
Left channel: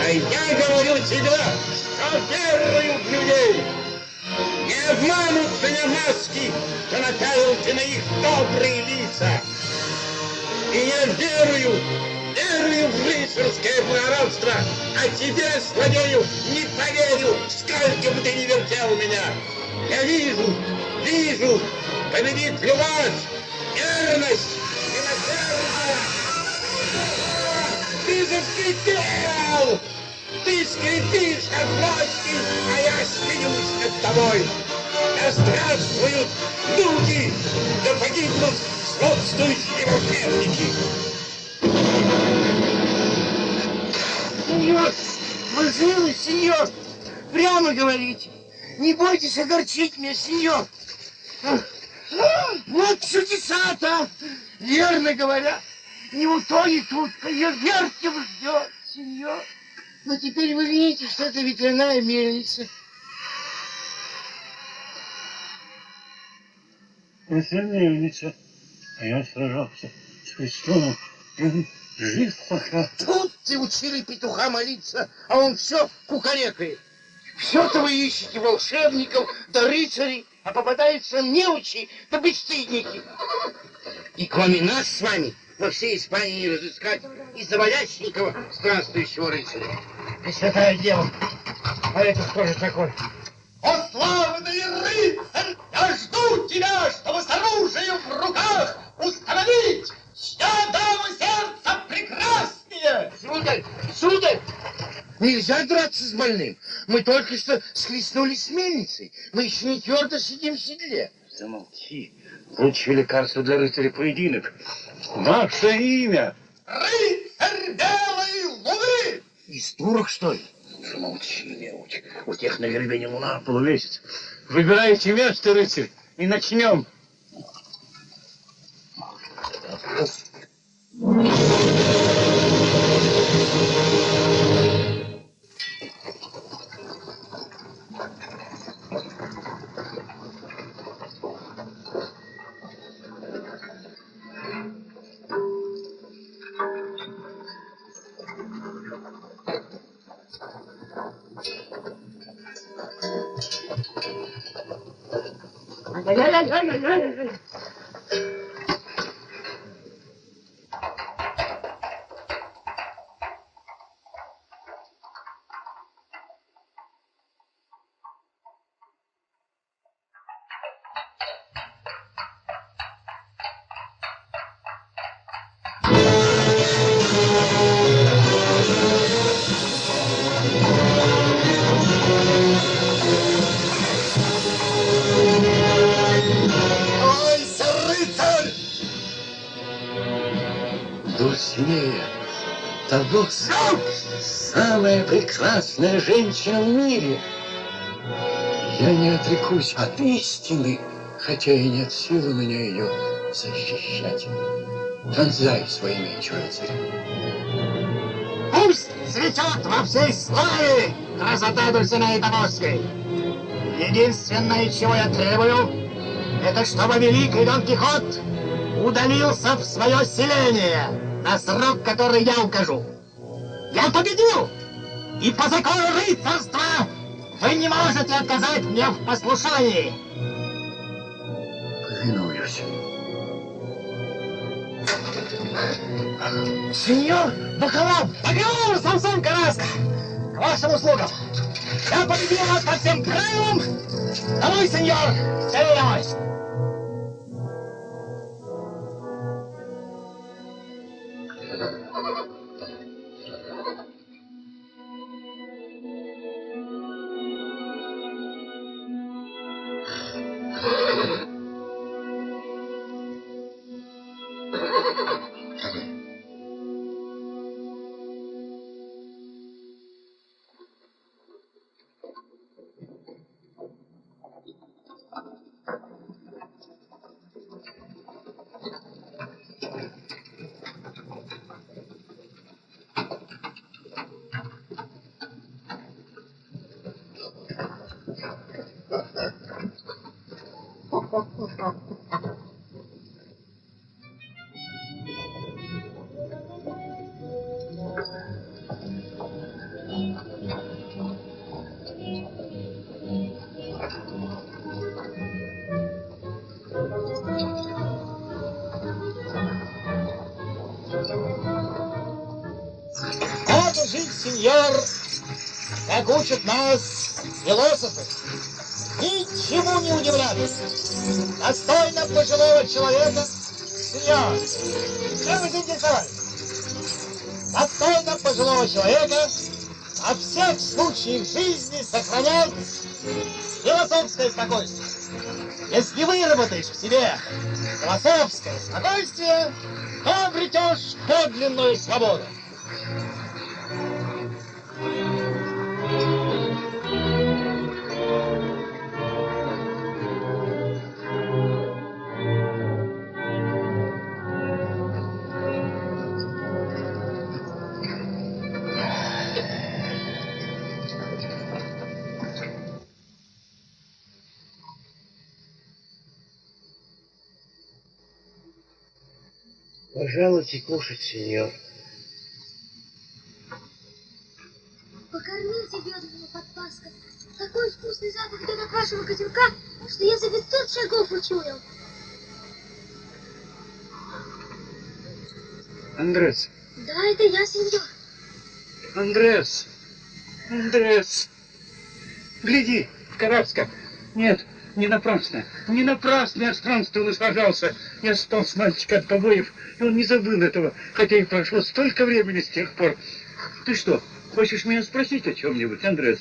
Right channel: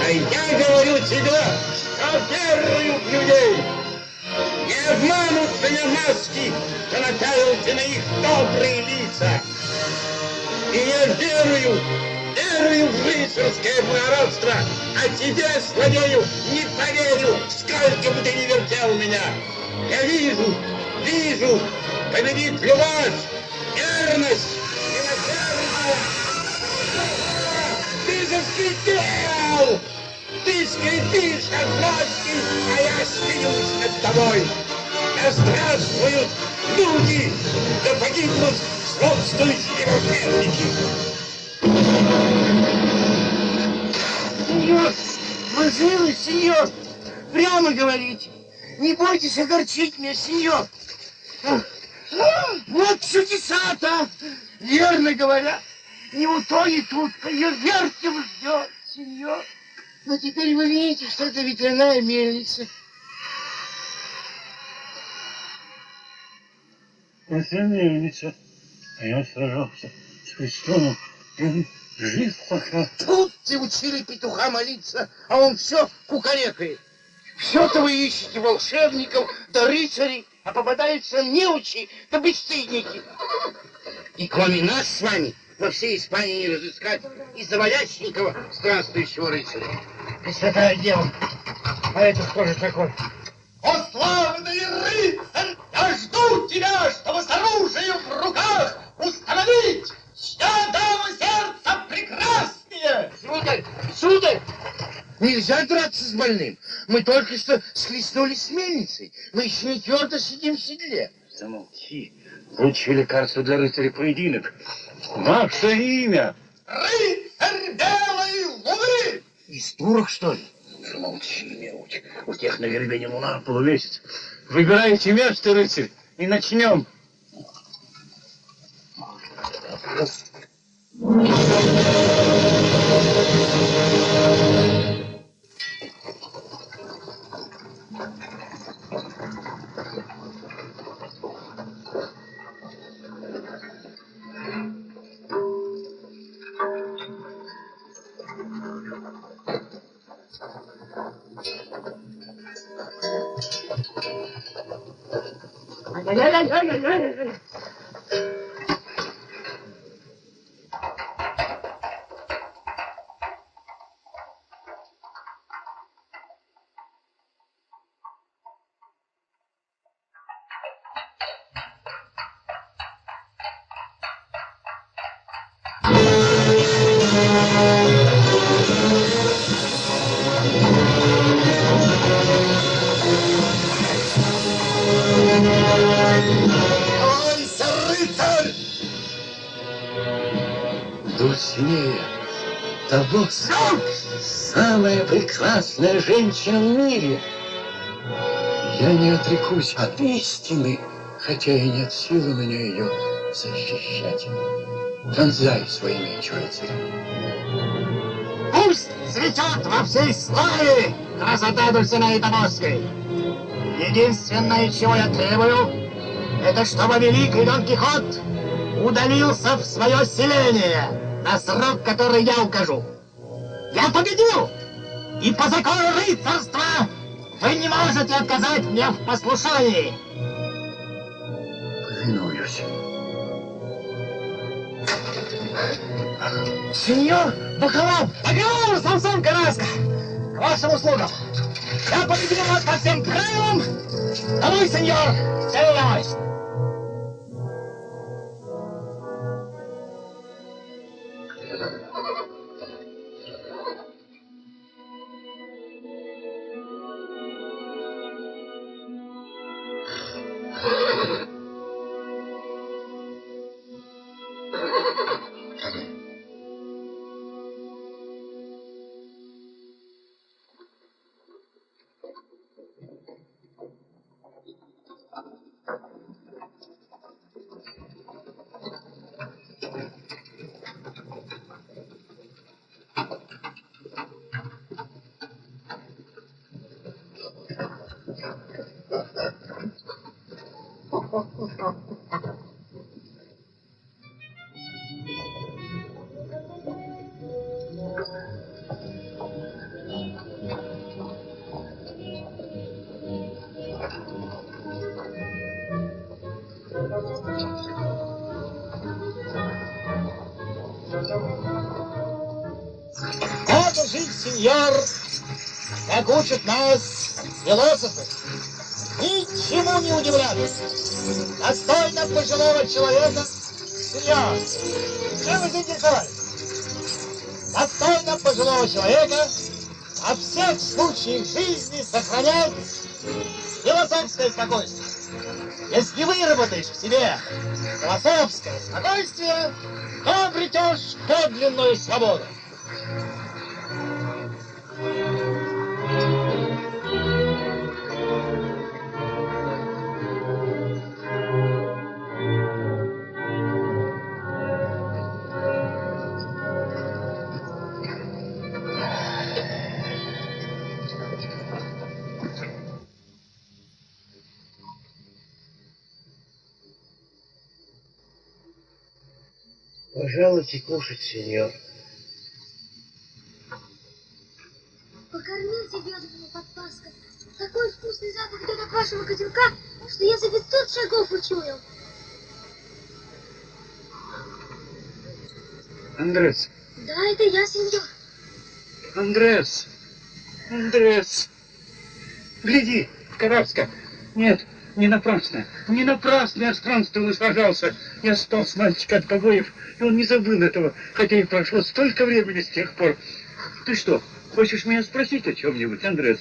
А я говорю тебе, что верую в людей. Не обманут меня маски, а напялите на их добрые лица. И я верую в рыцарское благородство, а тебе, злодею, не поверю, сколько бы ты ни вертел меня. Я вижу, победит любовь, верность, милосердие. Ты заскрипел! Ты скрипишь, как плоский, а я смеюсь над тобой. Да здравствуют люди, да погибнут сходствующие противники. Сеньор, вы живы, сеньор? Прямо говорите. Не бойтесь огорчить меня, сеньор. Вот чудеса-то! Верно говорят. Не утонет утка, ее вертел ждет, сеньор. Но теперь вы видите, что это ветряная мельница. Это мельница. А я сражался с Христоном, и он жив пока. Тут ты учили петуха молиться, а он все кукарекает. Все-то вы ищете волшебников да рыцарей, а попадаются неучи да бесстыдники. И кроме нас с вами во всей Испании не разыскать и завалященького странствующего рыцаря. И святое дело. А это кто же такой? О, славный рыцарь! Я жду тебя, чтобы с оружием в руках установить, что даму сердца прекраснее! Сударь! Нельзя драться с больным. Мы только что схлестнулись с мельницей. Мы еще не твердо сидим в седле. Замолчи. Лучшее лекарство для рыцаря поединок. Ваше имя? Рыцарь белой луны! Из турок, что ли? Замолчи, неуч. У тех на вербене луна полумесяц. Выбирайте место, рыцарь, и начнем. Дульсинея, Таблоса, самая прекрасная женщина в мире. Я не отрекусь от истины, хотя и нет сил у меня ее защищать. Вонзай свой меч, рыцарь. Пусть цветет во всей славе красота Дульсинеи Табоской. Единственное, чего я требую, это чтобы великий Дон Кихот удалился в свое селение на срок, который я укажу. Я победил, и по закону рыцарства вы не можете отказать мне в послушании. Повинуюсь. Сеньор Бакалав, Самсон Караска, к вашим услугам. Я победил вас по всем правилам. Давай, сеньор, целуюсь. сеньор, как учат нас философы, ничему не удивляться. Достойно пожилого человека, сеньор, чем вы заинтересовались? Достойно пожилого человека во всех случаях жизни сохранять философское спокойствие. Если выработаешь в себе философское спокойствие, то обретешь подлинную свободу. Пожалуйте кушать, сеньор. Покормите бедного подпаска. Такой вкусный запах идет от вашего котелка, что я за 500 шагов учуял. Андрес, Да, это я, сеньор. Андрес, Андрес, гляди, Карабска. Нет, не напрасно я странствовал и сражался. Я спас мальчика от побоев, и он не забыл этого, хотя и прошло столько времени с тех пор. Ты что, хочешь меня спросить о чем-нибудь, Андрес?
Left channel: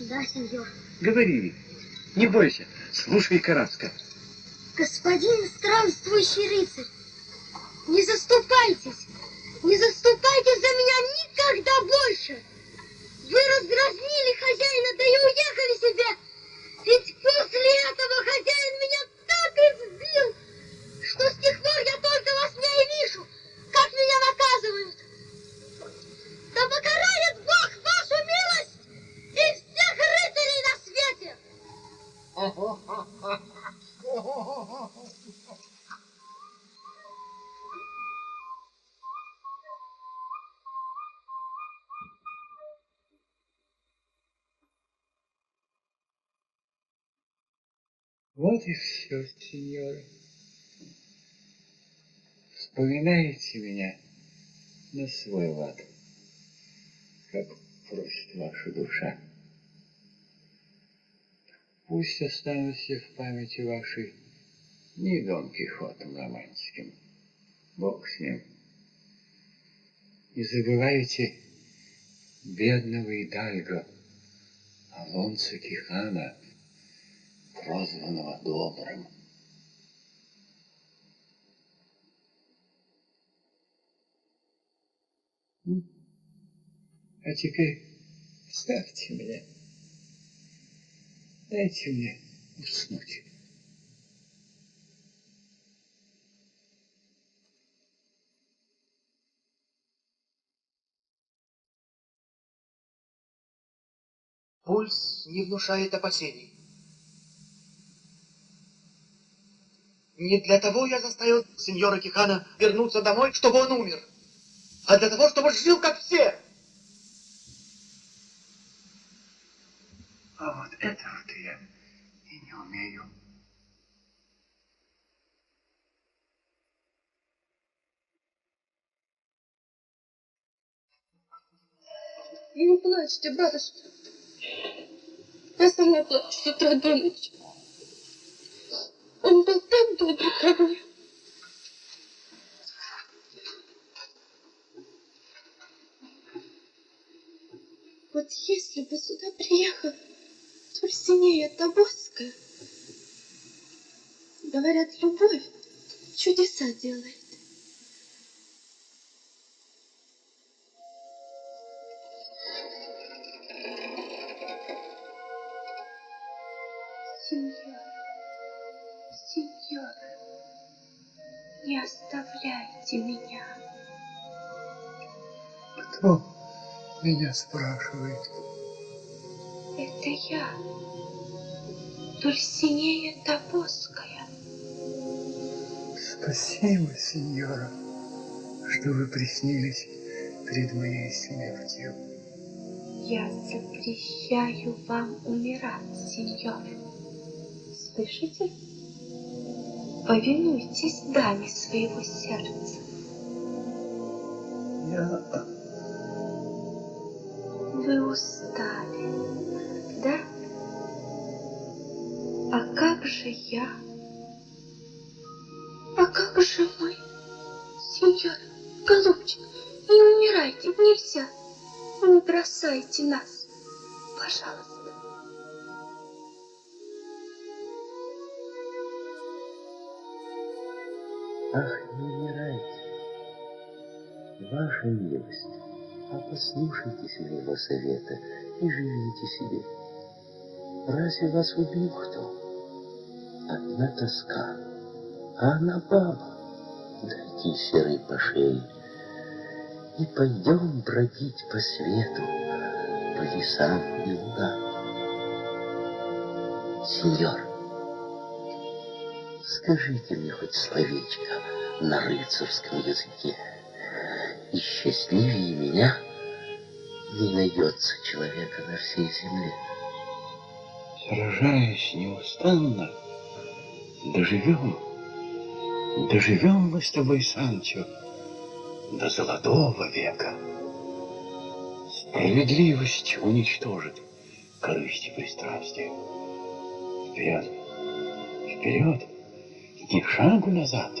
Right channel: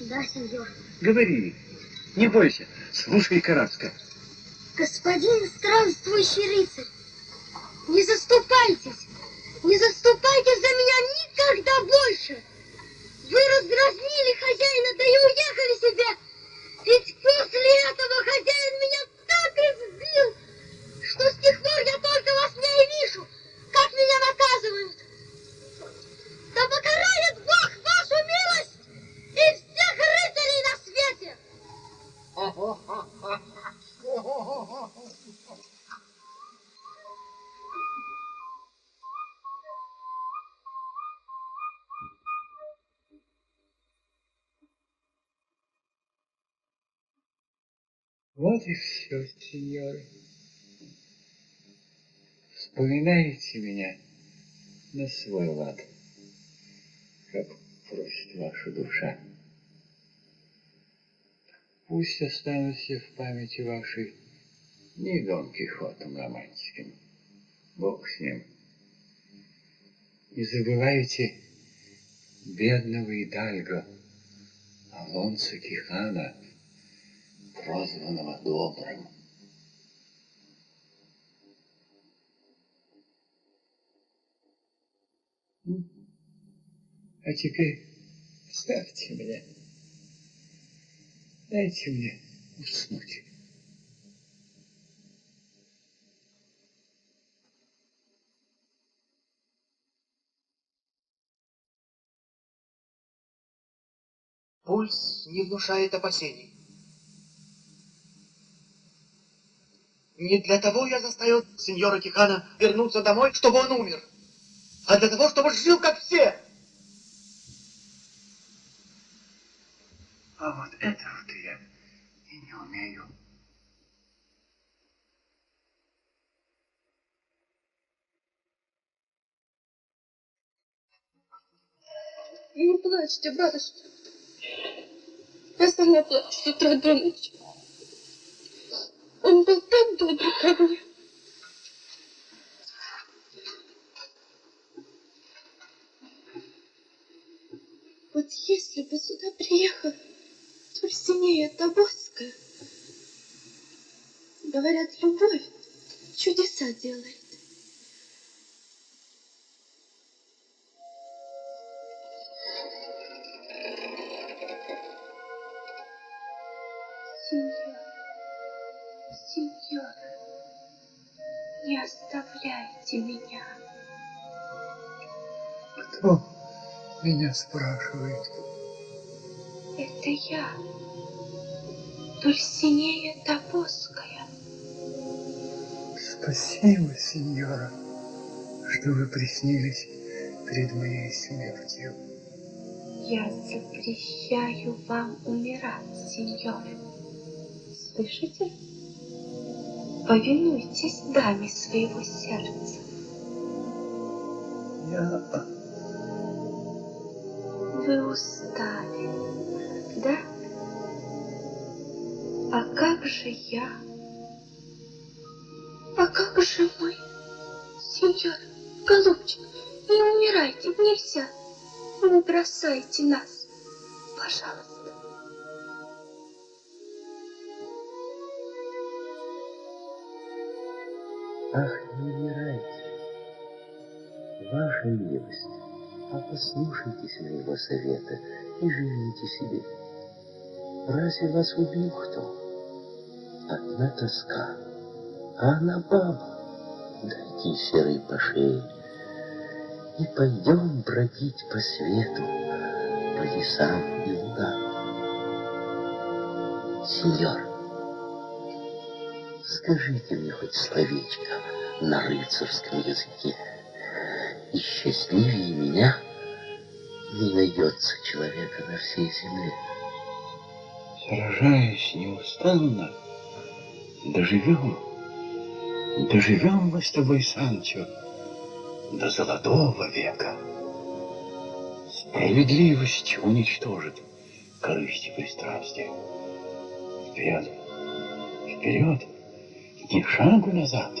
Да, сеньор. Говори, не бойся, слушай, Карабска. Господин странствующий рыцарь, не заступайтесь за меня никогда больше. Вы раздразнили хозяина, да и уехали себе. Ведь после этого хозяин меня так избил, что с тех пор я только во сне и вижу, как меня наказывают. Да покарает Бог вашу милость и всех рыцарей на свете. Вот и все, сеньоры. Вспоминаете меня на свой лад, как просит ваша душа. Пусть останутся в памяти вашей не Дон Кихотом романтиком, Бог с ним. Не забывайте бедного Идальго, Алонсо Кихана, прозванного Добрым. А теперь ставьте меня. Дайте мне уснуть. Пульс не внушает опасений. Не для того я заставил сеньора Кихана вернуться домой, чтобы он умер, а для того, чтобы жил, как все. А вот этого-то я и не умею. Не плачьте, батюшка. Я сама плачу с утра до ночи. Он был так добр ко мне. Вот если бы сюда приехала Дульсинея Тобоская, говорят, любовь чудеса делает. Сеньор, не оставляйте меня. Кто меня спрашивает? Это я, Дульсинея Тобоская. Спасибо, сеньора, что вы приснились перед моей смертью. Я запрещаю вам умирать, сеньор. Слышите? Повинуйтесь даме своего сердца. вы устали, да? А как же я? А как же мы? Сеньор, голубчик, не умирайте, нельзя. Не бросайте нас, пожалуйста. Ах, не умирайте, ваша милость, а послушайтесь моего совета и живите себе. Разве вас убил кто? Одна тоска, а она баба, дайте серой по шее. И пойдем бродить по свету, по лесам и лугам. Сеньор, скажите мне хоть словечко на рыцарском языке, и счастливее меня не найдется человека на всей земле. Сражаясь неустанно, доживем мы с тобой, Санчо, до золотого века. Справедливость уничтожит корысть и пристрастие. Вперед, вперед, ни шагу назад.